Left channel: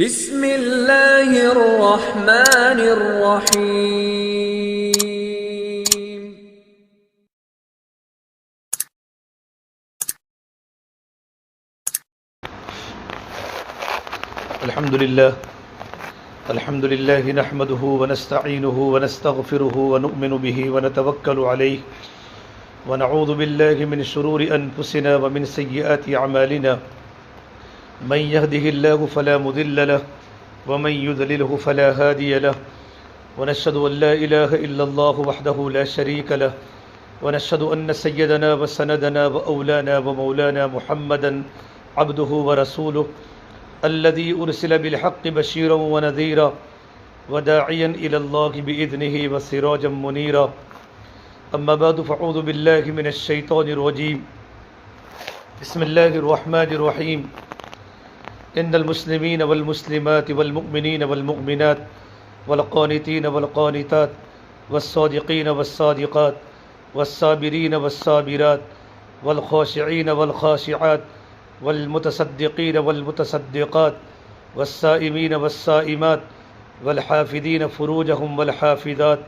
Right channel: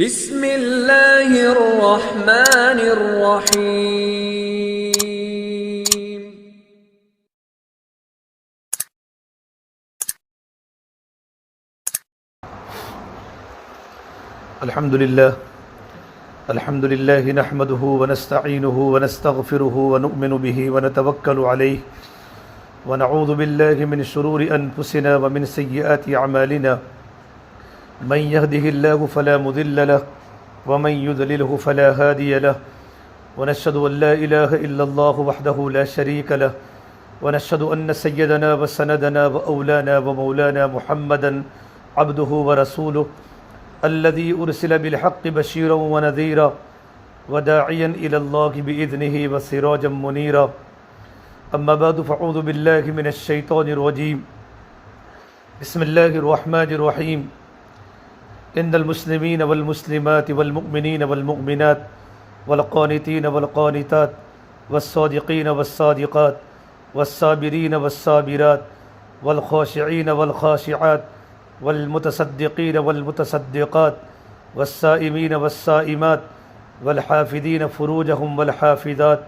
بسم اللہ الرحمن الرحیم۔ الحمد لله نحمده ونستعينه ونستغفره ونؤمن به ونتوكل عليه ونعوذ بالله من شرور أنفسنا ومن سيئات أعمالنا من يهده الله فلا مضل له ومن يضلله فلا هادي له ونشهد أن لا إله إلا الله وحده لا شريك له ونشهد أن سيدنا وسندنا وأولانا ومولانا محمدا عبده ورسوله الذي أرسل بالحق بشيرا ونذيرا وداعيا إلى الله بإذنه وسراجا منيرا أما بعد فأعوذ بالله من الشيطان الرجيم بسم الله الرحمن الرحيم إن المسلمين والمسلمات والمؤمنين والمؤمنات والقانتين والقانتات والصادقين والصادقات والصابرين والصابرات والخاشعين والخاشعات والمتصدقين والمتصدقات والصائمين والصائمات والحافظين فروجهم والحافظات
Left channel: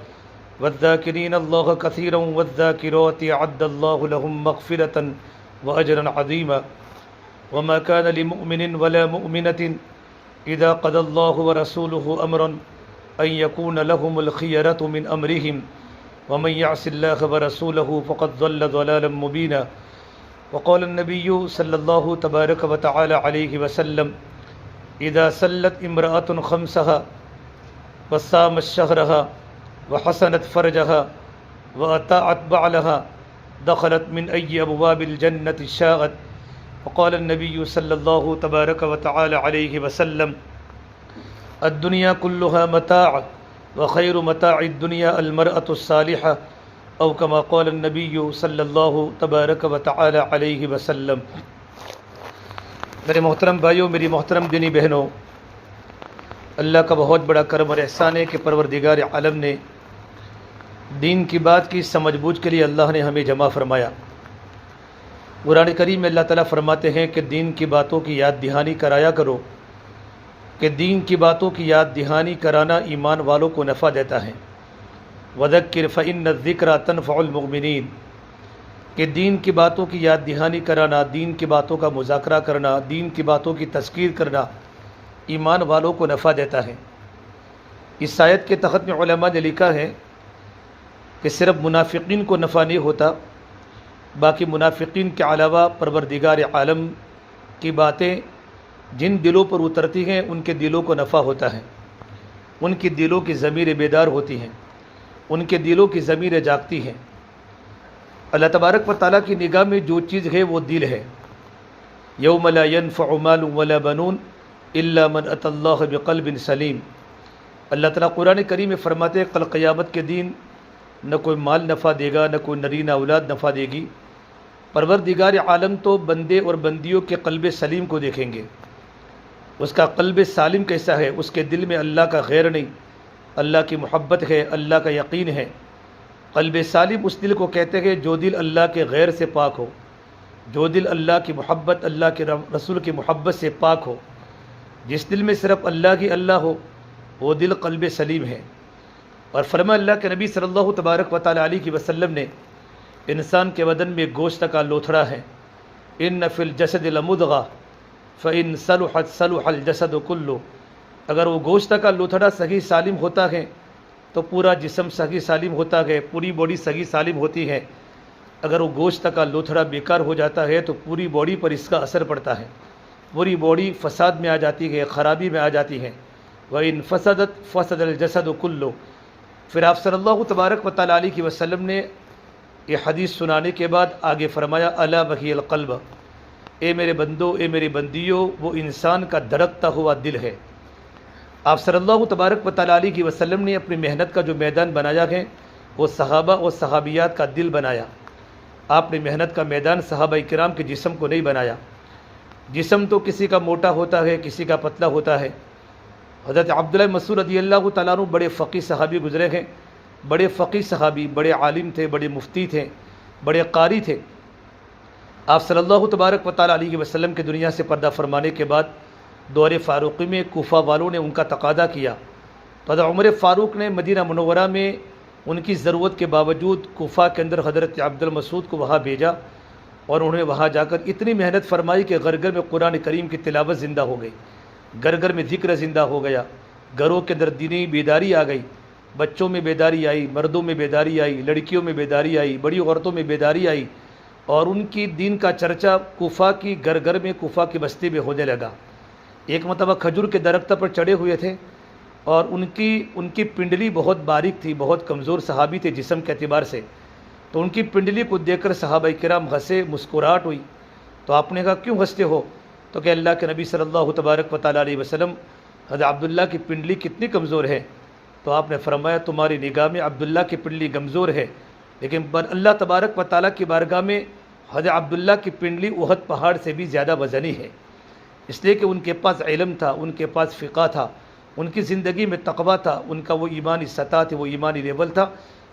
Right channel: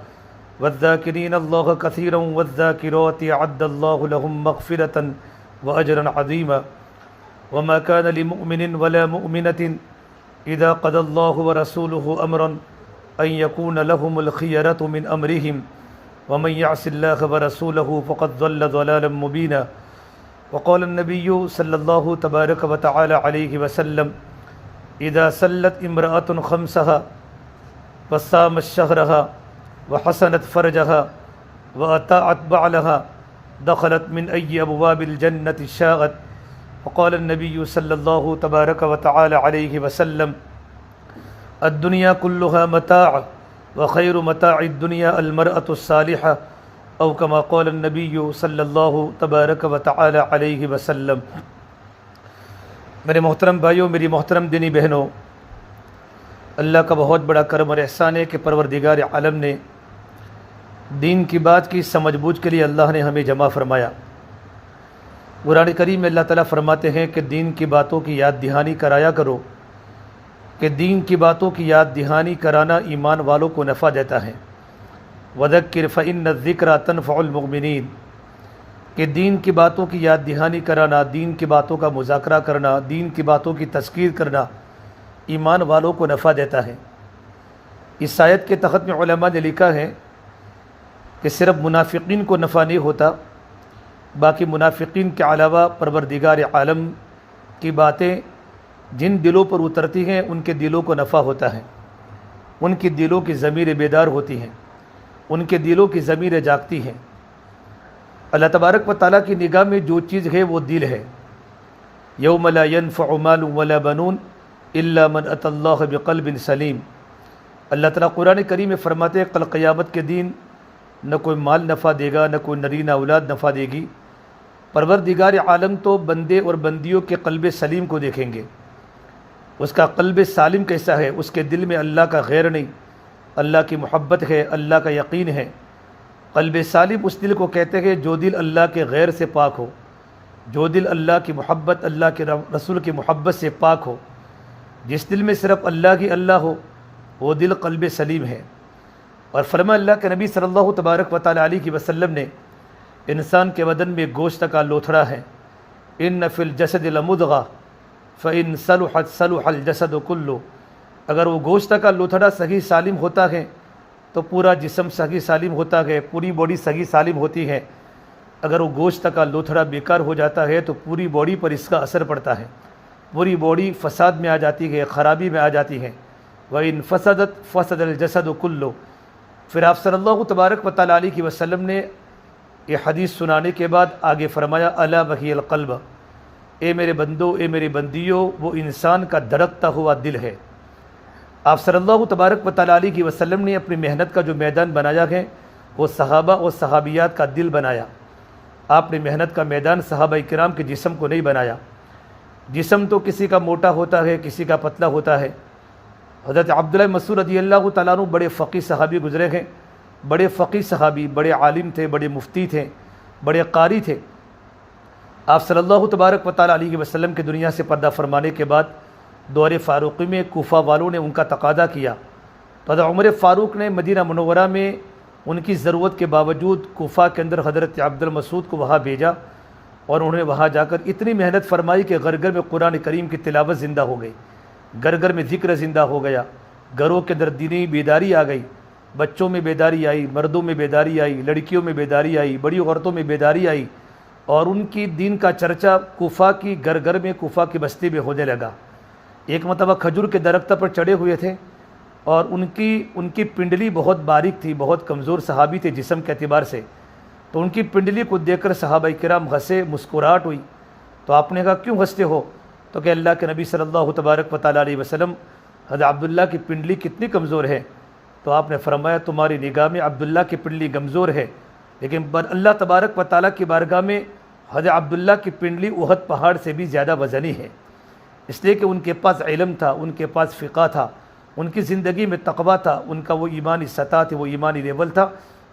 والذاكرين الله كثيرا والذاكرات أعد الله لهم مغفرة وأجرا عظيما وما كان لمؤمن ولا مؤمنة إذا قضى الله ورسوله أمرا أن يكون لهم الخيرة من أمرهم ومن يعص الله ورسوله فقد ضل ضلالا مبينا وقال النبي صلى الله تبارك وتعالى عليه وسلم إذا سلت امرأة خمسها وصامت شهرها وحسنت فرجها وأطاعت بعلها دخلت من أي أبواب الجنة شاءت وقال النبي صلى الله تبارك وتعالى عليه وسلم الدنيا كلها متاع وخير متاع الدنيا المرأة الصالحة او کما قال النبی صلی اللہ تبارک و تعالی علیہ وسلم۔ میرے محترم بھائیوں، میری محترم دینی بہنوں، اللہ کا بہت بڑا کرم اور احسان ہے کہ پروردگار عالم نے دین کی بات کی سمجھ بوجھ کے لیے اللہ نے ہمیں جمع فرمایا۔ قرآن کریم میں اللہ تعالیٰ فرماتے ہیں کہ دین کی باتوں کی یاد دہانی کرایا کرو، کہ دین کی باتوں کی یاد دہانی کرانا ایمان والوں کو نفع دیتا ہے۔ وذکر فإن الذکر تنفع المؤمنین، کہ دین کی باتوں کی یاد دہانی کرانا، دین کی باتوں کا مذاکرہ کرنا، دین کی باتوں کی تذکیر کرنا ایمان والوں کو نفع دیتا ہے۔ اس آیت کے تحت میں علماء نے لکھا ہے کہ صرف منافقین کو نفع نہیں ہوتا، باقی منافقین کے علاوہ پروردگار عالم کی باتیں جن دلوں پر اترتی ہیں ان کے دلوں کو نفع ہوتا ہے، ان کی دلوں کی ضمیریں بیدار ہوتی ہیں، ان کے دلوں کی ضمیریں جاگتی ہیں۔ اللہ تبارک و تعالیٰ کی نگاہ میں جو چیز ہے وہ دل ہے۔ یوم لا ينفع مال ولا بنون الا من اتى اللہ بقلب سلیم۔ اللہ تعالیٰ قرآن کریم میں فرماتے ہیں کل قیامت کے دن نہ کوئی مال نفع دے گا، نہ کوئی نرینہ اولاد نفع دے گی۔ پروردگار عالم تو بندے اور بندیوں کے قلب سلیم کو دیکھیں گے، اس کا قلب سالم کیسا ہے، اس کے دل میں اللہ کا غیر نہیں، اللہ کی محبت ہے، اللہ کا یقین ہے۔ قلب سالم اس دل کو کہتے ہیں جو دل اللہ کے غیر سے پاک ہو، جو دل اللہ کی محبت، اللہ کے رسول کی محبت سے پاک ہو۔ جس دل میں صرف اللہ کی اللہ ہو وہ دل قلب سلیم ہے۔ اور فرما اللہ کے نبی صلی اللہ تبارک و تعالی علیہ وسلم نے انسان کے بدن میں گوشت کا لوتھڑا ہے، ان فی الجسد لمضغہ فإن صلحت صلح الجسد کلہ۔ اگر وہ گوشت کا لوتھڑا صحیح سالم ہوتا ہے تو پورا جسم صحیح سالم ہوتا ہے، پوری باڈی صحیح سالم ہوتی ہے۔ اگر وہ گوشت کا لوتھڑا بیکار ہو جاتا ہے تو پوری باڈی پر اس کا اثر پڑتا ہے، پوری باڈی فساد میں آ جاتی ہے، خرابی میں آ جاتی ہے۔ وَإِن فَسَدَتْ فَسَدَ الْجَسَدُ كُلُّهُ۔ پھر آپ صلی اللہ تبارک و تعالیٰ علیہ وسلم نے یہ حدیث سنانے کے بعد آگے فرمایا الا وہی القلب، اے میرے بندو، اے میری بندیوں، وہ انسان کا دھڑکتا ہوا دل ہے۔ آپ صلی اللہ تبارک و تعالیٰ علیہ وسلم نے اپنی محنت کا جو میدان بنایا ہے وہ صحابہ اور صحابیات کا دل بنایا۔ آپ نے محنت کا میدان صحابہ کرام کے جسم کو نہیں بنایا۔ جسم تو کسی کا موٹا ہوتا ہے، کسی کا پتلا ہوتا ہے۔ حضرت عبداللہ مسعود رضی اللہ تعالیٰ عنہ بڑے فقیہ صحابی گزرے ہیں، بڑے فقیہ صحابی، بڑے عالم تھے، بڑے مفتی تھے، بڑے قاری تھے۔ آپ صلی اللہ تبارک و تعالیٰ علیہ وسلم کی دنیا سے پردہ فرمانے کے بعد دور فاروقی میں کوفہ والوں نے ان کا تقاضا کیا تو حضرت عمر فاروق نے مدینہ منورہ میں ان کی ضرورت کے باوجود کوفہ کے اندر حضرت عبد المسعود کو وہاں بھیجا، اور انہوں نے وہاں جا کر اتنی محنت فرمائی کہ گھر گھر میں قرآن کریم کی تلاوت زندہ ہو گئی، گھر گھر میں ذکر زندہ ہو گیا، گھروں کے اندر دینی بیداری آ گئی، بچوں میں بیداری آئی، مردوں میں بیداری آئی، لڑکیوں میں بیداری آئی، بڑی عورتوں میں بیداری آئی، اور ان کی دین کا چرچا کوفہ کی گھر گھر میں، کوفہ کی بستی میں ہونے لگا۔ ایک مرتبہ کھجور کے درخت پر چڑھے ہوئے تھے، اور ان کی پنڈلی بہت باریک تھی، بہت کمزور صحابی تھے جسم کے اعتبار سے، تو ان کی پنڈلی کو دیکھ کر صحابہ کرام ہنسے، مسکراہٹ ہوئی۔ تو آپ نے کہا کیوں ہنستے ہو؟ تو کہ اللہ کے نبی صلی اللہ تبارک و تعالیٰ علیہ وسلم، حضرت عبداللہ کی پنڈلی کتنی کمزور ہے؟ تو آپ نے فرمایا تمہاری نگاہ میں عبداللہ کی پنڈلی کمزور ہے، لیکن اللہ تبارک و تعالیٰ کی بارگاہ میں حضرت عبداللہ کی پنڈلی احد پہاڑ سے بھی زیادہ وزنی ہے، اس لیے کہ ان کے پاس علم تھا، ان کے پاس فقہ تھا، ان کی زندگی میں تقویٰ تھا، ان کا وہ ایمانی سطح تھی، وہ ایمانی لیول تھا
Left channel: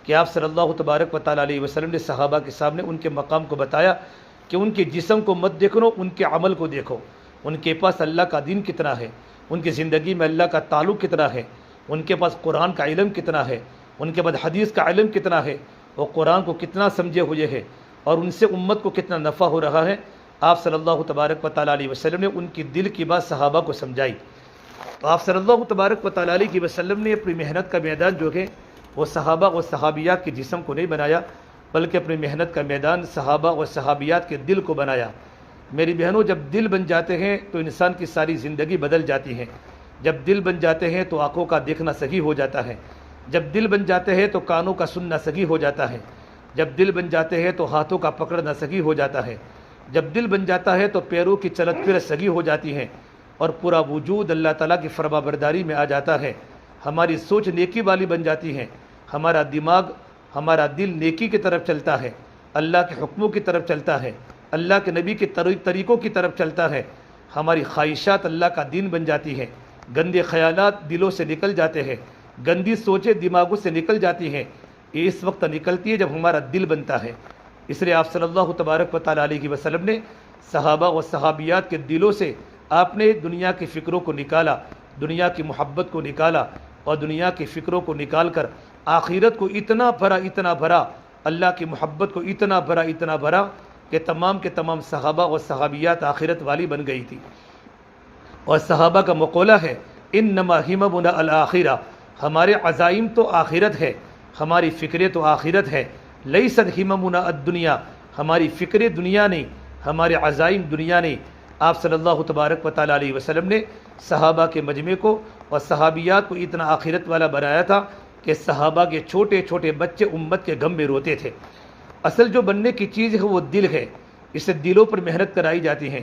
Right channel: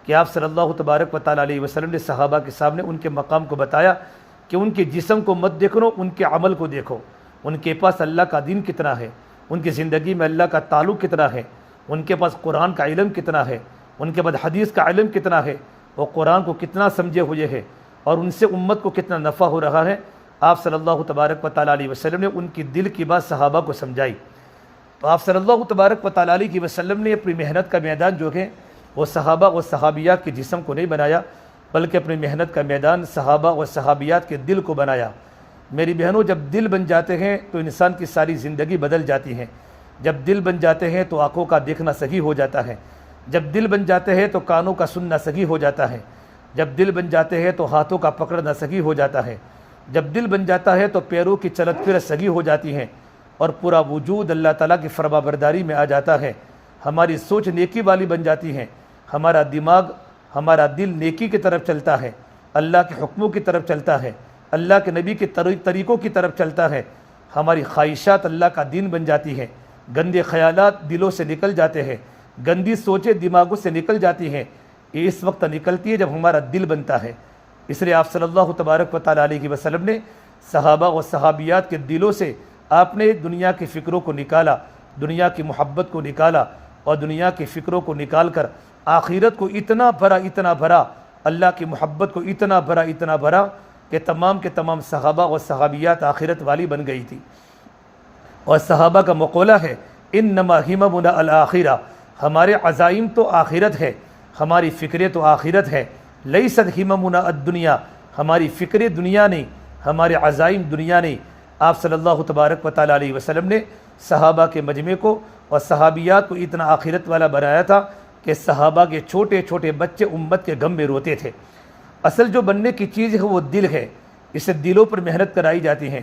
کہ آپ صلی اللہ تبارک و تعالیٰ علیہ وسلم نے صحابہ کے سامنے ان کے مقام کو بتایا کہ ان کے جسم کو مت دیکھو، ان کے عمل کو دیکھو، ان کے پاس اللہ کا دین کتنا ہے، ان کی زندگی میں اللہ کا تعلق کتنا ہے، ان کے پاس قرآن کا علم کتنا ہے، ان کے بعد حدیث کا علم کتنا ہے، وہ قرآن کو کتنا سمجھے ہوئے ہے، اور ان سے امت کو کتنا نفع ہو رہا ہے۔ آپ صلی اللہ تبارک و تعالیٰ علیہ وسلم نے ان کی دل کی بات صحابہ کو سمجھائی۔ تو آپ صلی اللہ تبارک و تعالیٰ علیہ وسلم نے اپنی محنت کا میدان جو ہے وہ صحابہ و صحابیات کے جسم کو نہیں بنایا، بلکہ اپنی محنت کا میدان صحابہ و صحابیات کے دل کو بنایا۔ میری بہنوں، جب دل بن جاتے ہیں تو انسان کی ساری زندگی بدل جاتی ہے۔ جب دل بن جاتے ہیں تو آنکھوں کا دیکھنا صحیح ہو جاتا ہے، جب دل بن جاتے ہیں تو کانوں کا سننا صحیح ہو جاتا ہے، جب دل بن جاتے ہیں تو ہاتھوں کا پکڑنا صحیح ہو جاتا ہے، جب دل بن جاتا ہے تو پیروں کی چلت پھر صحیح ہو جاتی ہے، اور پورا وجود اللہ تعالیٰ کی فرما برداری میں آ جاتا ہے۔ ہماری سوچ نیکی والی بن جاتی ہے، ہمارا دماغ، ہمارا دل نیکی کی طرف چلتا ہے، اللہ کے حکموں کی طرف چلتا ہے، اللہ کے نبی کے طریقوں کی طرف چلتا ہے، ہماری خواہشات اللہ کا دین بن جاتی ہے، گندے خیالات دلوں سے نکل جاتے ہیں، گندی سوچیں دماغوں سے نکل جاتی ہیں۔ یہ اس وقت نکلتی ہے جب ہمارا دل بنتا ہے۔ اس لیے آپ صلی اللہ تبارک و تعالیٰ علیہ وسلم نے صحابہ و صحابیات کے دلوں سے آپ نے دنیا کی فکروں کو نکالا، دنیا کی محبت کو نکالا، اور دنیا کی فکروں کو نکال کر آخرت کو اتنا بھرا، اللہ کی محبت کو اتنا بھرا کہ تمام کے تمام صحابہ و صحابیات آخرت والی بن گئی تھی۔ اور صحابہ کا مقولہ ہے انما ہممنا الآخرہ، ہمارے عزائم تو آخرت ہے، ہماری فکریں تو آخرت ہے، لیست ہممنا الدنیا، ہماری فکریں دنیا نہیں، ہمارے عزائم دنیا نہیں۔ آپ صلی اللہ تبارک و تعالیٰ علیہ وسلم نے صحابہ کے مجمع کو اور صحابیات کو اتنا آخرت والا بنایا تھا کہ صحابہ کے چھوٹے چھوٹے بچے امت کے غم میں روتے تھے۔ اصل جو بننے کی چیز ہے وہ دل ہے، اسے دلوں پر محنت کرائی جاتی ہے۔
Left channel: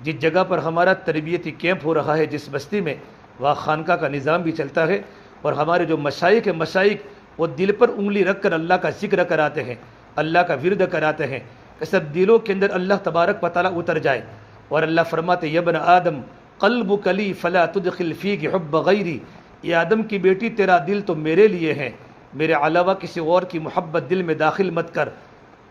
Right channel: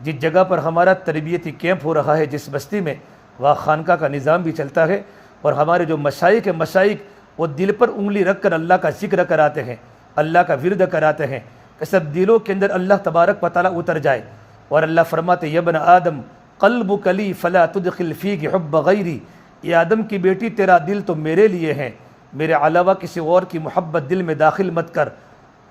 جس جگہ پر ہمارا تربیتی کیمپ ہو رہا ہے، جس بستی میں، وہاں خانقاہ کا نظام بھی چلتا ہے، اور ہمارے جو مشائخ ہیں، مشائخ وہ دل پر انگلی رکھ کر اللہ کا ذکر کراتے ہیں، اللہ کا ورد کراتے ہیں کہ سب دلوں کے اندر اللہ تبارک و تعالیٰ اتر جائے۔ اور اللہ فرماتے یا ابن آدم قلبک لی فلا تدخل فیہ حب غیری، یہ آدم کی بیٹی تیرا دل تو میرے لیے ہے، میرے علاوہ کسی اور کی محبت دل میں داخل مت کر۔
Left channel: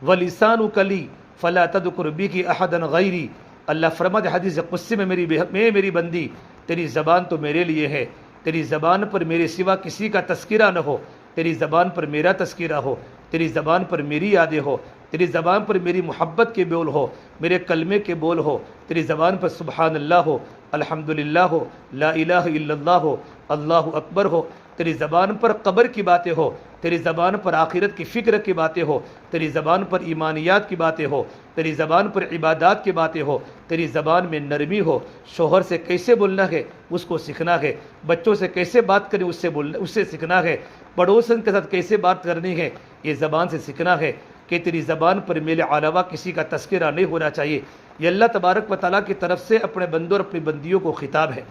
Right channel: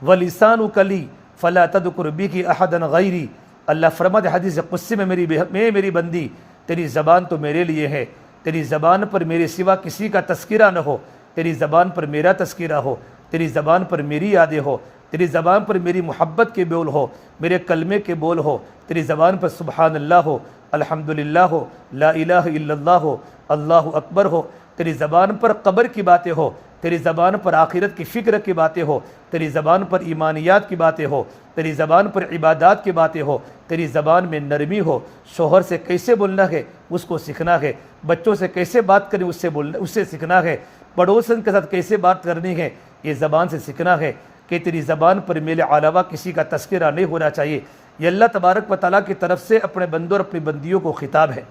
ولسانک لی فلا تذکر بہ احدا غیری، اللہ فرماتے حدیث قدسی میں میری بندی تیری زبان تو میرے لیے ہے، تیری زبان پر میرے سوا کسی کا تذکرہ نہ ہو، تیری زبان پر میرا تذکرہ ہو، تیری زبان پر میری یادیں ہو، تیری زبان پر میری محبت کے بول ہو، میرے کلمے کے بول ہو، تیری زبان پر سبحان اللہ ہو، الحمدللہ ہو، لا الہ الا اللہ ہو، اللہ اکبر ہو، تیری زبان پر قبر کی باتیں ہو، تیری زبان پر آخرت کی فکر کی باتیں ہو، تیری زبان پر ایمانیات کی باتیں ہو، تیری زبان پر عبادات کی باتیں ہو، تیری زبان میں نرمی ہو، شوہر سے کیسے بولنا ہے اس کو سیکھنا ہے، بچوں سے کیسے بات کریں اس سے سیکھنا ہے، پڑوسن کے ساتھ کیسے بات کرنی ہے یہ زبان سے سیکھنا ہے، کہ تیری زبان پر میرے علاوہ کسی کا تذکرہ نہیں ہونا چاہیے۔ یہ اللہ تبارک و تعالیٰ کی طرف سے اپنے بندوں اور اپنی بندیوں کو خطاب ہے۔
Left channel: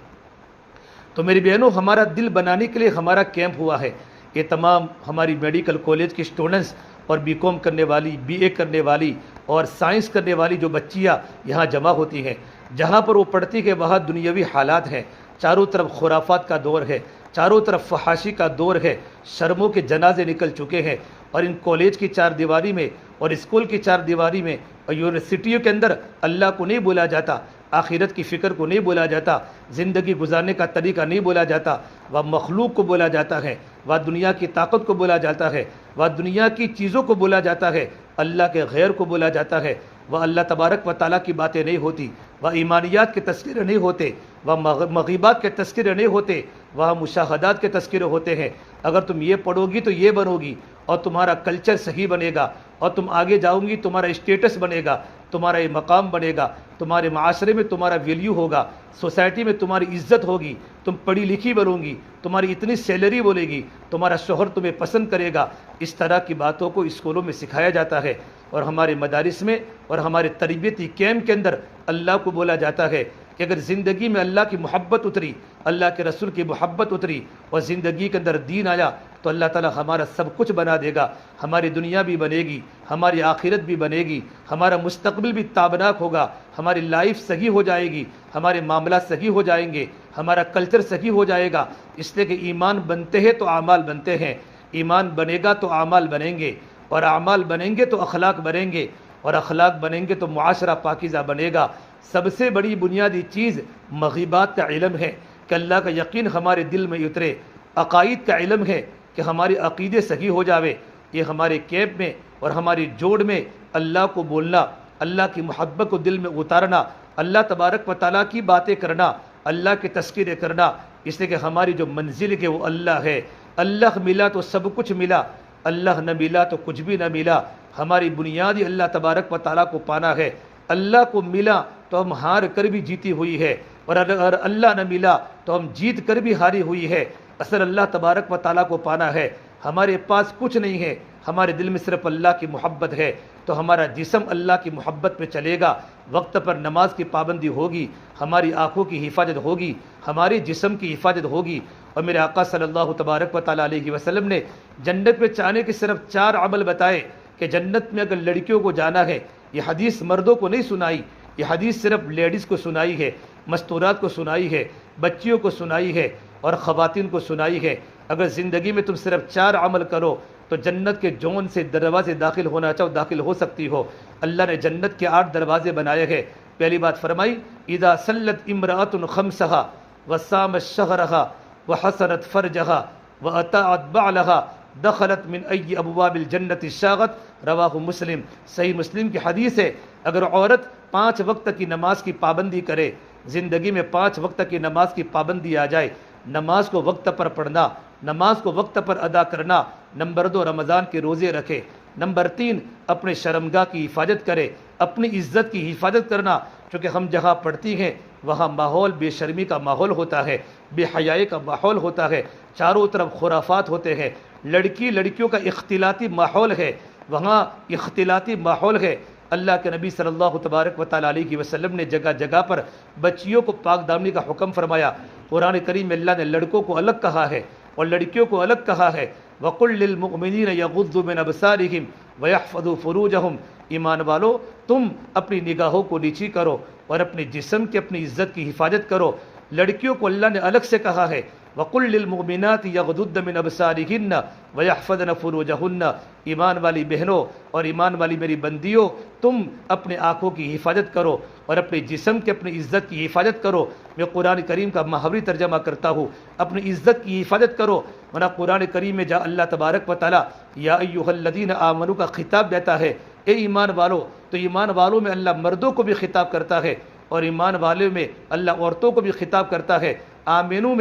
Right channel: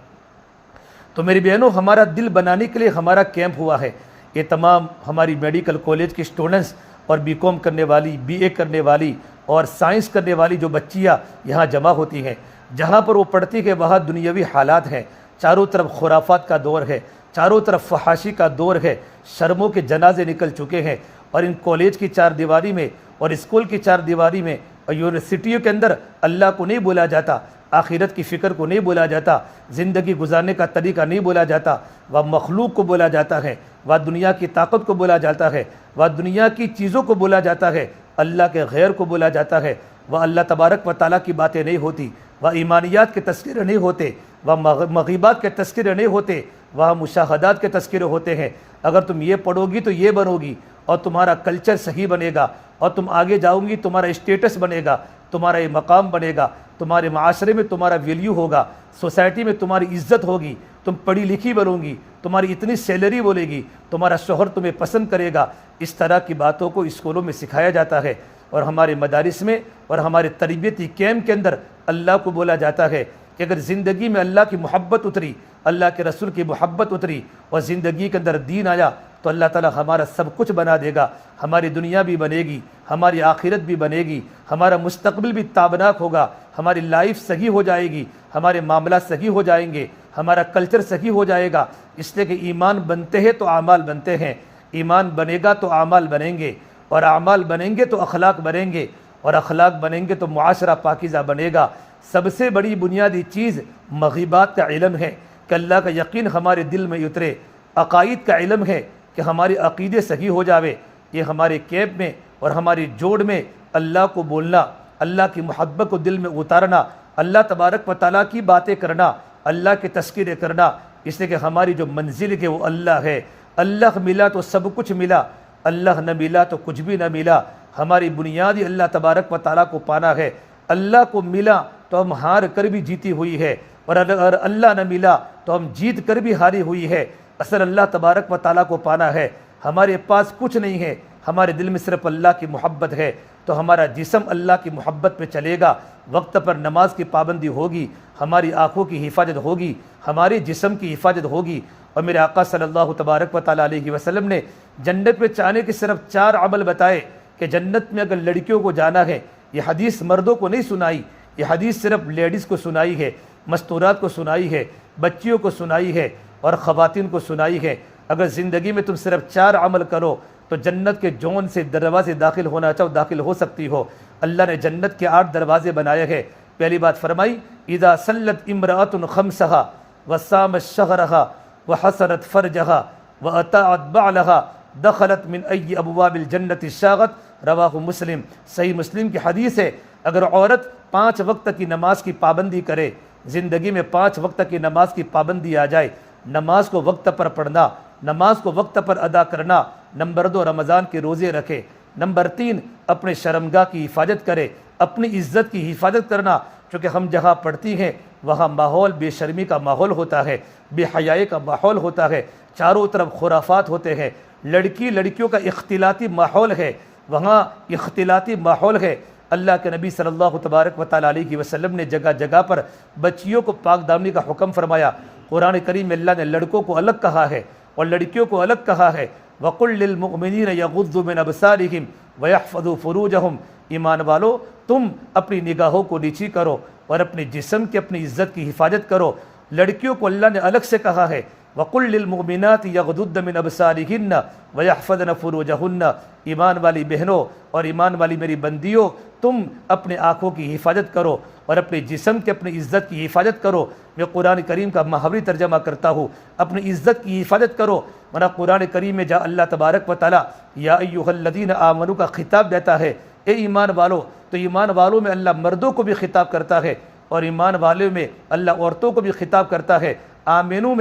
تو میری بہنوں، ہمارا دل بنانے کے لیے ہمارا کیمپ ہوا ہے۔ یہ تمام ہماری میڈیکل کالج کی اسٹوڈنٹس اور بی کام کرنے والی، بی اے کرنے والی اور سائنس کرنے والی جو بچیاں یہاں جمع ہوتی ہیں، جہاں پر وہ پڑھتی ہے وہاں دنیاوی حالات ہیں، چاروں طرف خرافات کا دور ہے، چاروں طرف فحاشی کا دور ہے، شرموں کے جنازے نکل چکے ہیں، اور ان کالج کی چار دیواری میں اور اسکول کی چار دیواری میں اور یونیورسٹیوں کے اندر اللہ کو نہیں بولا جاتا، آخرت کی فکر کو نہیں بولا جاتا، زندگی گزارنے کا طریقہ نہیں بولا جاتا، وہ مخلوق کو بولا جاتا ہے، وہ دنیا کی طاقت کو بولا جاتا ہے، وہ دنیا کی چیزوں کو بولا جاتا ہے، اللہ کے غیر کو بولا جاتا ہے، وہ اللہ تبارک و تعالیٰ کی باتیں نہیں ہوتی، وہ ایمانیات کے تذکرے نہیں ہوتے، وہ مغیبات کے تذکرے نہیں ہوتے، وہاں مشاہدات کے تذکرے ہوتے ہیں۔ اگر تم یہ پڑھو گی تو یہ بنو گی، اور تمہارا کلچر صحیح بنے گا، اور تم آگے جاؤ گی، تمہارا اسٹیٹس بنے گا، تمہارا یہ مقام بنے گا، تمہارے معاشرے میں تمہارا ویلیو ہوگا، سوسائٹی میں تمہاری عزت ہوگی، تم پڑھی لکھی بنو گی، تمہاری اتنی سیلری بولے گی، تمہارا شوہر تمہیں پسند کرے گا۔ اس طرح کی باتوں کو اسکولوں میں سکھایا جاتا ہے، اور ہمارے مدارس میں اور ہمارے تربیتی کیمپ کے اندر اللہ کو بولا جاتا ہے کہ اگر زندگی میں اللہ کی محبت اتری، اللہ کے رسول کی محبت اتری، اور زندگی کے اندر دین آیا، تو اللہ تعالیٰ ہمارا سب کچھ بنا دے گا، ہماری دنیا بھی بنے گی، ہماری آخرت بھی بنے گی، ہمارا مستقبل بھی تابناک ہوگا، ہماری لائف صحیح ہو جائے گی، ہمارے معاملات صحیح ہو جائیں گے، ہمارا کلچر صحیح ہو جائے گا۔ اس لیے کہ ایمان بنتے ہیں تو اعمال بنتے ہیں، ایمان بنے گا تو اعمال بنیں گے، اور اعمال بنیں گے تو اخلاق بنیں گے، اور اخلاق بنیں گے تو معاشرہ پاکیزہ بنے گا۔ سب سے بڑی بنیادی چیز مغیبات کا علم ہے کہ اللہ کا یقین ہمارے دل میں اترے، عقائد کا علم ہے کہ ہمارے عقیدے صحیح ہو جاوے۔ یہ ہمارے کیمپ میں اور ہماری جوڑ میں اللہ کو بولنا، اللہ کی محبت کو دل میں اتارنا، اللہ تبارک و تعالیٰ کی باتیں کرنا، اللہ کے تذکرے کرنا، اس لیے کہ ہماری جو منزل ہے وہ اللہ ہے۔ اللہ ملا تو سب کچھ ملا، اللہ نہ ملا تو کچھ بھی نہ ملا۔ ہماری بنیادی اللہ تبارک و تعالیٰ کو پانا ہے۔ اللہ کو ملا تو ہم ہار کر بھی جیتی ہوئی ہے، اور اگر اللہ نہ ملا تو ہم جیت کر بھی ہاری ہوئی ہے۔ اصل اللہ تبارک و تعالیٰ کو پانا ہے۔ ہمارے پاس کچھ نہیں ہے، ہمارے دل میں صرف اللہ کی محبت ہے، تو ہمارا جسم اللہ کی محبت پہ چلے گا، وقت پر نماز کی پابندی ہوگی، ہماری آنکھوں کی حفاظت ہوگی، ہمارے جسم کی حفاظت ہوگی۔ اور میرے آقا صلی اللہ تبارک و تعالیٰ علیہ وسلم نے جنت میں جانے کے صرف 4 عمل بتائے کہ جنت میں اگر لڑکیوں کو جانا ہے، یہ حدیث مردوں کو نہیں سنائی، یہ حدیث صرف لیڈیز کو سنائی ہے، مستورات کو سنائی ہے، بچیوں کو سنائی ہے، اور خواتین کو سنائی ہے۔ اگر زندگی میں تم صرف 4 عمل کرو تو جنت کے جون سے دروازے داخل ہونا چاہو داخل ہو سکتی ہو۔ اللہ نے جنت کے 8 دروازے بنائے ہیں۔ پہلی بات فرمائی، اذا صلت امرأۃ خمسہا وصامت شہرہا وحسنت فرجہا واطاعت بعلہا دخلت من ای ابواب الجنت شاغت، رواہ مسلم۔ صحیح مسلم کی حدیث ہے، اگر عورت 5 وقت کی نماز کی پابندی کرے، زندگی میں 5 وقت کی نماز کی پابندی آ جائے، نماز کو وقت پر پڑھنا، نماز کو وقت پر ادا کرنا، نمبر 2 رمضان کے روزے رکھے، نمبر 3 اپنے شرمگاہ کی حفاظت کرے، اپنی عزت کی حفاظت کرنا، چونکہ ہم جہاں پڑھتی ہیں وہاں ماحول بے شرمی کا ماحول ہوتا ہے، بے حیائی کا ماحول ہوتا ہے، چاروں طرف خرافات ہوتے ہیں، لڑکیوں کا اختلاطی ماحول ہے، وہاں اختلاطی ماحول ہے۔ اللہ کے نبی صلی اللہ تبارک و تعالیٰ علیہ وسلم نے جگہ جگہ پر بچیوں کو پاک دامنی کا حکم فرمایا۔ قرآن کریم میں اللہ نے لڑکوں کو الگ کہا ہے اور لڑکیوں کو الگ کہا ہے۔ وَقُلْ لِلْمُؤْمِنِينَ يَغُضُّوا مِنْ أَبْصَارِهِمْ وَيَحْفَظُوا فُرُوجَهُمْ، ایمان والو تم اپنی نگاہوں کو نیچی کرو اور اپنے جسم کی اپنی عزت کی حفاظت کرو۔ لڑکیوں کو اللہ نے الگ سے کہا ہے، وَقُلْ لِلْمُؤْمِنَاتِ يَغْضُضْنَ مِنْ أَبْصَارِهِنَّ وَيَحْفَظْنَ فُرُوجَهُنَّ، ایمان والی بہنوں اور ایمان والی میری بندیوں، تم اپنے آنکھوں کی حفاظت کرو اور اپنے جسم کے اپنی عزت کی حفاظت کرو۔ میں قرآن کریم کا محاوری ترجمہ کرتا ہوں، اپنی عزت کی حفاظت کرو، ورنہ قرآن کریم میں جہاں اللہ تبارک و تعالیٰ یا ایھا الذین آمنوا کا خطاب دیتا ہے، اے ایمان والو، تو ایمان والوں میں اللہ مردوں کو بھی خطاب کرتا ہے، اور ایمان والے میں اللہ عورتوں کو بھی خطاب کرتا ہے۔ آمنو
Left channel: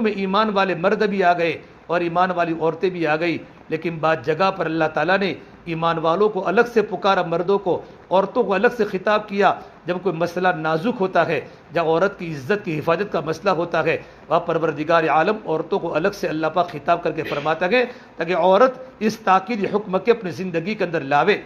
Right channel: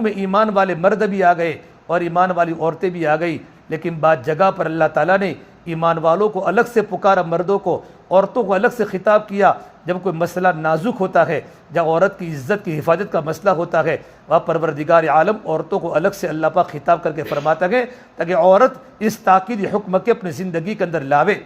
میں ایمان والے مرد بھی آ گئے اور ایمان والی عورتیں بھی آ گئی، لیکن بعض جگہ پر اللہ تعالیٰ نے ایمان والوں کو الگ سے پکارا، مردوں کو، عورتوں کو الگ سے خطاب کیا۔ جب کوئی مسئلہ نازک ہوتا ہے، جب عورت کی عزت کی حفاظت کا مسئلہ ہوتا ہے، وہاں پروردگار عالم عورتوں کو الگ سے اللہ پاک خطاب کر کے فرماتا ہے تاکہ عورت اس تاکید حکم کے اپنی زندگی کے اندر لاوے۔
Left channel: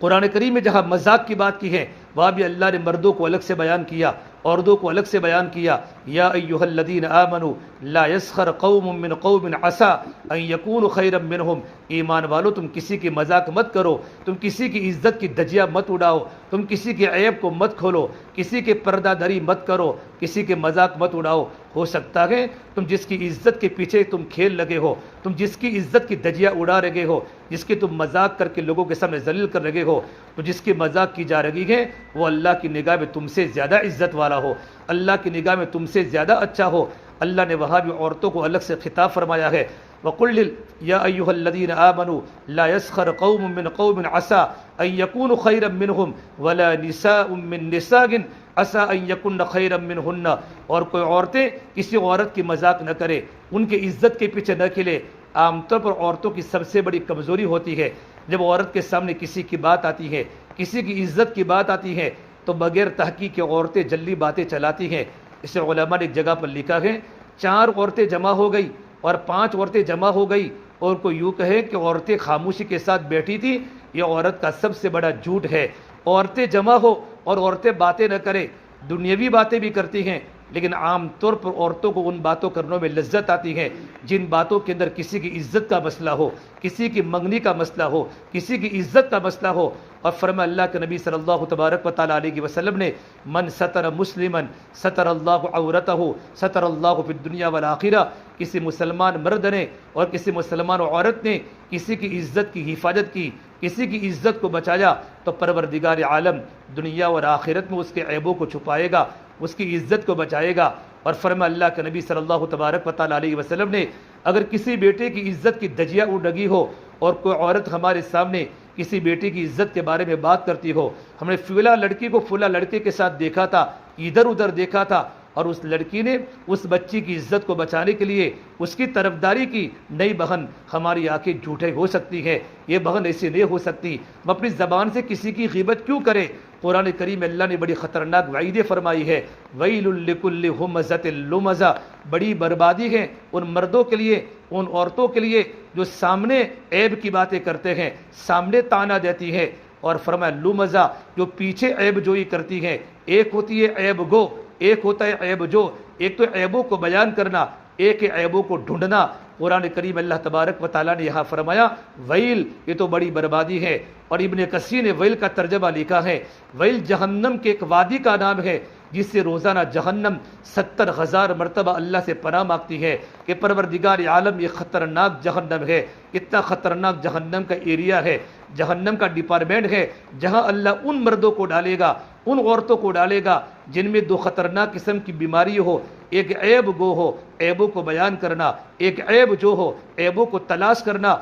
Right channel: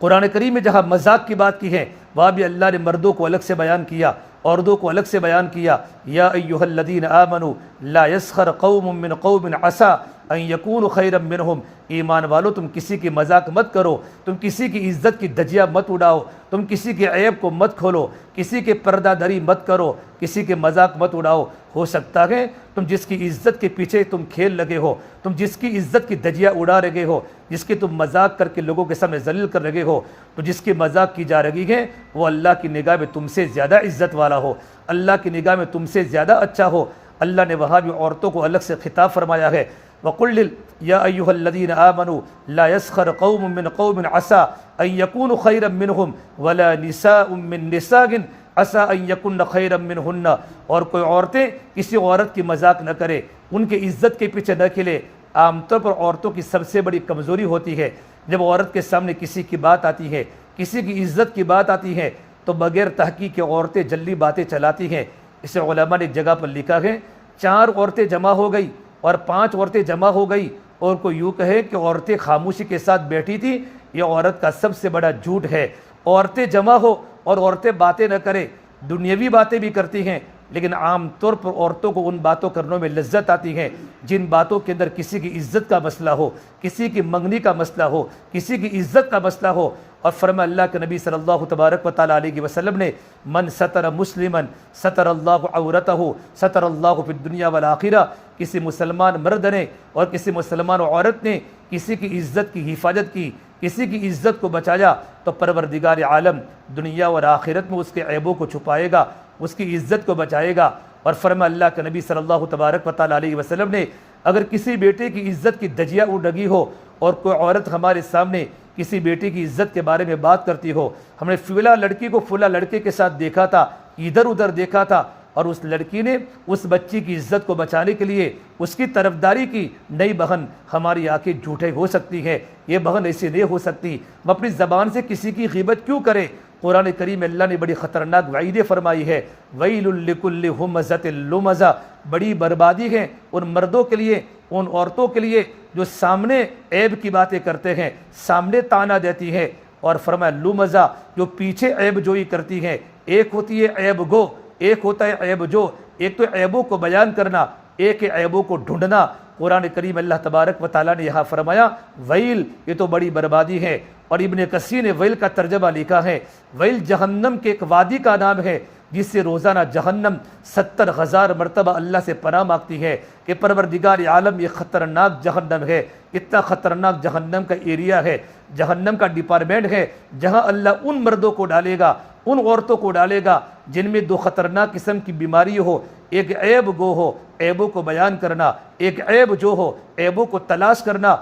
قرآن کریم میں جہاں مذاق کی بات کی ہے، وہاں بھی اللہ نے مردوں کو الگ سے بیان کیا، عورتوں کو الگ سے بیان کیا۔ یا ایھا الذین آمنوا لا یسخر قوم من قوم عسى ان یکونوا خیرا منہم، ایمان والو تم کسی کی مذاق مت کرو، تم کسی کی عزت کی دھجیاں مت اڑاؤ، تم کسی کے عیب کو مت کھولو، کسی کے پردہ دری مت کرو، کسی کے مذاق مت اڑاؤ۔ ہو سکتا ہے تم جس کی عزت کے پیچھے تم کھیل لگے ہو، تم جس کی عزت کی دھجیاں اڑا رہے ہو، جس کی تم مذاق کر کے لوگوں کے سامنے ذلیل کر رہے ہو، تو جس کی مذاق کی جا رہی ہے وہ اللہ کی نگاہ میں تم سے زیادہ عزت والا ہو، اللہ کی نگاہ میں تم سے زیادہ اچھا ہو۔ اللہ نے وہاں بھی عورتوں کو الگ سے خطاب فرمایا ہے، وَقُلْ يَا أَيُّهَا الَّذِينَ آمَنُوا لَا يَسْخَرْ قَوْمٌ مِّنْ قَوْمٍ عَسَىٰ أَن يَكُونُوا خَيْرًا مِّنْهُمْ وَلَا نِسَاءٌ مِّن نِّسَاءٍ عَسَىٰ أَن يَكُنَّ خَيْرًا مِّنْهُنَّ، اور کوئی عورتیں کسی عورت کی مذاق نہ کرے، ان کے عزت کے پیچھے نہ کھلے۔ عام طور پر عورتوں کی سب سے بڑی کمزوری ہوتی ہے، جب عورت کے سامنے کسی کی بات آتی ہے، کسی کی عزت کی بات آتی ہے تو بغیر تحقیق کے عورتیں جلدی باتیں چلاتی ہیں۔ اسے علماء نے ایک جگہ پر لکھا ہے، 4 عورتیں جمع ہو گئی اور 5 عورتیں جمع ہو گئی اور کوئی یوں کہے کہ عورتیں خاموشی کے ساتھ بیٹھی تھی، یہ عورت کا سب سے بڑا جھوٹ ہے۔ عورتیں جمع ہو اور عورتیں باتیں نہ کریں، دنیاوی باتیں بھی کرتی ہیں، لیکن عام طور پر عورتوں کو ان باتوں کرنے میں لذت آتی ہے جن باتوں کے اندر کسی کی عزت کا مسئلہ ہو، کسی کی منگنی کا مسئلہ ہو، کسی کی عزت کا مسئلہ ہو۔ اور فرمایا اللہ کے نبی صلی اللہ تبارک و تعالیٰ علیہ وسلم نے، من ستر مسلما ستر اللہ عورتہ ستر اللہ فی الدنیا والآخرہ، کسی مسلمان مرد نے اور کسی مسلمان عورت نے کسی کی عزت کی حفاظت کی، کسی کی عزت کو بچایا تو پروردگار عالم دنیا اور آخرت میں اس کے عیبوں کو چھپائے گا، اس کی عزت کو بچائے گا۔ اور فرمایا اللہ کے نبی صلی اللہ تبارک و تعالیٰ علیہ وسلم نے، اگر کسی بیٹے کی عزت کی دھجیاں اڑ لگی ہو اور کوئی عورت ہمارے سامنے کسی بیٹے کی عزت کے بارے میں بات کرتی ہو، ہم نے فلاں لڑکی کو فلاں لڑکے کے ساتھ دیکھا تھا، ادھر ادھر دیکھا تھا، اور اس لڑکی نے اس بچی کی عزت کو بچانے کے لیے اس کی طرفداری کی، نہیں بہن ہماری آنکھیں جھوٹے ہو سکتی ہیں، یہ بہن ایسی نہیں ہو سکتی، ہم اپنی زبان سے کسی کی غیبت کیوں کریں۔ قرآن کریم میں اللہ نے بڑی خطرناک وعیدیں فرمائی ہے، وَيْلٌ لِكُلِّ ہُمَزَةٍ لُمَزَةٍ، بڑی بربادی ہے ان مردوں کے لیے، ان عورتوں کے لیے جو سامنے عیب کی باتیں کرتے ہیں، سامنے طعنہ دیتی ہیں، اور فرمایا لُمَزَہ، جو پیچھے عیب جوئی کرتی ہیں۔ ایک ہوتی ہے عیب گو، ایک ہوتا ہے عیب جو، ایک تو عیبوں کو بیان کرنا، ایک ہے عیبوں کو ڈھونڈنا۔ قرآن کریم اللہ تبارک و تعالیٰ نے یہاں فرمایا ویل، یہ تو بڑی بربادی ہے۔ اور ابن کثیر نے ویل کا ترجمہ لکھا ہے، ویل جہنم کے ایک وادی کا نام ہے جس سے روزانہ جہنم 70,000 مرتبہ اللہ سے پناہ مانگتی ہے کہ پروردگار عالم یہ خطرناک جہنم ہے، اتنا خطرناک جہنم کا ایریا ہے، جہنم کا ڈپارٹمنٹ ہے جہاں اللہ ان مردوں کو ڈالے گا، ان عورتوں کو ڈالے گا جن میں 2 خطرناک قسم کی بیماری ہو، ایک عیب گو ہو، عیبوں کو بیان کرنا، ایک عیب جو ہو، عیبوں کو تلاش کرنا۔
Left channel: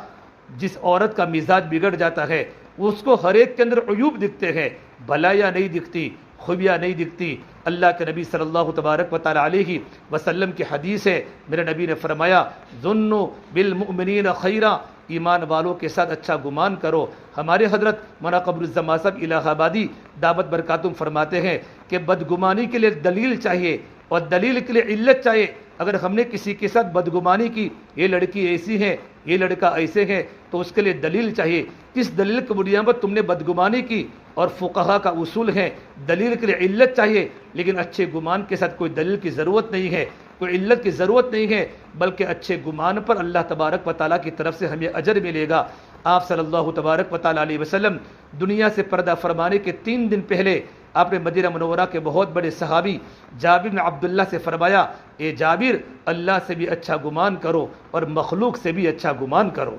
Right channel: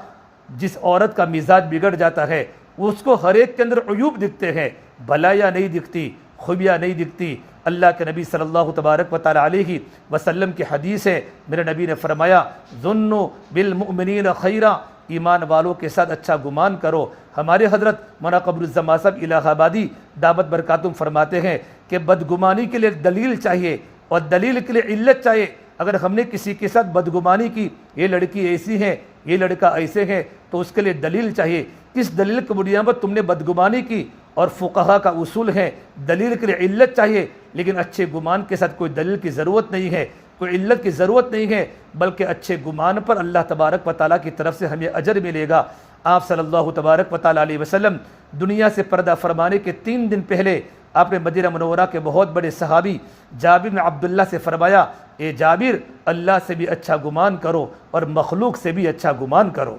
جس عورت کا مزاج بگڑ جاتا ہے اس کو ہر ایک کے اندر عیوب دکھتے ہیں، بھلائیاں نہیں دکھتی، خوبیاں نہیں دکھتی۔ اللہ کے نبی صلی اللہ تبارک و تعالیٰ علیہ وسلم کی حدیث ہے، میرے نبی نے فرمایا ظنوا بالمؤمنین خیرا، ایمان والوں کے ساتھ اچھا گمان کرو۔ ہمارے حضرت مولانا قمر الزمان صاحب الہ آبادی دعوت برکاتہم فرماتے ہیں کہ بدگمانی کے لیے دلیل چاہیے اور دلیل کے لیے علت چاہیے۔ اگر ہم نے کسی کے ساتھ بدگمانی کی، یہ لڑکی ایسی ہے، یہ لڑکا ایسے ہے، تو اس کے لیے دلیل چاہیے، کس دلیل کی بنیاد پر تم نے بدگمانی کی۔ اور فقہا کا اصول ہے دلیل کے لیے علت چاہیے، لیکن اچھے گمان کے ساتھ کوئی دلیل کی ضرورت نہیں ہے، کوئی علت کی ضرورت نہیں ہے، بلکہ اچھے گمان پر اللہ تبارک و تعالیٰ کی طرف سے ہمیں اجر ملے گا۔ آپ صلی اللہ تبارک و تعالیٰ علیہ وسلم دنیا سے پردہ فرمانے کے 3 دن پہلے آپ نے مدینہ منورہ کے بہت بڑے صحابی جابر بن عبداللہ سے فرمایا، اے جابر، اللہ سے بھی اچھا گمان کرو اور مخلوق سے بھی اچھا گمان کرو۔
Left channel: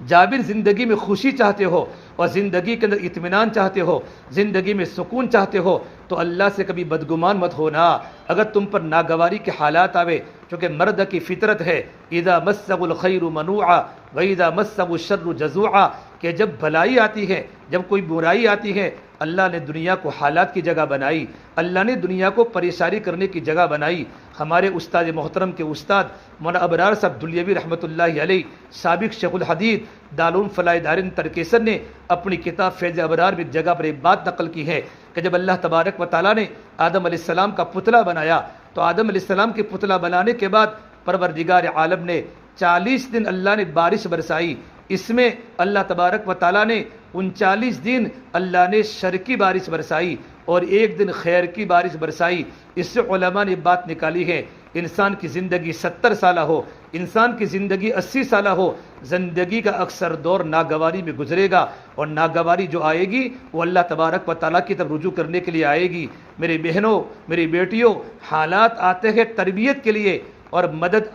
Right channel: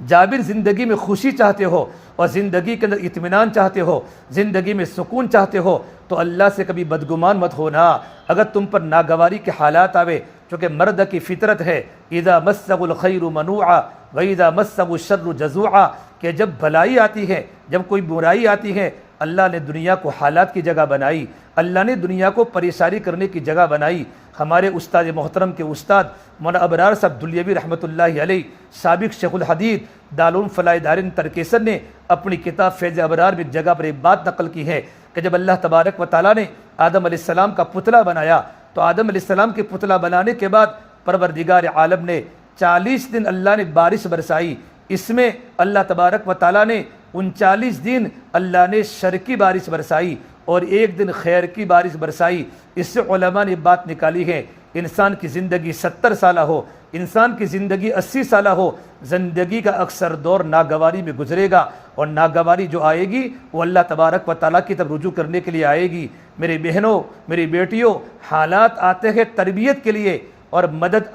جابر، زندگی میں خوشی چاہتے ہو اور زندگی کے اندر اطمینان چاہتے ہو، زندگی میں سکون چاہتے ہو تو اللہ سے کبھی بدگمان مت ہونا۔ اگر تم پر ناگواری کے حالات آوے، چونکہ مرد کی فطرت ہے اذا مسہ الخیر منوعا واذا مسہ الشر جزوعا، کہ جب بھلائی آتی ہے، جب کوئی برائی آتی ہے، اللہ نے دنیا کو حالات کی جگہ بنائی، اللہ نے دنیا کو پریشانی کرنے کی جگہ بنائی۔ ہمارے استاد محترم کے استاد مولانا ابرار صاحب دلیوی رحمۃ اللہ علیہ، سابق شیخ الحدیث دارالعلوم فلاح دارین ترکیسر نے اپنی کتاب فیض ابرار میں ایک جگہ پر ایک بات نقل کی ہے کہ جب اللہ تبارک و تعالیٰ نے آدم علیہ السلام کا پتلا بنایا تو آدم علیہ السلام کے پتلا بنانے کے بعد پروردگار عالم نے 40 دن اللہ نے بارش برسائی۔ اس میں اللہ تبارک و تعالیٰ نے 39 دن اللہ نے شر کی بارش برسائی اور 1 دن خیر کی بارش برسائی۔ اس سے علماء نے بات نکالی ہے، انسان کی زندگی 70 سالہ ہو، انسان کی زندگی 80 سالہ ہو، زندگی کا اکثر دور ناگواری میں گزرے گا، اور ناگواری جو آئے گی وہ اللہ تبارک و تعالیٰ کی طرف رجوع کرنے کے لیے آئے گی۔ میری بہنوں، میری بیٹیوں، حالات آتے ہیں تربیت کے لیے اور مدد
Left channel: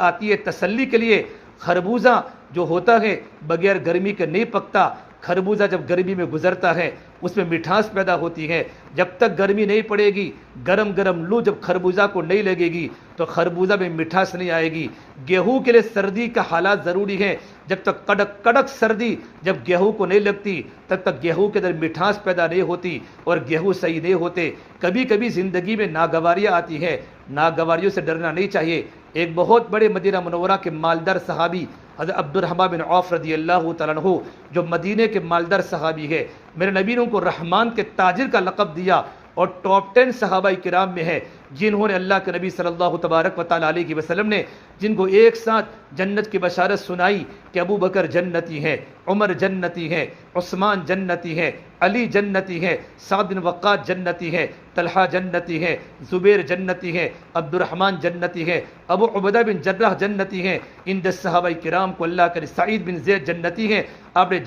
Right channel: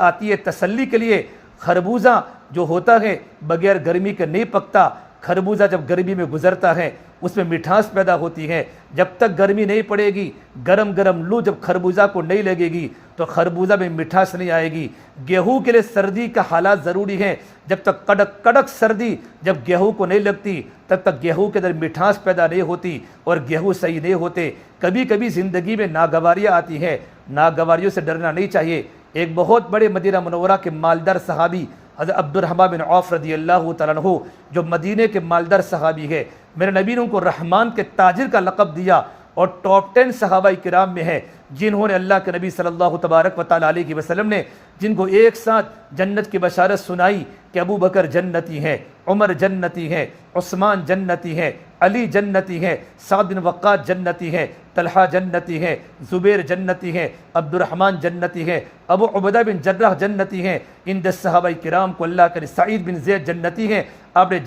آتی ہے تسلی کے لیے۔ خربوزہ جو ہوتا ہے بغیر گرمی کے نہیں پکتا، خربوزہ جب گرمی میں گزرتا ہے اس میں مٹھاس پیدا ہوتی ہے. جب تک گرمی نہیں پڑے گی، گرم گرم لو جب خربوزہ کو نہیں لگے گی تو خربوزہ میں مٹھاس نہیں آئے گی. گیہوں کے لیے سردی کا حالات ضروری ہے. جب تک کڑک کڑک سردی جب گیہوں کو نہیں لگتی تب تک گیہوں کے اندر مٹھاس پیدا نہیں ہوتی اور گیہوں صحیح نہیں ہوتے. کبھی کبھی زندگی میں ناگواریاں آتی ہیں، ناگواریوں سے ڈرنا نہیں چاہیے. ایک بہت بڑے مدینہ منورہ کے مالدار صحابی حضرت عبد الرحمن بن عوف رضی اللہ تعالیٰ عنہ جو مدینے کے مالدار صحابی ہے، میرے نبی نے ان کو رحمان کے تاجر کا لقب دیا اور ٹاپ 10 صحابہ کرام میں ہے جنہوں نے اللہ کے نبی صلی اللہ تبارک و تعالیٰ علیہ وسلم نے جن کو ایک ساتھ جنت کی بشارت سنائی کہ ابو بکر جنتی ہے، عمر جنتی ہے، عثمان جنتی ہے، علی جنتی ہے، سعد بن وقاص جنتی ہے، طلحہ جنتی ہے، زبیر جنتی ہے، عبد الرحمن جنتی ہے، ابو عبیدہ بن جراح جنتی ہیں. ان 10 صحابہ کرام کو اللہ کے سعید بن زید جنتی ہیں. آپ نے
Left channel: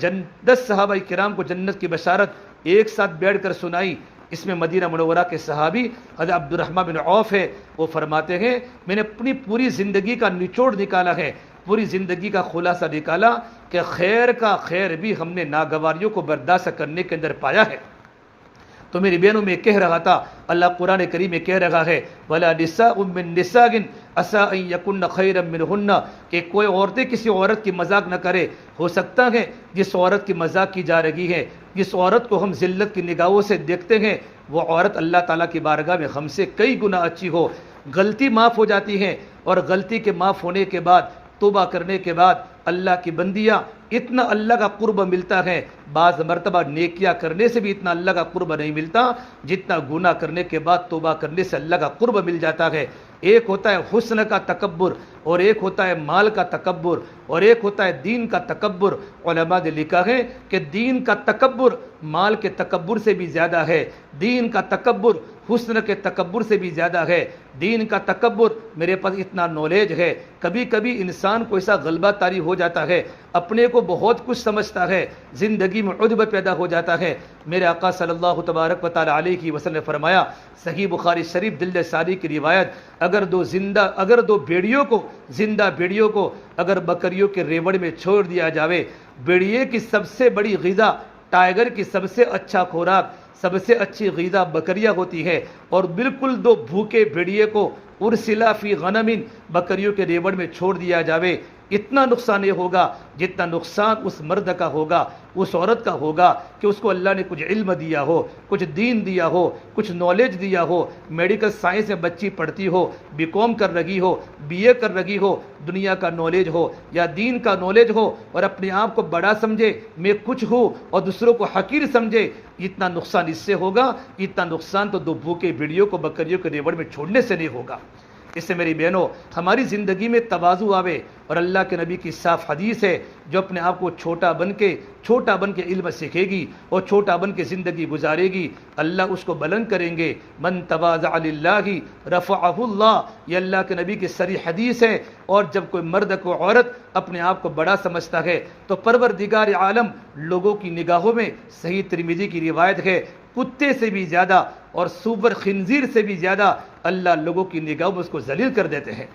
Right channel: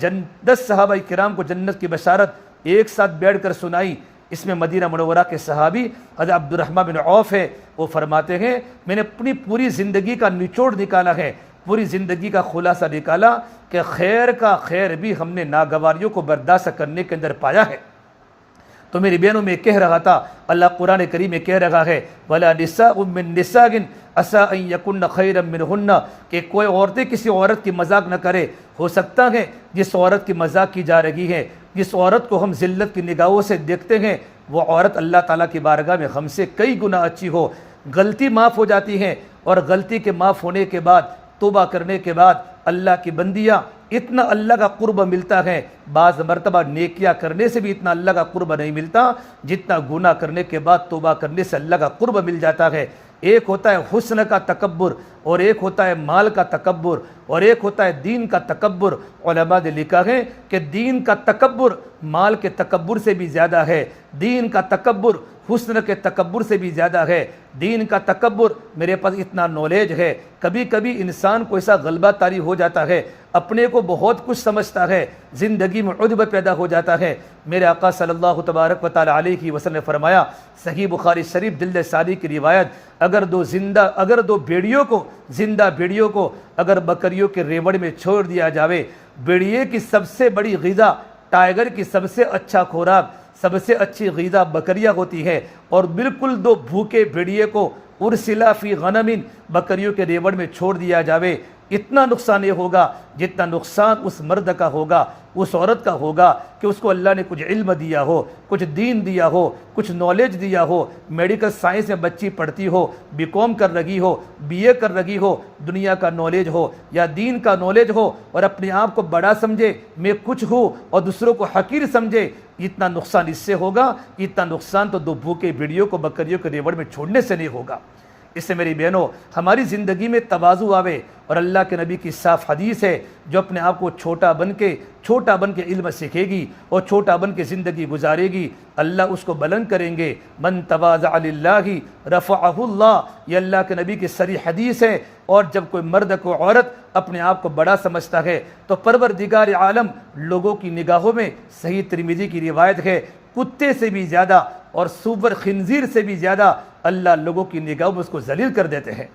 10 صحابہ کرام کو جنت کی بشارت ایک ساتھ بیٹھ کر سنائی. اس میں مدینہ منورہ کے صحابی حضرت عبد الرحمن بن عوف ہے. وہ فرماتے ہیں میں نے اپنی پوری زندگی کا نچوڑ نکالا ہے، پوری زندگی کا خلاصہ نکالا کہ خیر کا خیر بھی ہم نے ناگواریوں کو برداشت کرنے کے اندر پایا ہے. تو میری بہنوں میں کہہ رہا تھا، اللہ قرآن کریم میں کہہ رہا ہے وَلَا نِسَاءٌ مِّن نِسَاءٍ عَسَىٰ أَن يَكُنَّ خَيْرًا مِّنْهُنَّ کہ کوئی عورتیں کسی عورت کی مذاق نہ کرے. ہو سکتا ہے جس عورت کی مذاق کی جا رہی ہے، جس عورت کو ہم ذلت کی نگاہوں سے دیکھتے ہیں، وہ عورت اللہ تعالیٰ کی بارگاہ میں ہم سے کئی گنا اچھی ہو. غلطی معاف ہو جاتی ہے اور غلطی کے معاف ہونے کے بعد توبہ کرنے کے بعد اللہ کی بندیاں اتنا اللہ کا قرب ملتا ہے. بعض مرتبہ نیکیاں کرنے سے بھی اتنا اللہ کا قرب نہیں ملتا جتنا گناہ کرنے کے بعد توبہ کرنے سے اللہ کا قرب مل جاتا ہے. ایک ہوتا ہے حسن کا تکبر اور ایک ہوتا ہے مال کا تکبر اور ایک ہوتا ہے دین کا تکبر. علماء نے لکھا ہے کہ دین کا تکبر مال کے تکبر سے بھی زیادہ ہے، دین کا تکبر حسن کے تکبر سے بھی زیادہ ہے. دین کا تکبر میرے پاس اتنا نالج ہے. کبھی کبھی انسان کو ایسا غلبہ طاری ہو جاتا ہے، اپنے کو بہت کچھ سمجھتا ہے، زندگی میں عجب پیدا ہو جاتا ہے. میرے آقا صلی اللہ تبارک و تعالیٰ علیہ وسلم نے فرمایا، صحیح بخاری شریف جلد ثانی کی روایت، اگر دو بھیڑیوں کو اگر بکریوں کے ریوڑ میں چھوڑ دیا جاوے، بھیڑیے کی سب سے بڑی غذا، ٹائیگر کی سب سے اچھا خوراک، سب سے اچھی غذا بکریاں ہوتی ہے، اور بالکل دو بھوکے بھیڑیے کو ارسلا فی غنم بکریوں کے ریوڑ میں چھوڑ دیا جاوے، اتنا نقصان یہ ہوگا جتنا نقصان اس مرد کا ہوگا، اس عورت کا ہوگا کہ اس کو اللہ نے کچھ علم دیا ہو، کچھ دین دیا ہو، کچھ نالج دیا ہو، میڈیکل سائنس میں بچی پڑھتی ہو، بی کام کر رہی ہو، بی اے کر رہی ہو، دنیا کا نالج ہو یا دین کا نالج ہو، اور اپنے آپ کو بڑا سمجھے میں کچھ ہوں اور دوسروں کو حقیر سمجھے. اتنا نقصان اس سے ہوگا، اتنا نقصان تو دو بھوکے بھیڑیوں کو بکریوں کے ریوڑ میں چھوڑنے سے نہیں ہوگا. اس سے میری بہنوں ہماری زندگی میں تواضع آوے، اور اللہ کے نبی کی صاف حدیث ہے، جو اپنے آپ کو چھوٹا بن کے علم سیکھے گی اور چھوٹا بن کے زندگی گزارے گی، اللہ اس کو بلند کریں گے. من تواضع للہ رفعہ اللہ، یہ اللہ کے نبی کی صریح حدیث ہے. اور جب کوئی مرد کو عورت اپنے آپ کو بڑا سمجھتا ہے تو پروردگار عالم لوگوں کی نگاہوں میں، صحیح ترمذی کی روایت ہے، کتے سے بھی زیادہ اور سور خنزیر سے بھی زیادہ اللہ لوگوں کی نگاہوں میں اس کو ذلیل کر دیتے ہیں.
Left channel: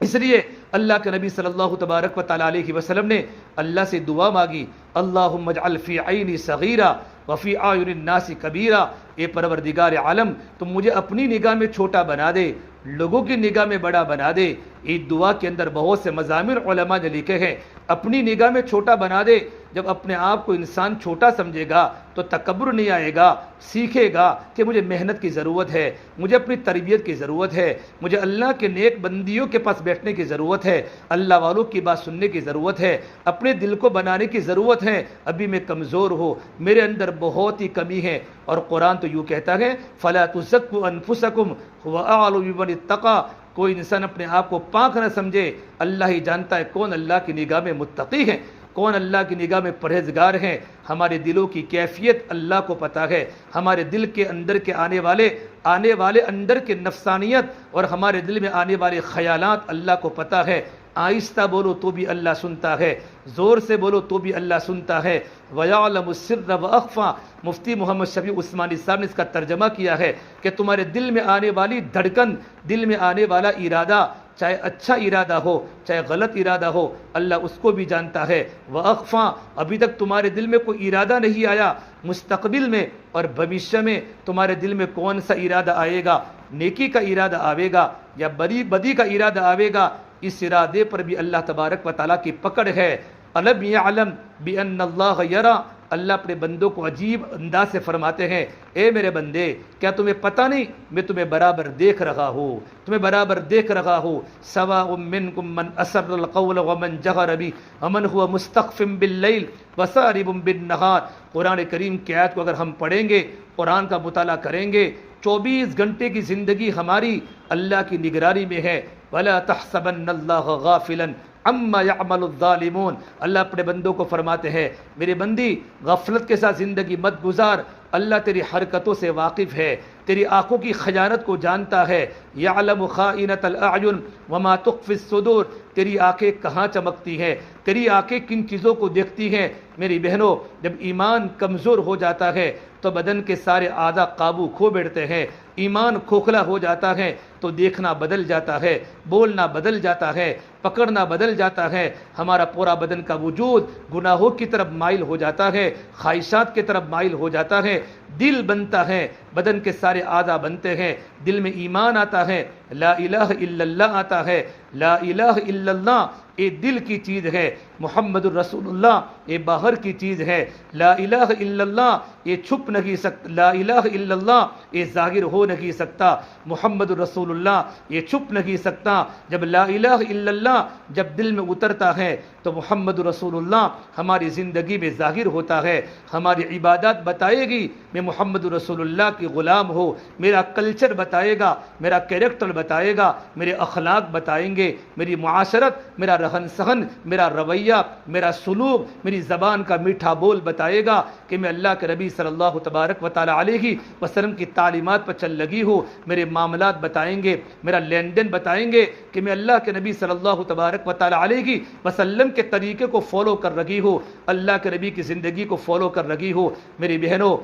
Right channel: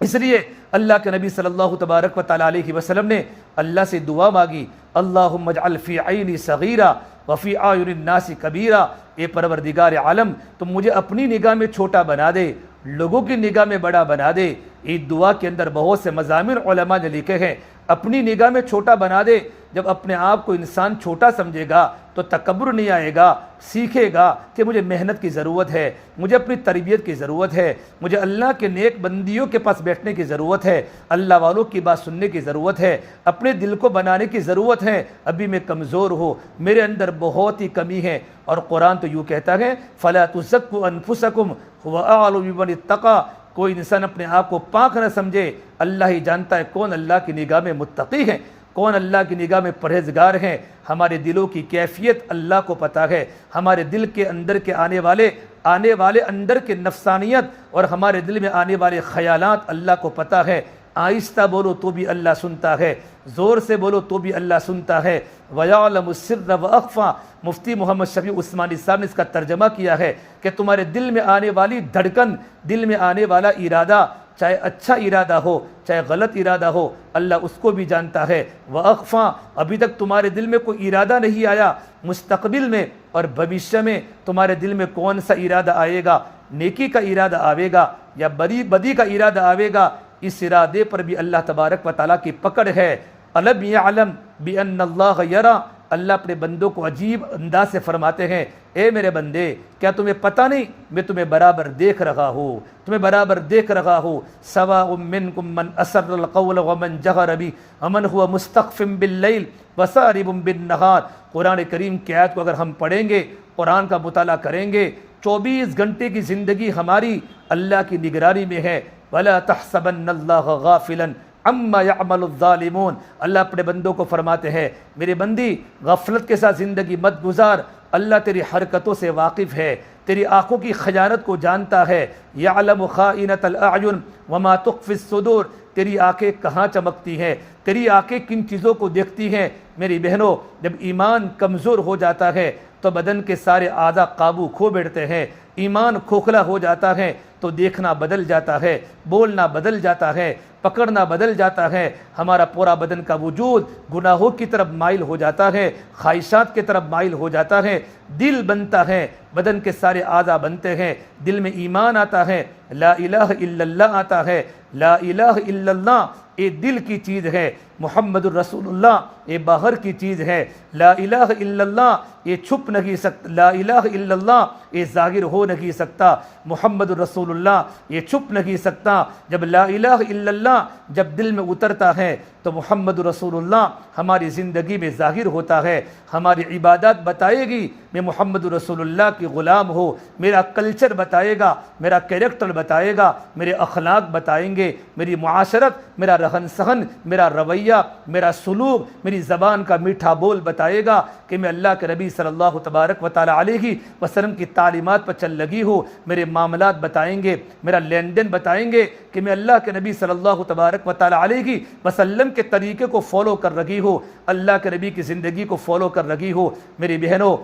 اس لیے اللہ کے نبی صلی اللہ تبارک و تعالیٰ علیہ وسلم نے اللہ سے دعا مانگی، اللہم اجعل فی عینی صغیرہ وفی اعین الناس کبیرہ. اے پروردگار عالم تم مجھے اپنی نگاہ میں چھوٹا بنا دے، لوگوں کی نگاہ میں بڑا بنا دے. اس دعا کے اندر بہت سے مضامین علماء نے لکھے ہیں. اپنی نگاہ میں چھوٹا بنا دے. جب اپنے آپ کو انسان چھوٹا سمجھے گا تو تکبر نہیں آئے گا، سیکھے گا کہ مجھے محنت کی ضرورت ہے، مجھے اپنی تربیت کی ضرورت ہے، مجھے اللہ کے نیک بندیوں کے پاس بیٹھنے کی ضرورت ہے، اللہ والوں کی بات سننے کی ضرورت ہے، اپنے دل کو بنانے کی ضرورت ہے. ابھی میں کمزور ہوں، میرے اندر بہت ہی کمی ہے. اور قرآن تو یوں کہتا ہے فَلَا تُزَكُّوا أَنفُسَكُمْ هُوَ أَعْلَمُ بِمَنِ اتَّقَىٰ. کوئی انسان اپنے آپ کو پاک نہ سمجھے، اللہ ہی جانتا ہے کون اللہ کی نگاہ میں متقی ہے، کون اللہ کی نگاہ میں پرہیزگار ہیں. ہمارے دلوں کی کیفیت اللہ کو پتہ ہے، ہمارے دل کے اندر کے آنے والے اندر کے نفسانیت اور ہمارے دل میں آنے والے خیالات اللہ کو پتہ ہے. آہستہ بولو تو بھی اللہ سنتا ہے، زور سے بولو تو بھی اللہ سنتا ہے. وَيَعْلَمُ السِّرَّ وَأَخْفَى. مفتی محمد شفیع عثمانی صاحب نے اس کا ترجمہ کیا ہے کہ تمہارے دل میں آنے والی دھڑکن، دل میں آنے والا ارادہ چاہے اچھا ارادہ ہو چاہے غلط ارادہ ہو، اللہ اس کو بھی جانتا ہے۔ وَأَخْفَى، ابھی تک تمہارے دل میں کوئی ارادہ نہیں آیا، مستقبل میں اور بھوشیہ میں تمہارے دل میں کون سا ارادہ آئے گا، نیکی کا ارادہ آئے گا یا بدی کا ارادہ آئے گا، اس ارادے پر بھی اللہ تبارک و تعالیٰ کی پکڑ ہے۔ أَلَمْ يَعْلَمْ بِأَنَّ اللَّهَ يَرَى، اللہ اپنے بندوں کو عجیب انداز سے فرماتے ہیں، اے میرے بندے کیا تمہیں پتہ نہیں میں تمہیں برابر دیکھ رہا ہوں، تمہیں برابر دیکھ رہا ہوں۔ سواء منکم من اسر القول ومن جہر بہ ومن هو مستخف باللیل وسارب بالنہار۔ قرآن کریم کی آیت کو اگر ہم پڑھیں گے، قرآن کا مطالعہ کریں گے، 24 گھنٹے کی زندگی ہماری اللہ کی نگرانی میں ہے۔ ولا تحسبن اللہ غافلا عما يعمل الظالمون، اللہ اپنے بندوں کو فرماتے ہیں میری بندی غفلت کے ساتھ زندگی مت گزار، اللہ تیری حرکتوں سے واقف ہے، تیری آنکھوں کی خیانت کو جانتا ہے۔ یعلم خائنۃ الاعین وما تخفی الصدور، تیری آنکھیں کہاں چمکتی ہیں، تیری آنکھیں کن چیزوں کو دیکھتی ہیں۔ میری بہنوں، جب ایمان کمزور ہو جاتا ہے تو بدن کے سارے اعضاء قابو کھو بیٹھتے ہیں، ایمان کھوکھلا ہو جاتا ہے تو دیکھنا بدل جاتا ہے، بولنا بدل جاتا ہے، پکڑنا بدل جاتا ہے، ہمارا پورا بدن کا وجود گناہوں کی طرف مائل ہو جاتا ہے، خواہشات کی طرف مائل ہو جاتا ہے، دل بنتا ہے، بدن کے سارے اعضاء بنتے ہیں، دل میں ایمان آتا ہے، لا الہ الا اللہ آتا ہے۔ لا الہ الا اللہ یہ دل کی چیز ہے، محمد الرسول اللہ یہ باہر کی چیز ہے۔ لا الہ الا اللہ یہ چھپ نہیں سکتا، لا الہ الا اللہ یہ ظاہر ہو نہیں سکتا، محمد الرسول اللہ یہ چھپ نہیں سکتا۔ جب لا الہ الا اللہ جب دل میں اترتا ہے تو محمد رسول اللہ ہماری زندگی میں ظاہر ہوتا ہے، ہماری عبادات بتائے گی میں محمد رسول اللہ کی غلام ہوں، میرا کلچر بتائے گا، میرا کیریکٹر بتائے گا، میرے اخلاق بتائیں گے، میری معاشرت، میرا رہن سہن، میرا رویہ، میرا سلوک، میری زبان کا میٹھا بول بتائے گا کہ میں اللہ کے نبی صلی اللہ تبارک و تعالی علیہ وسلم کی تعلیمات پر چل لگی ہوں۔ میرے معاملات بتائیں گے، میرا لین دین بتائیں گے کہ میں اللہ کے نبی صلی اللہ تبارک و تعالی علیہ وسلم کے طریقے کو فالو کر رہی ہوں، اللہ کے نبی کی زندگی کو فالو کر رہی ہوں۔ میری بہنوں،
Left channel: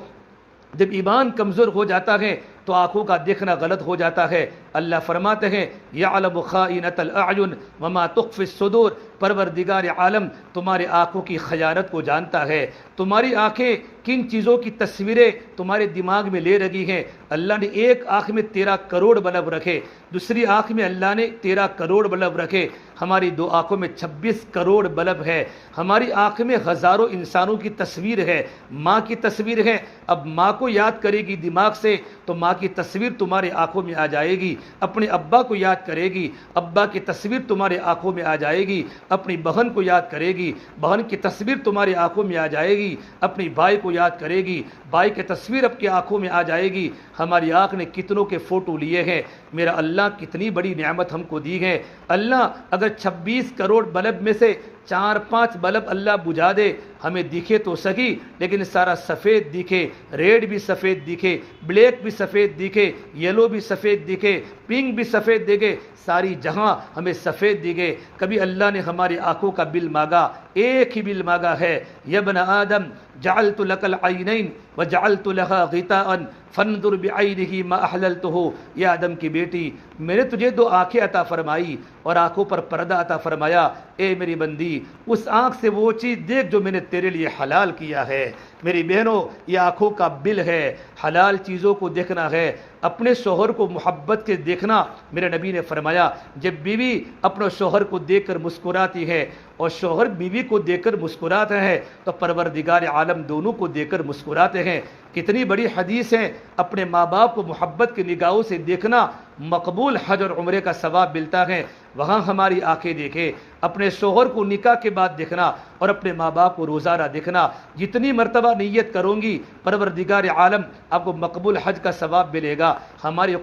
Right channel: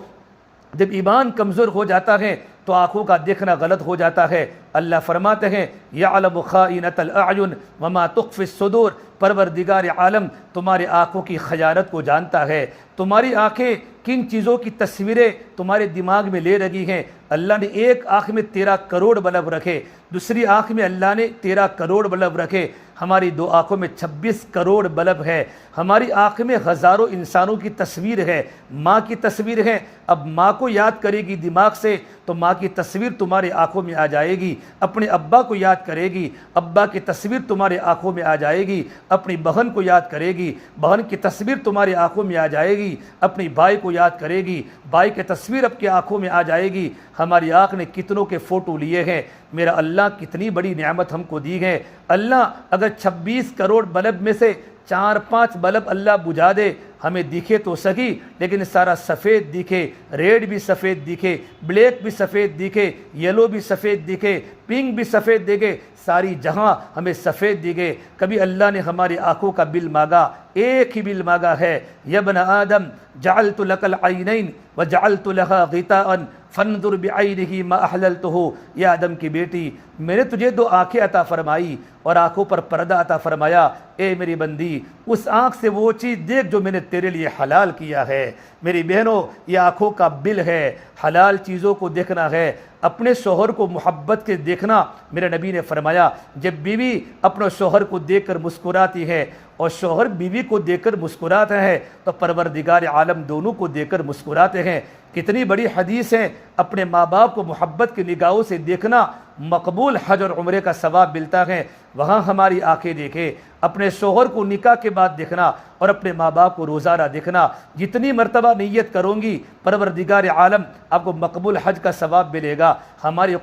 جب ایمان کمزور ہو جاتا ہے تو آنکھوں کا دیکھنا غلط ہو جاتا ہے۔ اللہ فرماتے ہیں یعلم خائنۃ الاعین وما تخفی الصدور، پروردگار عالم تمہاری آنکھوں کی خیانت کو جانتا ہے، تمہاری آنکھیں کن چیزوں کی تصویریں تمہارے دماغ میں لے رہی ہیں۔ اللہ نے ایک آنکھ میں 13 کروڑ بلب رکھے، دوسری آنکھ میں اللہ نے 13 کروڑ بلب رکھے، ہماری 2 آنکھوں میں 26 کروڑ بلب ہے، ہماری آنکھ میں ہزاروں انسانوں کی تصویر ہے، ماں کی تصویر ہے۔ اب ماں کو یاد کرے گی دماغ سے تو ماں کی تصویر تمہارے آنکھوں میں آ جائے گی، اپنے ابا کو یاد کرے گی، ابا کی تصویر تمہارے آنکھوں میں آ جائے گی، اپنی بہن کو یاد کرے گی، بہن کی تصویر تمہارے آنکھوں میں آ جائے گی، اپنی بھائی کو یاد کرے گی، بھائی کی تصویر آپ کی آنکھوں میں آ جائے گی۔ ہماری آنکھ نے کتنوں کے فوٹو لیے ہیں، میرا اللہ کتنی بڑی نعمت ہم کو دی ہے۔ اللہ اگر 26 کروڑ بلب میں سے 4-5 بلب اللہ بجھا دے، ہمیں دکھے تو سہی لیکن سارا سفید دکھے، ریڈ بھی سفید دکھے، بلیک بھی سفید دکھے، یلو بھی سفید دکھے، پنک بھی سفید دکھے، ساری جہاں ہمیں سفید دکھے، کبھی اللہ نے ہماری آنکھوں کا بل مانگا؟ ایک ہی بل مانگا ہے، یا ابن آدم جعلت لک العینین وجعلت لها غطاء فانظر بعینہ ما احللتہ، یا آدم کی بیٹی میں نے تجھے 2 آنکھیں عطا فرمائی اور آنکھوں پر پردہ عطا فرمایا، اے میری بندی اس آنکھ سے وہ چیز دیکھ جو میں نے تیرے لیے حلال کیا ہے۔ میری بہنوں، یہ آنکھوں کا بل ہے، حلال چیزوں کو دیکھنا ہے، اپنے شوہر کو محبت سے دیکھنا۔ میرے نبی نے فرمایا جب بیوی اپنے شوہر کو دیکھ کر مسکراتی ہے اور شوہر بیوی کو دیکھ کر مسکراتے ہیں تو پروردگار عالم دونوں کو دیکھ کر مسکراتے ہیں۔ کتنی بڑی حدیث ہے، اپنے ماں باپ کو محبت کی نگاہوں سے دیکھنا مقبول حج اور عمرے کا ثواب ملتا ہے۔ وہاں ہماری آنکھیں دیکھے، اپنے شوہر کو نکاح کے بعد دیکھنا اور اپنے ماں باپ کو روزانہ دیکھنا، جتنی مرتبہ نیت کروں گی پروردگار عالم آپ کو مقبول حج کا ثواب ملے گا۔ ہماری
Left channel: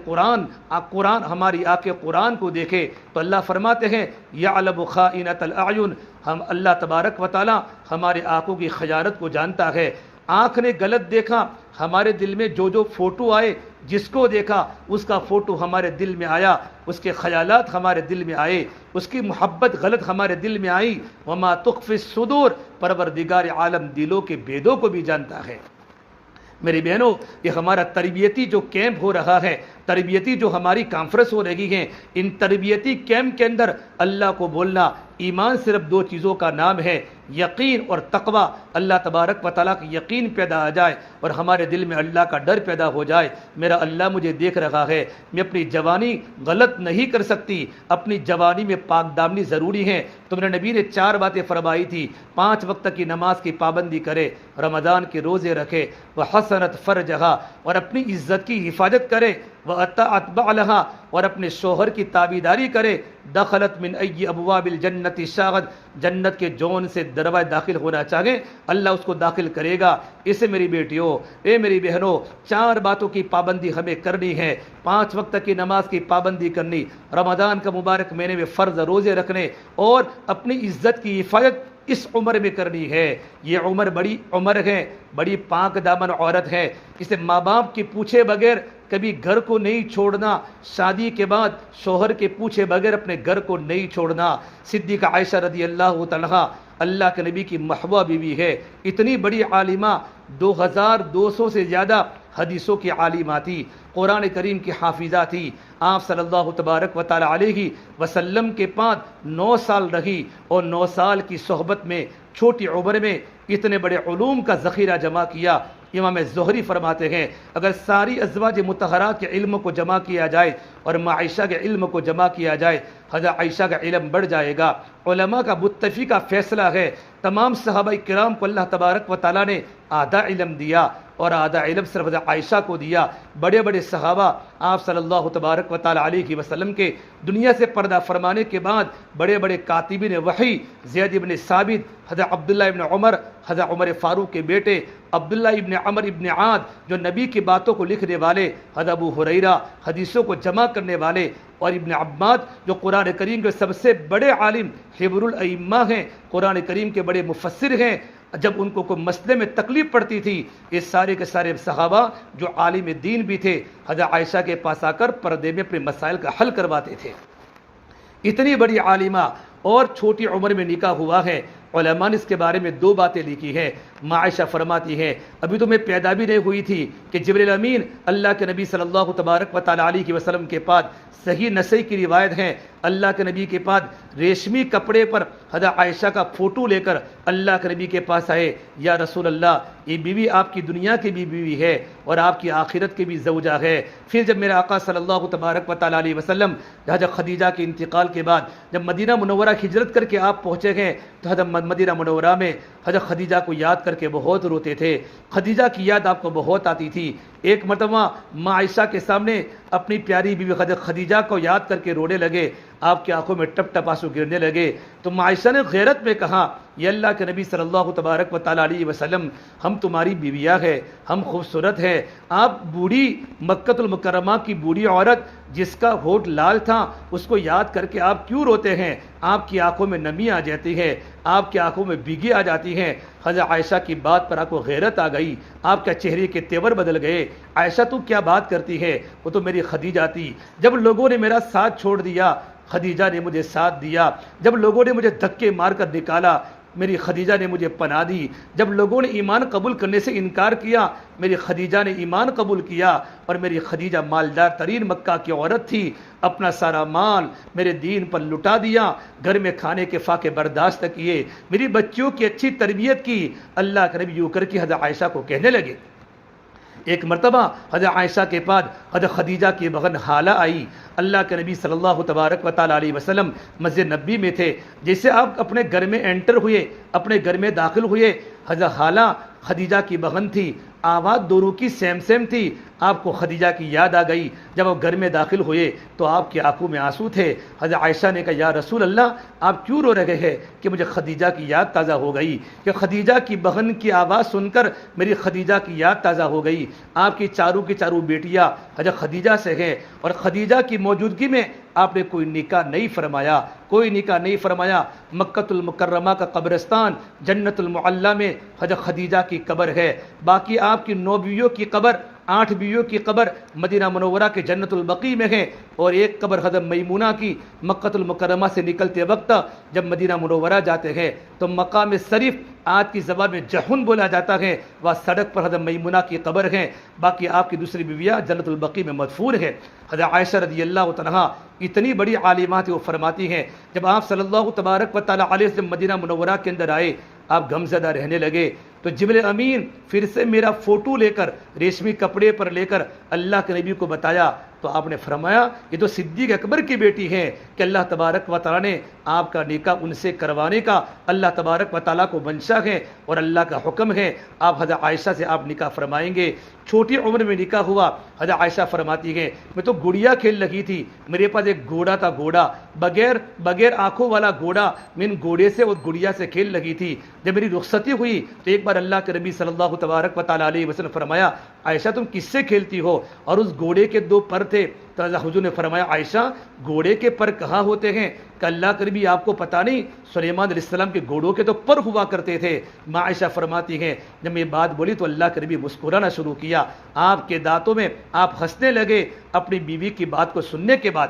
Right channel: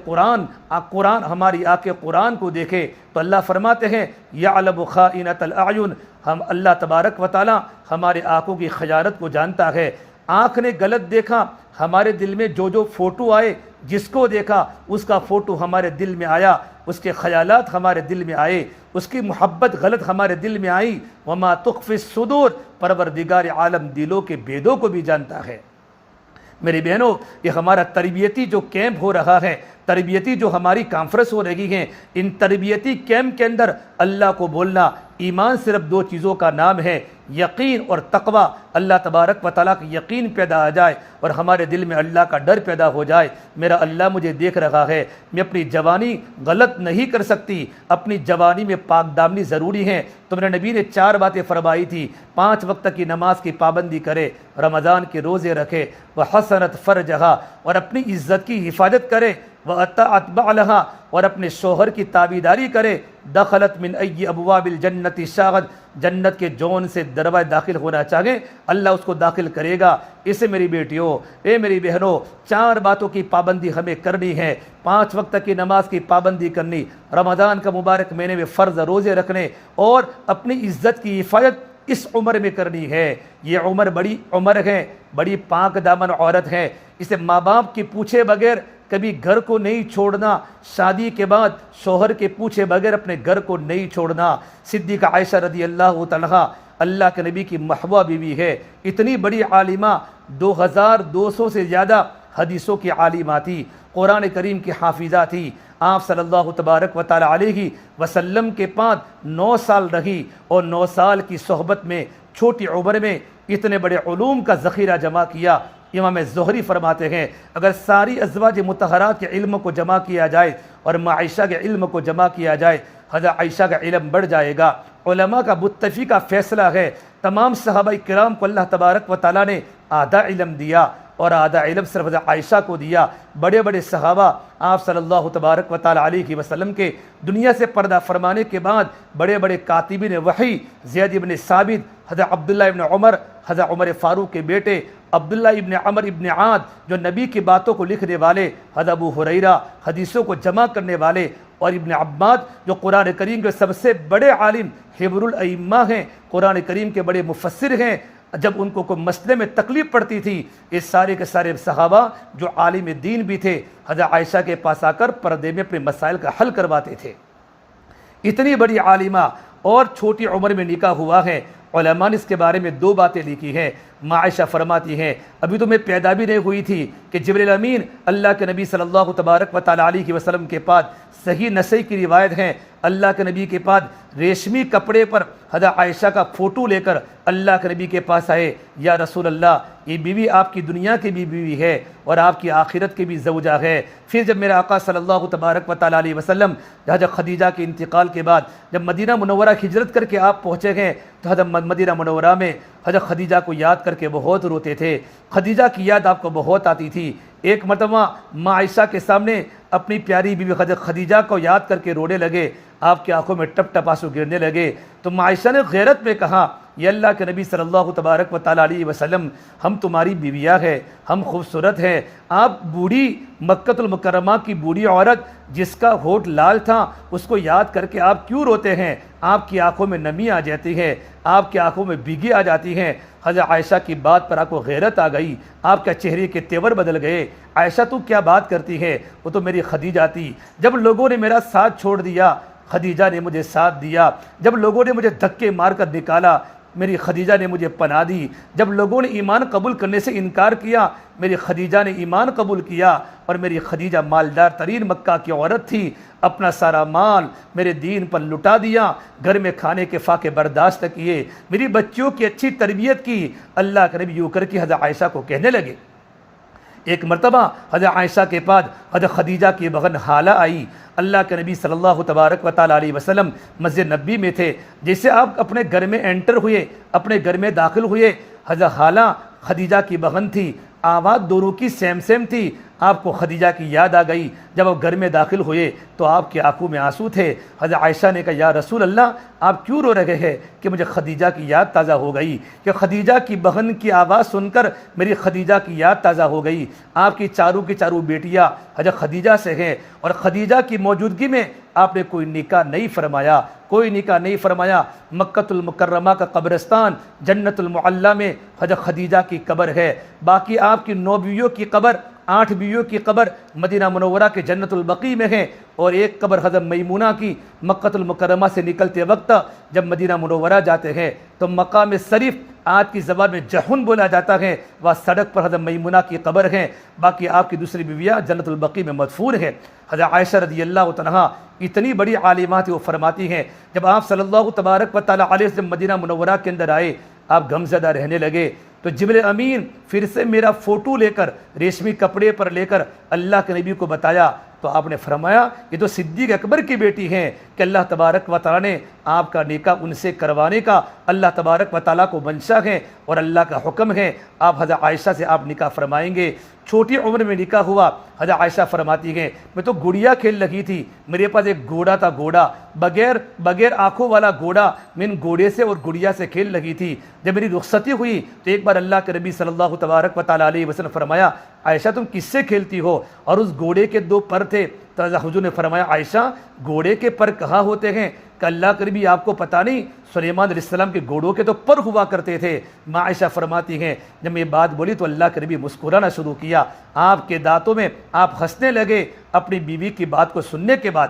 ہماری آنکھیں قرآن کو دیکھے تو اللہ فرماتے ہیں یعلم خائنۃ الاعین، ہم اللہ تبارک و تعالی ہمارے آنکھوں کی خیانت کو جانتا ہے۔ آنکھ نے غلط دیکھا، ہمارے دل میں جو فوٹو آئے، جس کو دیکھا اس کا فوٹو ہمارے دل میں آیا، اس کے خیالات ہمارے دل میں آئے، اس کی محبت غلط ہمارے دل میں آئی۔ وما تخفی الصدور، پروردگار عالم دلوں کے بیدوں کو بھی جانتا ہے۔ میری بہنوں، یہ ہمارا تربیتی جو کیمپ ہو رہا ہے، تربیتی جو ہماری کانفرنس ہو رہی ہیں، ان تربیتی کیمپ کے اندر اللہ کو بولنا، ایمان صرف دو چیزوں کا نام ہے، یقین اور تقوی۔ اللہ تبارک و تعالیٰ کا یقین پیدا آ جائے اور ہمارے دل میں اللہ کا ڈر پیدا ہو جائے، میرا اللہ مجھے دیکھ رہا ہے، میں اپنی جوانی غلط نہیں کر سکتی، اپنی جوانی میں پاک دامنی ضروری ہے۔ تو میرے نبی نے 4 باتیں فرمائی تھی، 5 وقت کی نماز کی پابندی کرے، رمضان کے روزے رکھے، وحسنت فرجہا، اور اپنی عزت کی حفاظت کرے، وَأَطَاعَتْ بَعْلَهَا، اور اپنے شوہر کی تابعداری کرے، دخلت من ای ابواب الجنت شاغد، جنت کے جون سے دروازے داخل ہونا چاہے اللہ اس کو داخل کرے گا۔ اسے میری بیٹیوں، اے میری بہنوں، 4 باتوں کی پابندی ہمیں کرنی ہے، 5 وقت کی نماز کی پابندی کرنی، رمضان کا مبارک مہینے میں فرض روزے رکھنے، اور اپنی عزت کی حفاظت اس عمر میں کرنی ہے۔ یہ عمر بڑی عمر ہے، بڑی پاک دامن عورت ہے، اسے ماں باپ کی پوچھے بغیر کبھی گھر کو نہیں چھوڑنا، شادی کے بعد شوہر کے پوچھے بغیر اپنے گھر کو نہیں چھوڑنا۔ صدیقہ عائشہ رضی اللہ تعالیٰ اللہ کے نبی کی محبوبہ بیوی ہے، اتنی بڑی عالمہ، 2200 سے زیادہ حدیثوں کی عالمہ تھی، قرآن کریم کی حافظہ تھی۔ آپ صلی اللہ تبارک و تعالی علیہ وسلم کے پاس 9 سال رہی، اور 9 سال کی صحبت میں چھوٹی عمر میں اتنے بڑے علوم کا ذخیرہ جمع کیا۔ امام زہری فرماتے ہیں اگر ساری ازواج مطہرات کے علم کو جمع کیا جائے اور ماں عائشہ کے علم کو جمع کیا جائے، حضرت عائشہ کا علم بڑھ جائے گا۔ علماء کا متفقہ فیصلہ ہے، تمام صحابہ کرام کو اللہ تبارک و تعالیٰ نے آدھا علم دیا، اور آدھا علم صرف حضرت عائشہ کو دیا۔ بڑے بڑے صحابہ آپ صلی اللہ تبارک و تعالیٰ علیہ وسلم کے دنیا سے پردہ فرمانے کے بعد بڑے بڑے کاتبین وحی، زید ابن ثابت، حضرت عبداللہ ابن عمر، حضرت عمر فاروق کے بیٹے عبداللہ ابن عمر ابن عاد، جو نبی کی باتوں کو لکھنے والے، حضرت ابو ہریرہ حدیثوں کو جمع کرنے والے، اور ابن عباس جو قرآن کریم کے سب سے بڑے عالم حبر الائمہ ہیں، قرآن کریم کے بڑے مفسر ہیں، جب ان کو کوئی مسئلے میں تکلیف پڑتی تھی، یہ سارے کے سارے صحابہ جو عالم دین بھی تھے، حضرت عائشہ کے پاس آ کر پردے میں اپنے مسائل کا حل کرواتے تھے۔ اتنی بڑی عالمہ اور چھوٹی عمر میں نکاح ہوا ہے۔ علماء نے اس کے بارے میں 2 باتیں لکھی ہیں۔ ماں عائشہ فرماتی ہیں ابھی تو میں پیدا بھی نہیں ہوئی تھی کہ جبریل امین اللہ کے نبی صلی اللہ تبارک و تعالیٰ علیہ وسلم کے پاس، صحیح نسائی کی روایت ہے، اللہ کے نبی کے پاس ریشمی کپڑے پر حضرت عائشہ کا فوٹو لے کر اللہ کے نبی کے پاس آئے، یا رسول اللہ یہ بیوی آپ کی دنیا کی بھی بیوی ہے اور آپ کی آخرت کی بھی زوجہ ہے۔ پھر جب میرے آقا صلی اللہ تبارک و تعالیٰ علیہ وسلم حضرت خدیجہ کے انتقال کے بعد جب مدینہ منورہ ہجرت کر کے آپ پہنچے گئے تو حضرت مدینہ منورہ میں حضرت خدیجہ کو یاد کر کے بہت روتے تھے، خدیجہ کی یاد آپ کو بہت آتی تھی۔ ایک مرتبہ ماں عائشہ کے سامنے اپنی پیاری بیوی حضرت خدیجہ کو یاد کر کے رونے لگے، آپ کی آنکھوں میں ٹپ ٹپ آنسو گرنے لگے، تو ماں عائشہ نے غیرت میں کہا یہ اللہ کے نبی صلی اللہ تبارک و تعالیٰ علیہ وسلم، ہم تمہاری بیویاں ہیں، ہم خوبصورت ہیں، آپ بوڑھی مکۃ المکرمہ کی بوڑھی عورت جس کا ہونٹ لال تھا اس کو یاد کر کے آپ کیوں روتے ہیں؟ آپ کی آنکھوں میں نمی آ جاتی ہے، آپ کی آنکھوں میں بھیگی آ جاتی ہیں۔ حضرت عائشہ کی بات پر آپ کو غیرت آ گئی، آپ کے چہرے کے تیور بدل گئے۔ عائشہ تو کیا بات کرتی ہے، وہ تو میری خدیجہ تھی، جب لوگوں نے میرا ساتھ چھوڑ دیا خدیجہ نے مجھے ساتھ دیا، جب لوگوں نے مجھے دھکے مار کر نکالا میری خدیجہ نے مجھے پناہ دی، جب لوگوں نے ایمان قبول کرنے سے انکار کیا میری خدیجہ نے ایمان قبول کیا، اور میری خدیجہ مالدار ترین مکہ کی عورت تھی، اپنا سارا مال میرے دین پر لٹا دیا، گھر میں کھانے کے فاقے برداشت کیے، میری بچیوں کی اچھی تربیت کی۔ اللہ کے نبی یوں کر کے حضرت عائشہ کو کہنے لگے۔ ایک مرتبہ حضرت عائشہ کے پاس حضرت خدیجہ کی بہن حالہ آئی، اللہ کے نبی صلی اللہ تبارک و تعالیٰ علیہ وسلم مسجد نبی میں تھے، جیسے آپ اپنے گھر میں انٹر ہوئے، اپنے گھر میں داخل ہوئے، حضرت حالہ خدیجہ کی بہن تھی، آواز دونوں کی سیم سیم تھی، آپ کو خدیجہ کی یاد آ گئی۔ جب آپ گھر میں داخل ہوئے تو آپ کی آنکھوں میں آنسو تھے۔ حضرت عائشہ نے کہا یا رسول اللہ آپ کیوں رو رہے ہیں؟ کہ مجھے خدیجہ کی یاد تازہ ہو گئی، کہ خدیجہ کی بہن کی آواز سن کر میری خدیجہ کی یاد تازہ ہو گئی۔ آپ کی چاروں بیٹیاں حضرت خدیجہ سے ہیں، اور خدیجہ کی موجودگی میں آپ نے کوئی نکاح نہیں فرمایا، کوئی نکاح نہیں فرمایا۔ مکۃ المکرمہ کا قبرستان جنت المعلیٰ میں حضرت خدیجہ کی قبر ہے، باقی آپ کی 9 بیویوں کی قبر 8 بیویوں کی قبر مدینہ منورہ کے جنت البقیع میں ہیں، اور ایک قبر حضرت میمونہ کی مکہ المکرمہ سے نکلتے وقت جب مدینہ منورہ جاتے ہیں تو مقام شریف آج کی زبان میں جہن بولا جاتا ہے، وہاں سڑک پر حضرت میمونہ کی قبر ہے، باقی آپ کی دوسری بیویاں جنت البقیع میں مدفون ہیں۔ حضرت عائشہ رضی اللہ عنہا اتنی بڑی عالمہ تھی، وہ فرماتی ہیں جب آپ صلی اللہ تبارک و تعالیٰ علیہ وسلم مدینہ منورہ کے اندر آئے، آپ غمزدہ رہنے لگے تو جبرائیل امین پھر سے میرا فوٹو لے کر ریشمی کپڑے پر لے کر اللہ کے نبی کو بتایا، تو آپ نے فرمایا یہ تو صدیق اکبر کی بیٹی ہیں کہ اللہ تبارک و تعالیٰ نے آپ کا نکاح ان سے کروانے کا اللہ تبارک و تعالیٰ کو منشا ہے اور اللہ کا حکم ہے، آپ حضرت عائشہ سے آپ نکاح فرمائیں گے۔ چھوٹی عمر میں نکاح ہوا، حضرت عائشہ فرماتی ہیں میں تو گڑیا کھیل لگی تھی، میرے پاس ایک گھوڑا تھا، گھوڑا بغیر آنکھوں والا گھوڑا، میں ان گھوڑے سے اور گڑیا سے کھیل لگی تھی۔ جب میری رخصتی ہوئی تو ایک بار اللہ کے نبی صلی اللہ تبارک و تعالیٰ علیہ وسلم فرمایا عائشہ تم کس سے کھیلتی ہو؟ اور اس گھوڑے کے 2 پر تھے، تو حضور نے فرمایا عائشہ گھوڑے کے پر کہاں ہوتے ہیں کہ اللہ کے نبی آپ کو پتہ نہیں سلیمان علیہ السلام کے گھوڑوں کے تو پر ہوا کرتے تھے۔ ماں عائشہ فرماتی ہیں جب میں بات بولی تو اللہ کے نبی مسکرانا شروع کیا، آپ کے دانتوں میں آپ ہنسنے لگے اپنی بیوی کی بات کو سننے کے بعد۔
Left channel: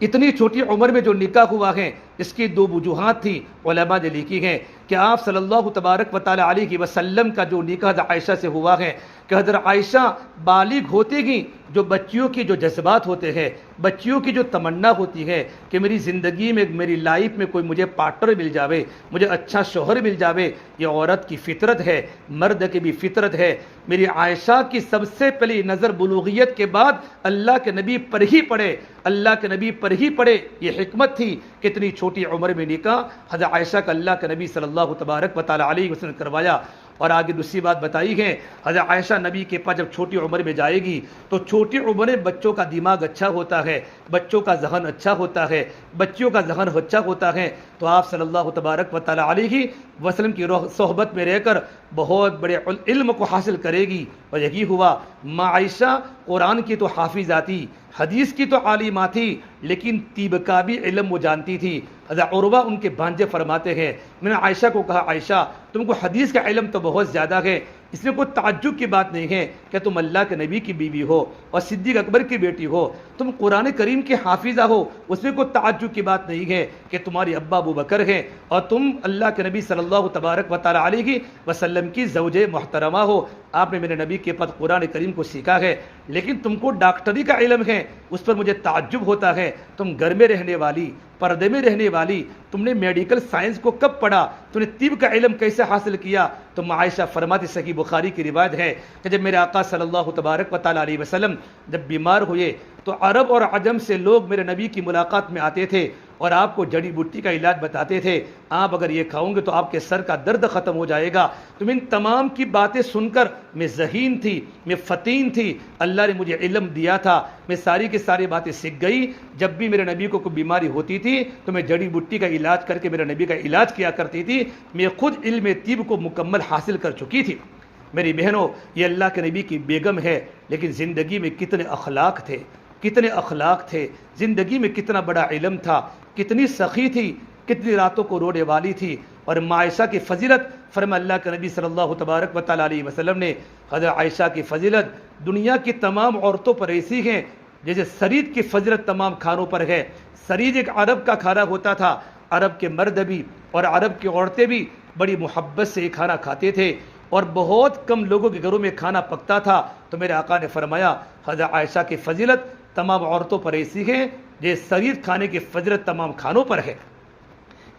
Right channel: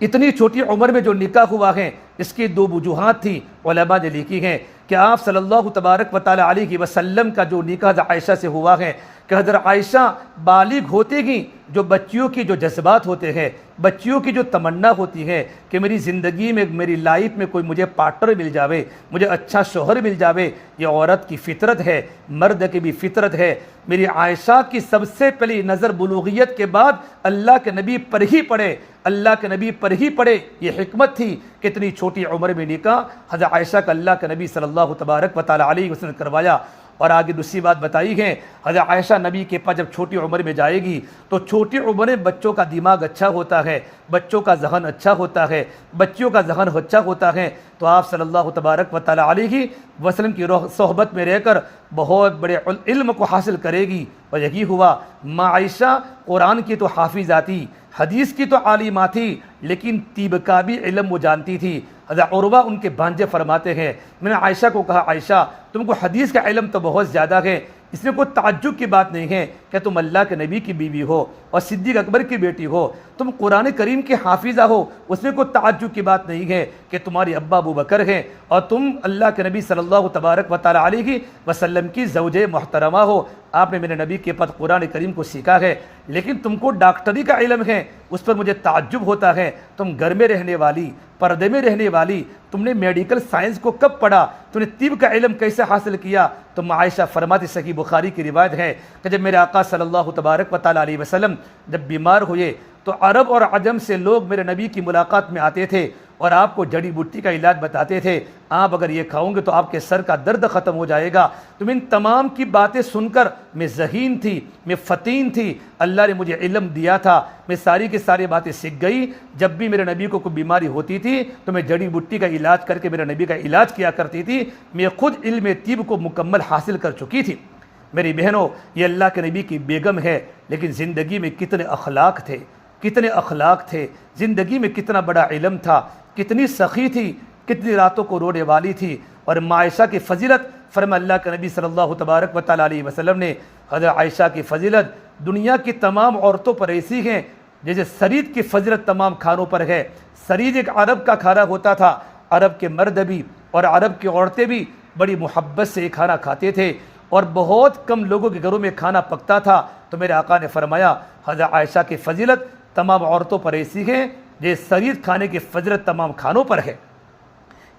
اتنی چھوٹی عمر میں جو نکاح ہوا ہے اس کی 2 وجوہات تھی، علماء نے لکھی ہیں کہ آپ صلی اللہ تبارک و تعالیٰ علیہ وسلم کا جو نکاح حضرت عائشہ سے ہوا ہے کہ حضرت عائشہ بالغ ہوتے ہی جو بچیوں کی جو جذبات ہوتے ہیں، بچیوں کی جو تمنا ہوتی ہے کہ میری زندگی میں میری لائف میں کوئی مجھے پارٹنر مل جاوے، مجھے اچھا شوہر مل جاوے، یہ عورت کی فطرت ہے، مرد کی بھی فطرت ہے۔ میری عائشہ کی سب سے پہلی نظر بلوغیت کے بعد اللہ کے نبی پر ہی پڑے، اللہ کے نبی پر ہی پڑے، یہ حکمت تھی کہ اتنی چھوٹی عمر میں نکاح حضرت عائشہ کا اللہ کے نبی صلی اللہ تبارک و تعالیٰ علیہ وسلم کروایا۔ اور آگے دوسری بات بتائی ہے حضرت عائشہ نبی کے پاس جب چھوٹی عمر میں جائے گی تو چھوٹی عمر میں بچوں کا دماغ اچھا ہوتا ہے، بچوں کا ذہن اچھا ہوتا ہے، بچیوں کا ذہن اچھا ہوتا ہے، تو آپ صلی اللہ تبارک و تعالیٰ علیہ وسلم کی صحبت میں رہ کر بہت بڑے علم کو حاصل کرے گی۔ اور یہی ہوا، ماں عائشہ قرآن کی تو حافظہ تھی، حدیث کی تو عالمہ تھی، لیکن طب کا بھی علم وہ جانتی تھی۔ حضرت عروہ ان کے بھانجے فرماتے ہیں میں نے عائشہ کو کہا عائشہ تم کو حدیث کا علم تو بہت زیادہ ہے، اس میں کوئی تعجب کی بات نہیں ہے کہ تم اللہ کے نبی کی بیوی ہو اور صدیق اکبر کی بیٹی ہو، تم قرآن کریم کی حافظہ ہو، اس میں کوئی تعجب کی بات نہیں ہے کہ تمہاری ابا ابو بکر ہیں اور تم اللہ کے نبی صلی اللہ تبارک و تعالیٰ علیہ وسلم کی زوجہ محترمہ ہو، آپ نے میرے نبی کے پاس قرآن کریم کو سیکھا ہے، لیکن تم کو ڈاکٹری کا علم ہے، اس پر مجھے تعجب ہوتا ہے، تم گھر میں رہنے والی، پردے میں رہنے والی، تم نے میڈیکل سائنس کو کب پڑھا، تم نے طب کا علم کیسے حاصل کیا؟ تو عائشہ فرماتی، صحیح بخاری کی روایت ہے کہ جب میرے آقا صلی اللہ تبارک و تعالیٰ علیہ وسلم جب بیمار ہوئے تو عرب اور عجم سے لوگ میرے نبی کی ملاقات میں آتے تھے اور آپ کو جڑی بوٹی کا علاج بتاتے تھے، آپ اگر یہ کھاؤں گے تو آپ کے سر کا درد ختم ہو جائے گا۔ تم ان تمام کی باتیں سن کر میں ذہین تھی، میں فتین تھی، اللہ نے مجھے علم دیا تھا، میں ساری کی ساری باتیں سیکھ گئی۔ جب بھی میرے نبی کو کوئی بیماری ہوتی تھی تو میں جڑی بوٹی کا علاج کر کے میرے نبی کا علاج کیا کرتی تھی، میں خود علم طب کو مکمل حاصل کر چکی تھی۔ میری بہنوں، یہ اللہ کے نبی کی بیگم ہے، لیکن زندگی میں کتنے اخلاق تھے، کتنے اخلاق تھے، زندگی میں کتنا بڑا علم تھا، کتنی سخی تھی، کتنی راتوں کو رونے والی تھی۔ اور ماں عائشہ کی فضیلت، فرما اللہ کے نبی صلی اللہ تبارک و تعالیٰ علیہ وسلم نے حضرت عائشہ کی فضیلت دنیا کی تمام عورتوں پر ایسی ہیں جیسے سرید کی فضیلت تمام کھانوں پر ہے۔ سرید ایک عرب کا کھانا ہوتا تھا، عرب کے مرد بھی اور عرب کی عورتیں بھی بڑی محبت سے کھانا کھاتے تھے اور بہت کم لوگوں کے گھروں میں کھانا پکتا تھا۔ تو میرے آقا نے فرمایا حضرت عائشہ کی فضیلت تمام عورتوں پر ایسی ہے جیسے سرید کھانے کی فضیلت تمام کھانوں پر ہے۔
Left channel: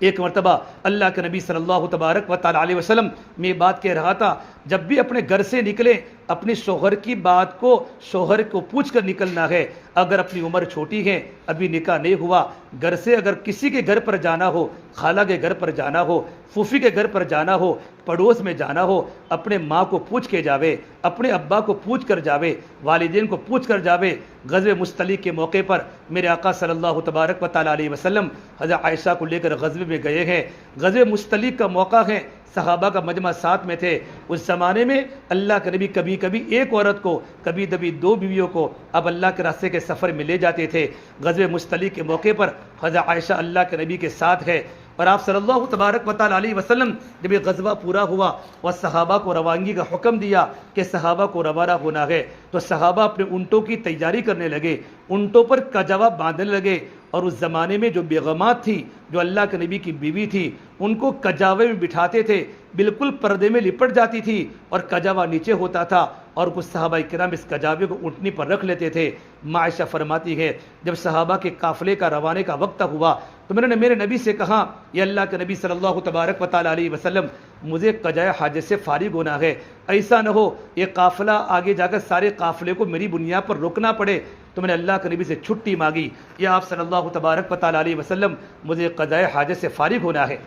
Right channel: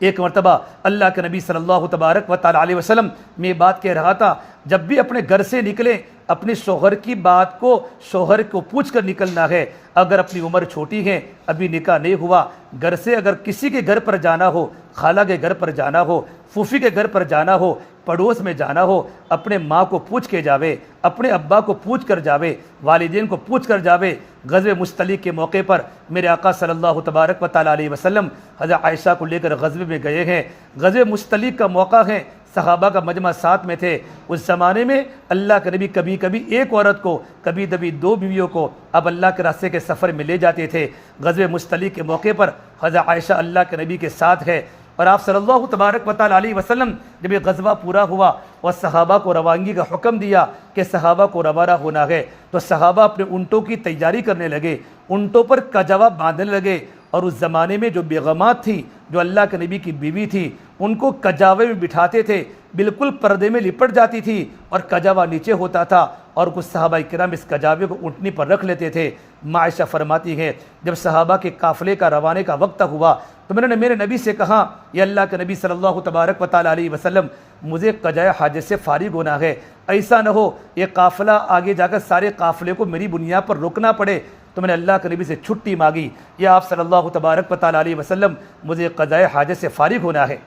ایک مرتبہ اللہ کے نبی صلی اللہ تبارک و تعالیٰ علیہ وسلم میں بات کہہ رہا تھا، جب بھی اپنے گھر سے نکلے اپنے شوہر کی بات کو شوہر کو پوچھ کر نکلنا ہے۔ اگر اپنی عمر چھوٹی ہے، ابھی نکاح نہیں ہوا، گھر سے اگر کسی کے گھر پر جانا ہو، خالہ کے گھر پر جانا ہو، پھوپھی کے گھر پر جانا ہو، پڑوس میں جانا ہو، اپنے ماں کو پوچھ کے جاوے، اپنے ابا کو پوچھ کر جاوے، والدین کو پوچھ کر جاوے۔ غزوہ مستلق کے موقع پر میرے آقا صلی اللہ تبارک و تعالیٰ علیہ وسلم حضرت عائشہ کو لے کر غزوے میں گئے ہیں۔ غزوہ مستلق کا موقع ہے، صحابہ کا مجمع ساتھ میں تھے۔ اس زمانے میں اللہ کے نبی کبھی کبھی ایک عورت کو، کبھی کبھی 2 بیویوں کو اب اللہ کے راستے کے سفر میں لے جاتے تھے۔ غزوہ مستلق کے موقع پر حضرت عائشہ اللہ کے نبی کے ساتھ ہے۔ اور آپ صلی اللہ تبارک و تعالیٰ علیہ وسلم جب یہ غزوہ پورا ہوا اور صحابہ کو روانگی کا حکم دیا کہ صحابہ کو روانہ ہونا ہے، تو صحابہ اپنے اونٹوں کی تیاری کرنے لگے، اونٹوں پر کجاوا باندھنے لگے۔ اور اس زمانے میں جو بیگمات تھی، جو اللہ کے نبی کی بیوی تھی، ان کو کجاوے میں بٹھاتے تھے، بالکل پردے میں لپٹ جاتی تھی اور کجاوا نیچے ہوتا تھا، اور کچھ صحابہ کرام اس کجاوے کو اونٹنی پر رکھ لیتے تھے۔ عائشہ فرماتی ہے جب صحابہ کے قافلے کا روانے کا وقت ہوا تو میں نے میرے نبی سے کہا، یہ اللہ کے نبی صلی اللہ تبارک و تعالیٰ علیہ وسلم، مجھے قضاء حاجت سے فارغ ہونا ہے، ایسا نہ ہو یہ قافلہ آگے جا کر سارے قافلے کو میری بنیاد پر روکنا پڑے۔ تو میں نے اللہ کے نبی سے چھٹی مانگی، یا آپ صلی اللہ تبارک و تعالیٰ علیہ وسلم مجھے قضاء حاجت سے فارغ ہونا ہے۔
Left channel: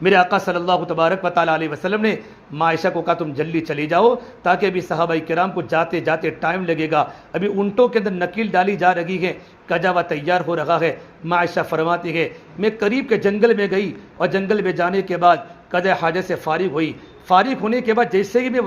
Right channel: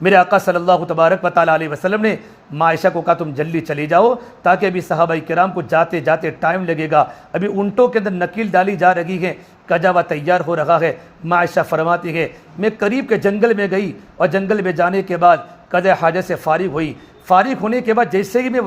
میرے آقا صلی اللہ تبارک و تعالیٰ علیہ وسلم نے عائشہ کو کہا تم جلدی چلی جاؤ، تاکہ ابھی صحابہ کرام کو جاتے جاتے ٹائم لگے گا، ابھی اونٹوں کے اندر نکیل ڈالی جا رہی ہے، کجاوا تیار ہو رہا ہے۔ عائشہ فرماتی ہے میں قریب کے جنگل میں گئی، اور جنگل میں جانے کے بعد قضاء حاجت سے فارغ ہوئی۔ فارغ ہونے کے بعد جیسے ہی میں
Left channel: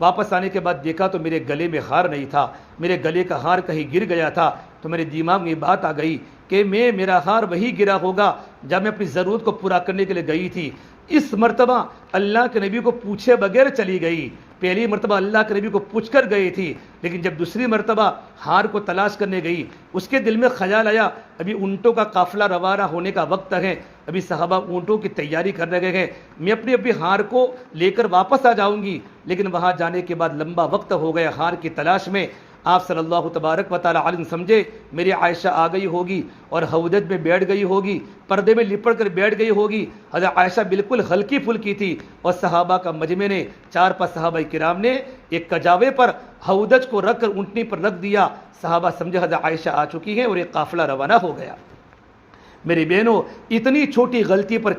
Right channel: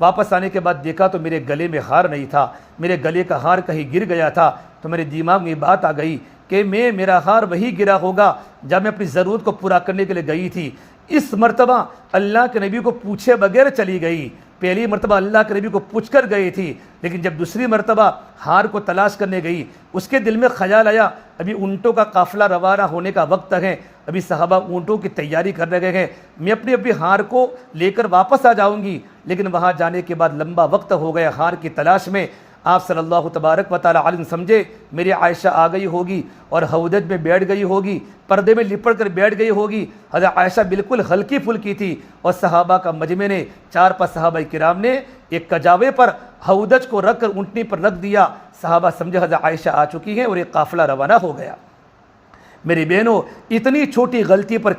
واپس آنے کے بعد دیکھا تو میرے گلے میں ہار نہیں تھا، میرے گلے کا ہار کہیں گر گیا تھا۔ تو میرے دماغ میں بات آ گئی کہ میرا ہار وہی گرا ہوگا جب میں اپنی ضرورت کو پورا کرنے کے لیے گئی تھی۔ اس مرتبہ اللہ کے نبی کو پوچھے بغیر چلی گئی، پہلی مرتبہ اللہ کے نبی کو پوچھ کر گئی تھی، لیکن جب دوسری مرتبہ ہار کو تلاش کرنے گئی، اس کے دل میں خیال آیا ابھی اونٹوں کا قافلہ روانہ ہونے کا وقت ہے، ابھی صحابہ اونٹوں کی تیاری کرنے گئے ہیں، میں اپنے ہار کو لے کر واپس آ جاؤں گی، لیکن وہاں جانے کے بعد لمبا وقت ہو گیا ہار کی تلاش میں۔ آپ صلی اللہ تبارک و تعالیٰ علیہ سمجھے میری عائشہ آ گئی ہوگی اور حوض میں بیٹھ گئی ہوگی، پردے میں لپٹ کر بیٹھ گئی ہوگی۔ حضرت عائشہ بالکل ہلکی پھلکی تھی، اور صحابہ کا مجمع نے 4-5 صحابہ کرام نے ایک کجاوے پر حوض کو رکھ کر اونٹنی پر رکھ دیا۔ صحابہ سمجھے حضرت عائشہ آ چکی ہیں اور ایک قافلہ روانہ ہو گیا۔ میری بہنوں، اتنی چھوٹی غلطی پر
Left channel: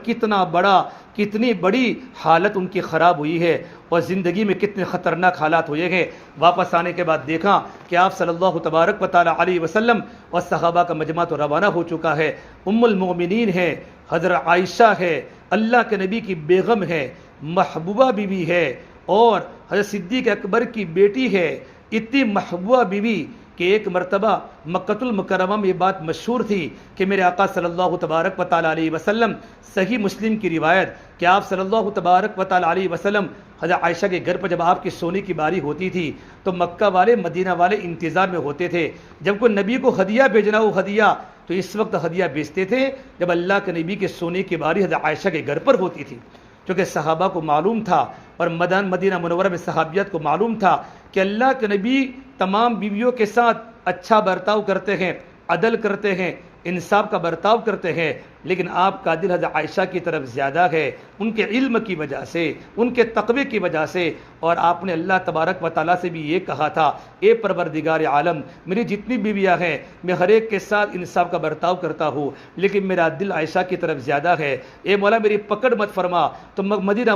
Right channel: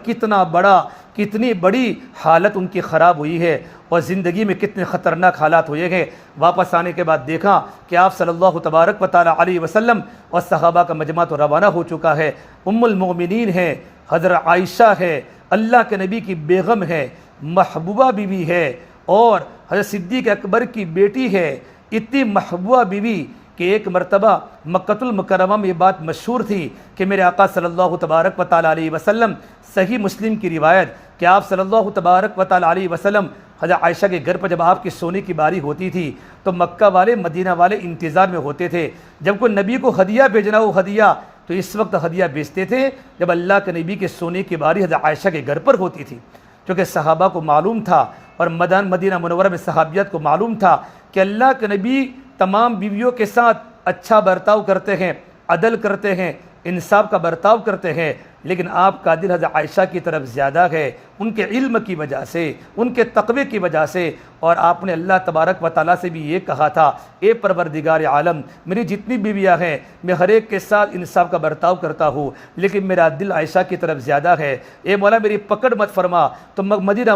کتنی بڑی حالت ان کی خراب ہوئی ہے، اور زندگی میں کتنے خطرناک حالات ہوئے ہیں۔ واپس آنے کے بعد دیکھا کہ آپ صلی اللہ تبارک و تعالیٰ علیہ وسلم اور صحابہ کا مجمع تو روانہ ہو چکا ہے۔ ام المؤمنین ہے، حضرت عائشہ ہے، اللہ کے نبی کی بیگم ہے، محبوبہ بیوی ہے، اور حضرت صدیق اکبر کی بیٹی ہے۔ اتنی محبوبہ بیوی کہ ایک مرتبہ مکہ المکرمہ میں یہ بات مشہور تھی کہ میرے آقا صلی اللہ تبارک و تعالیٰ علیہ وسلم، صحیح مسلم کی روایت کہ آپ صلی اللہ تبارک و تعالیٰ علیہ وسلم حضرت عائشہ کے گھر پر جب آپ کی سونے کی باری ہوتی تھی تو مکہ والے مدینہ والے انتظار میں ہوتے تھے، جب کوئی نبی کو ہدیہ بھیجنا ہو ہدیہ تو اس وقت ہدیہ بھیجتے تھے جب اللہ کے نبی کے سونے کی باری حضرت عائشہ کے گھر پر ہوتی تھی، کیونکہ صحابہ کو معلوم تھا اور مدینہ منورہ میں صحابیت کو معلوم تھا کہ اللہ کے نبی تمام بیویوں کے ساتھ اچھا برتاؤ کرتے ہیں، عدل کرتے ہیں، انصاف کا برتاؤ کرتے ہیں، لیکن آپ کا دل حضرت عائشہ کی طرف زیادہ ہے، ان کے علم کی وجہ سے، ان کے تقوی کی وجہ سے۔ اور آپ نے اللہ تبارک و تعالیٰ سے بھی یہ کہا تھا، اے پروردگار عالم، میری جتنی بیویاں ہیں میں ہر ایک کے ساتھ انصاف کا برتاؤ کرتا ہوں، لیکن میرا دل عائشہ کی طرف زیادہ ہے، اے مولا میری پکڑ مت فرما۔ تو مدینہ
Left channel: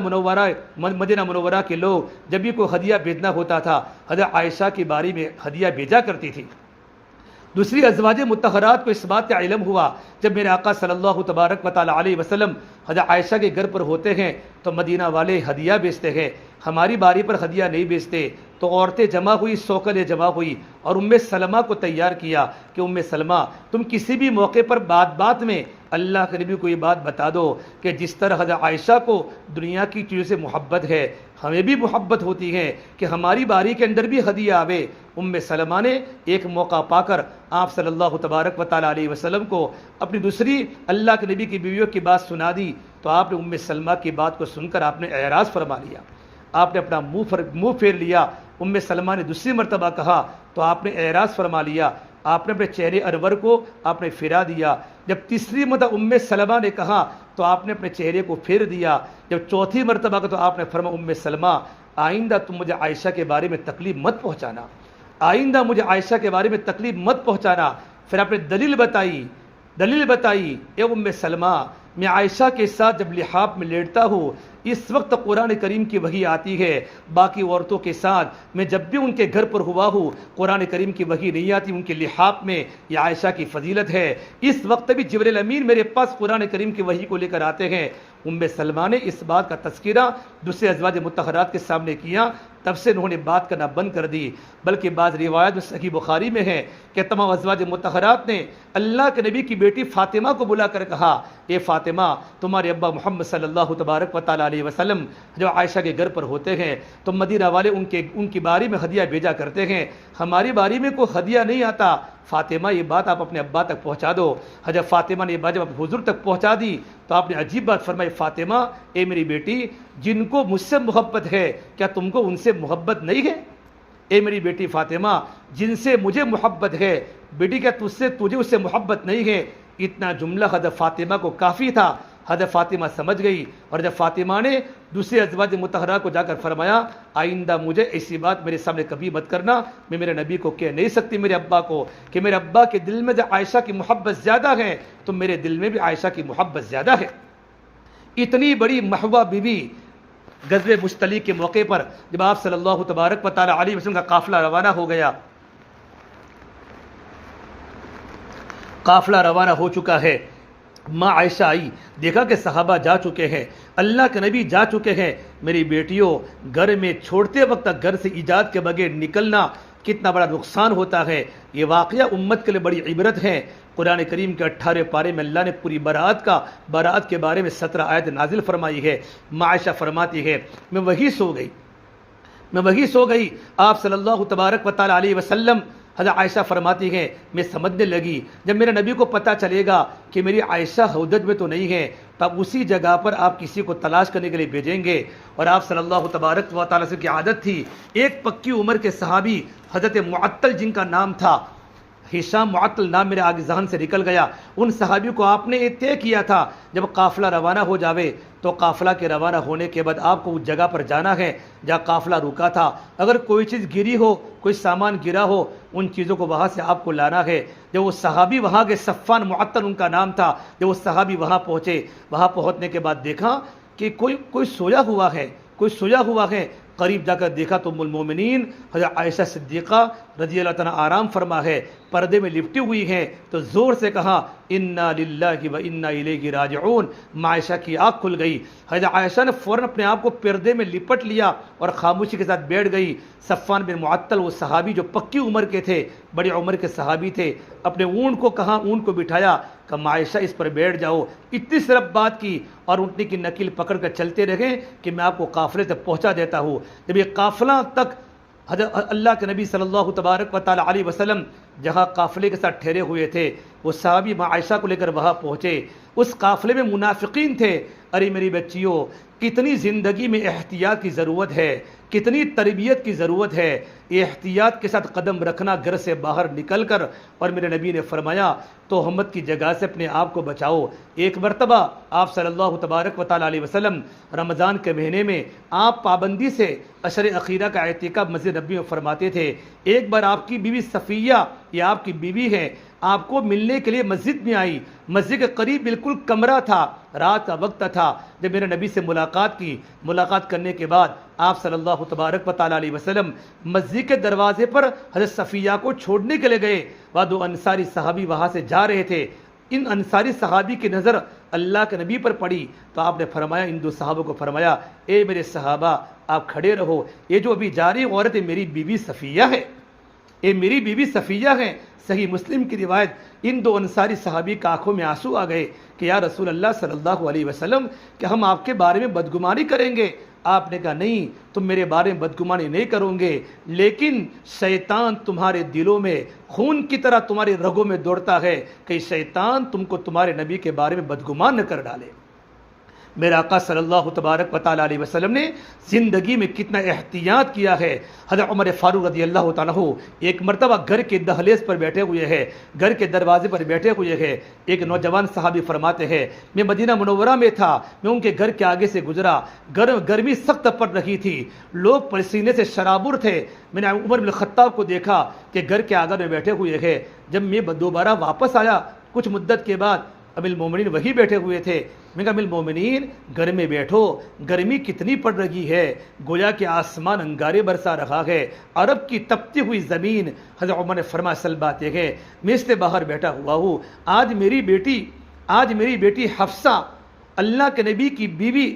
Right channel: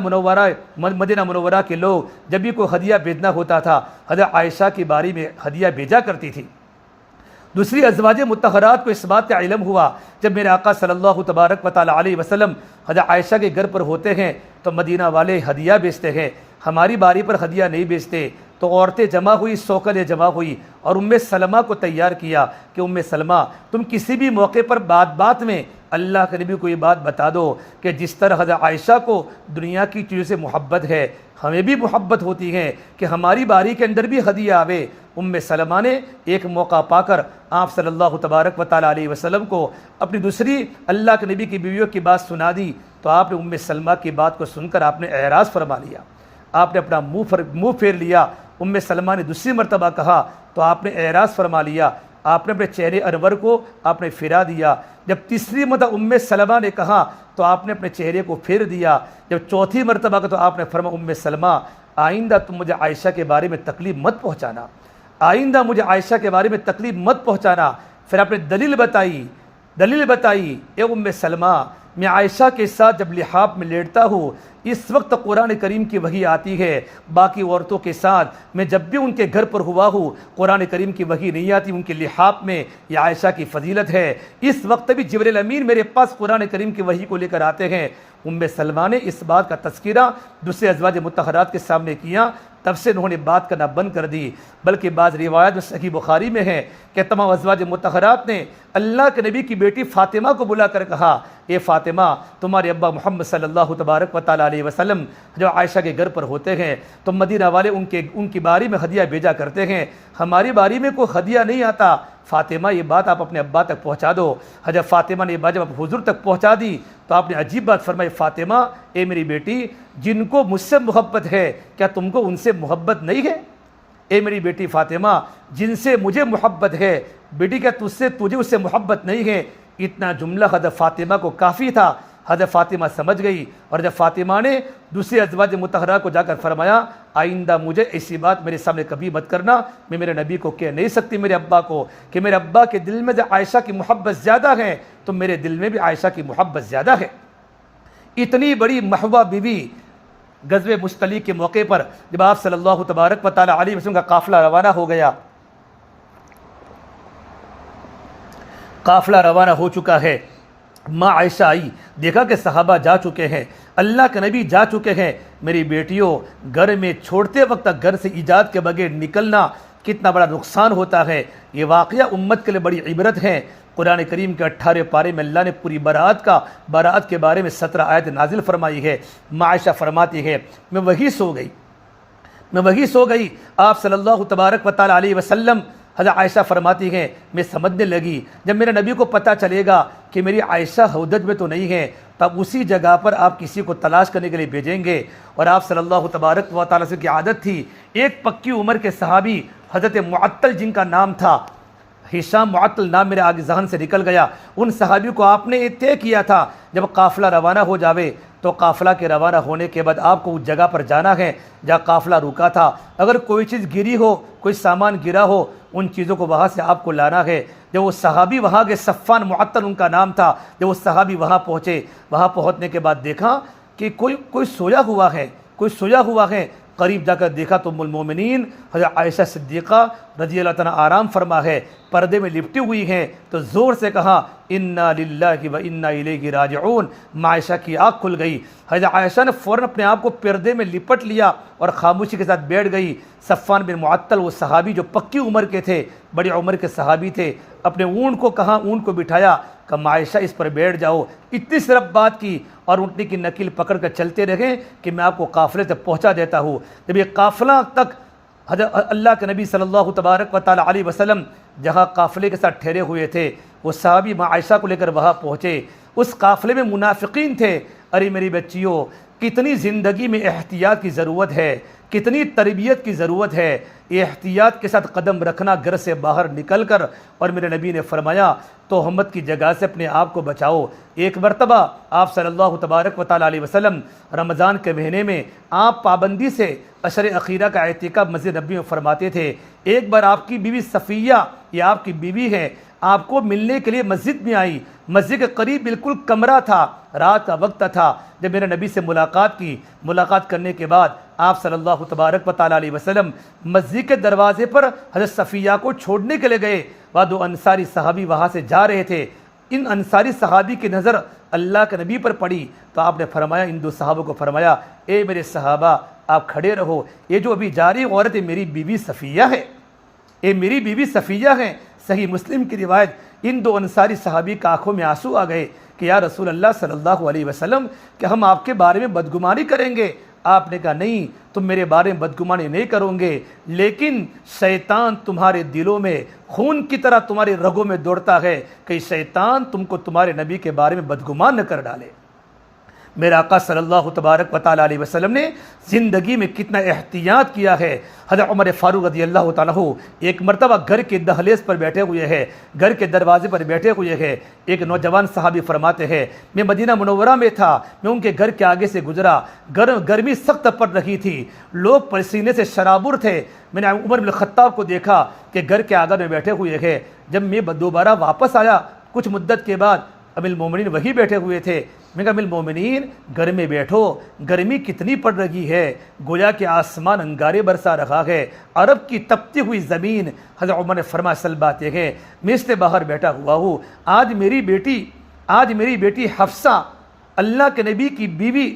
منورہ کے لوگ جب بھی کوئی ہدیہ بھیجنا ہوتا تھا حضرت عائشہ کی باری میں ہدیہ بھیجا کرتی تھی۔ دوسری ازواج مطہرات کو اس بات کا علم ہوا جب میرے آقا صلی اللہ تبارک و تعالیٰ علیہ وسلم حضرت عائشہ کے گھر پر ہوتے ہیں تو مدینہ والے ہدیہ بیچتے ہیں، ہماری باری پر ہدیہ نہیں بیچتے۔ تو عورتیں جمع ہوئی، سوکلیں جمع ہوئی، اور ام سلمہ کو تیار کیا کہ ام سلمہ تم کسی بھی موقع پر بات میں اللہ کے نبی کو یہ بات بتا دو کہ جس طرح حضرت عائشہ کو دنیا کی چیزوں سے محبت ہے، ہمیں بھی محبت ہوتی ہے کہ ہماری باری کے اندر بھی ہدیہ آوے۔ ام سلمہ نے ایک موقع پا کر آپ صلی اللہ تبارک و تعالیٰ علیہ وسلم کو اپنی دوسری اللہ کے نبی کی بیویوں کی بات سنا دی، تو آپ نے ام سلمہ کی بات کو سن کر آپ نے اعراض فرما لیا، آپ نے اپنا منہ پھیر لیا۔ ام سلمہ نے دوسری مرتبہ کہا تو آپ نے اعراض فرما لیا، آپ نے اپنے چہرے انور کو آپ نے پھرا دیا۔ جب تیسری مرتبہ ام سلمہ نے کہا تو آپ نے اپنے چہرے کو پھیر دیا۔ جب چوتھی مرتبہ کا تو آپ نے فرمایا ام سلمہ آئندہ تم مجھے عائشہ کے بارے میں تکلیف مت پہنچانا، آئندہ مجھے عائشہ کے بارے میں تکلیف مت پہنچانا۔ پھر آپ نے دلیل بتائی، اے ام سلمہ میں عائشہ کے ساتھ جب لحاف میں لیٹتا ہوں اس وقت قرآن کریم کی وحی آتی ہے، باقی عورتوں کے ساتھ میں جب بھی ان کے گھر پر ہوا ہوں قرآن کریم کی وحی نہیں آتی، ان کے لحاف میں یہ عائشہ کی فضیلت ہے۔ اس وقت بھی جبرائیل امین میرے پاس قرآن کریم کی وحی کو لے کر آتے ہیں۔ ام سلمہ نے اس بات کا تذکرہ دوسرے ازواج مطہرات کے سامنے کیا، تب سے انہوں نے بات کرنا بند کر دی۔ بلکہ بعض روایت میں صحیح بخاری میں ہے کہ تمام ازواج مطہرات نے اللہ کے نبی کی بیٹی فاطمہ کو بلا کر کہا اے فاطمہ تمہارے ابا محمد صلی اللہ تبارک و تعالیٰ علیہ وسلم جو عائشہ کے گھر پر ہوتے ہیں تو مدینہ والے ان کی باری میں ہدیہ بھیجا کرتے ہیں، ہماری باری میں کوئی ہدیہ نہیں آتا، فاطمہ یہ بات آپ اپنے ابا تک پہنچا دو۔ حضرت فاطمہ نے یہ بات جب حضور تک پہنچا دی تو آپ نے عجیب بات فرمائی، فاطمہ اے میری بیٹی جن کو مجھ سے محبت ہے کیا تم کو ان سے محبت نہیں ہے؟ اے میری بیٹی فاطمہ جن سے مجھے محبت ہے بیٹی کیا تجھے اس سے محبت نہیں ہے؟ اتنا جملہ حضرت فاطمہ کو کافی تھا، حضرت فاطمہ سمجھ گئی، اور جب فاطمہ نے دوسری ازواج مطہرہ کو جا کر فرمایا آئندہ مجھے ایسی بات میرے سامنے کبھی مت کرنا، میں میرے نبی کو کہہ نہیں سکتی میرے ابا کو کہ میرے ابا کے دل میں جب عائشہ کی محبت زیادہ ہے تو میرے دل میں بھی عائشہ کی محبت زیادہ ہے۔ اتنی بڑی محبوبہ بیوی غزوہ مستلق کے موقع پر جب آپ صلی اللہ تبارک و تعالیٰ علیہ وسلم کا قافلہ روانہ ہو گیا، قافلہ روانہ ہو چکا ہے، ماں عائشہ آئی، دیکھا کہ صحابہ جا چکے ہیں، اللہ کے نبی جا چکے ہیں، میری بیٹیوں گھر میں چھوڑتے وقت گھر سے ایجاد کے بغیر نکلنا کتنا بڑا نقصان ہوتا ہے۔ یہ واقعہ امت کے لیے بڑی عبرت ہے۔ قرآن کریم کے 18 پارے میں اللہ نے پوری برات کے بارے میں 17 آیت نازل فرمائی ہے۔ ماں عائشہ فرماتی ہے میں وہی سو گئی، آپ صلی اللہ تبارک و تعالیٰ علیہ وسلم، حضرت عائشہ فرماتی ہیں میں سمجھنے لگی جب میرے نبی کو پتہ چلے گا کہ میری عائشہ ہودج میں تو نہیں ہے تب اسی جگہ پر آپ کسی کو تلاش کرنے کے لیے بھیجیں گے، اور آپ صلی اللہ تبارک و تعالیٰ سے کی عادت تھی، ایک پکی عمر کے صحابی حضرت معطل جن کا نام تھا، ہشام معطل نام میرے آگے ذہن سے نکل گیا، ان صحابی کو آپ نے یہ طے کیا تھا جب قافلہ روانہ ہو جاوے تو قافلہ کے روانہ ہونے کے بعد آپ کو اس جگہ پر جانا ہے جہاں قافلہ رکا تھا، اگر کوئی چیز گری ہو، کوئی سامان گرا ہو، ان چیزوں کو وہاں سے آپ کو لانا ہے۔ جب وہ صحابی وہاں کے صفان معطل ان کا نام تھا، جب وہ صحابی وہاں پہنچے، وہاں پہنچنے کے بعد دیکھا کہ کوئی سویا ہوا ہے، قریب جا کر دیکھا تو ام المومنین حضرت عائشہ صدیقہ رضی اللہ تعالیٰ آرام فرما ہے، پردے میں لپٹی ہوئی ہیں، تو زور سے کہا انا للہ و انا الیہ راجعون۔ عائشہ کی آنکھ کھل گئی، حضرت عائشہ نے فوراً اپنے آپ کو پردے میں لپٹ لیا اور خاموشی کے ساتھ بیٹھ گئی۔ صفان بن معطل وہ صحابی جو پکی عمر کے تھے، بڑی عمر کے صحابی تھے، اپنے اونٹ کو کہا، اونٹ کو بٹھایا، کہ عائشہ اس پر بیٹھ جاؤ، اتنی صرف بات کی اور اونٹنی کی نکیل پکڑ کر چلتے رہے کہ میں آپ کو قافلے تک پہنچا دیتا ہوں۔ جب یہ قافلہ تک حضرت اللہ کے نبی صلی اللہ تبارک و تعالیٰ علیہ وسلم جہاں قافلے کے ساتھ ٹھہرے ہوئے تھے، وہ صحابی ماں عائشہ کو لے کر وہاں پہنچے، اس قافلے میں منافقین تھے۔ ارے میری بچیوں کتنی زندگی میں احتیاط کی ضرورت ہے، کتنی تربیت کی ضرورت ہے، یہ احتیاط کے ساتھ قدم رکھنا گھر سے باہر نکل کر، اور میرے نبی نے فرمایا تہمت کی جگہ سے اپنے آپ کو بچاؤ۔ ایک مرتبہ آپ صلی اللہ تبارک و تعالیٰ علیہ وسلم رمضان کے مہینے میں آپ پابندی سے عشر اخیرہ کا اعتکاف مسجد نبی میں فرماتے تھے۔ ایک بار آپ کی بیوی صفیہ، یہ آپ کی بیوی ہے، آپ کو ملنے کے لیے مسجد میں آئی، مسجد کے قریب بالکل کمرہ تھا، رات کا وقت تھا، جب میرے نبی سے ملاقات کی، ملاقات کرنے کے بعد آپ صلی اللہ تبارک و تعالیٰ علیہ وسلم مسجد کے دروازے پر حضرت صفیہ کو چھوڑنے کے لیے گئے، وہ دو انصاری صحابی وہاں سے جا رہے تھے، ان انصاری صحابی کی نظر اللہ کے نبی پر پڑی تو آپ نے فرمایا، ان دو صحابوں کو فرمایا اے میرے صحابہ آپ کھڑے رہو، یہ جو ابھی جا رہی عورت ہے میری بیوی صفیہ ہے، یہ میری بیوی صفیہ ہے۔ صحیح مسلم کی روایت، ان دو انصاری صحابی کی آنکھوں میں آنسو آ گئے کہ یا رسول اللہ صلی اللہ علیہ وسلم کہ ہم آپ کے بارے میں بدگمانی کریں گے؟ آپ نے کہا نہیں، تم میرے بارے میں بدگمانی نہیں کرو گے، لیکن شیطان تمہارے دلوں میں خون کی طرح تمہارے رگوں میں دوڑتا ہے کہ شیطان تم کو تمہارے نبی کے بارے میں بدگمان نہ کر ڈالے۔ میرے آقا صلی اللہ تبارک و تعالیٰ علیہ وسلم نے زندگی میں کتنا احتیاط کیا ہے۔ حضرت عمر فاروق رضی اللہ تعالیٰ ایک مرتبہ گھر کے دہلیز پر بیٹھے ہوئے ہیں، گھر کے دروازے پر بیٹھے ہوئے ہیں، ایک نوجوان صحابی فرماتے ہیں میں مدینہ منورہ میں تھا، میں ان کے گھر کے آگے سے گزرا، گرمی سخت پڑ رہی تھی، لوگ پسینے سے شرابور تھے، میں نے عمر بن الخطاب کو دیکھا کہ گھر کے آگے میں بیٹھے ہوئے ہیں۔ جب میں دوبارہ واپس آیا کچھ مدت کے بعد، امیر المومنین وہی بیٹھے ہوئے تھے، میں کہا امیر المومنین گھر میں بیٹھو، گرمی کتنی پڑ رہی ہے، گویا کہ آسمان انگارے برسا رہا ہے، عرب کی تپتی ہوئی زمین۔ حضرت عمر نے فرمایا اصل بات یہ ہے میں اس سے باہر بیٹھا ہوا ہوں، آج میری بیٹی حفصہ، اللہ کے نبی کی بیوی،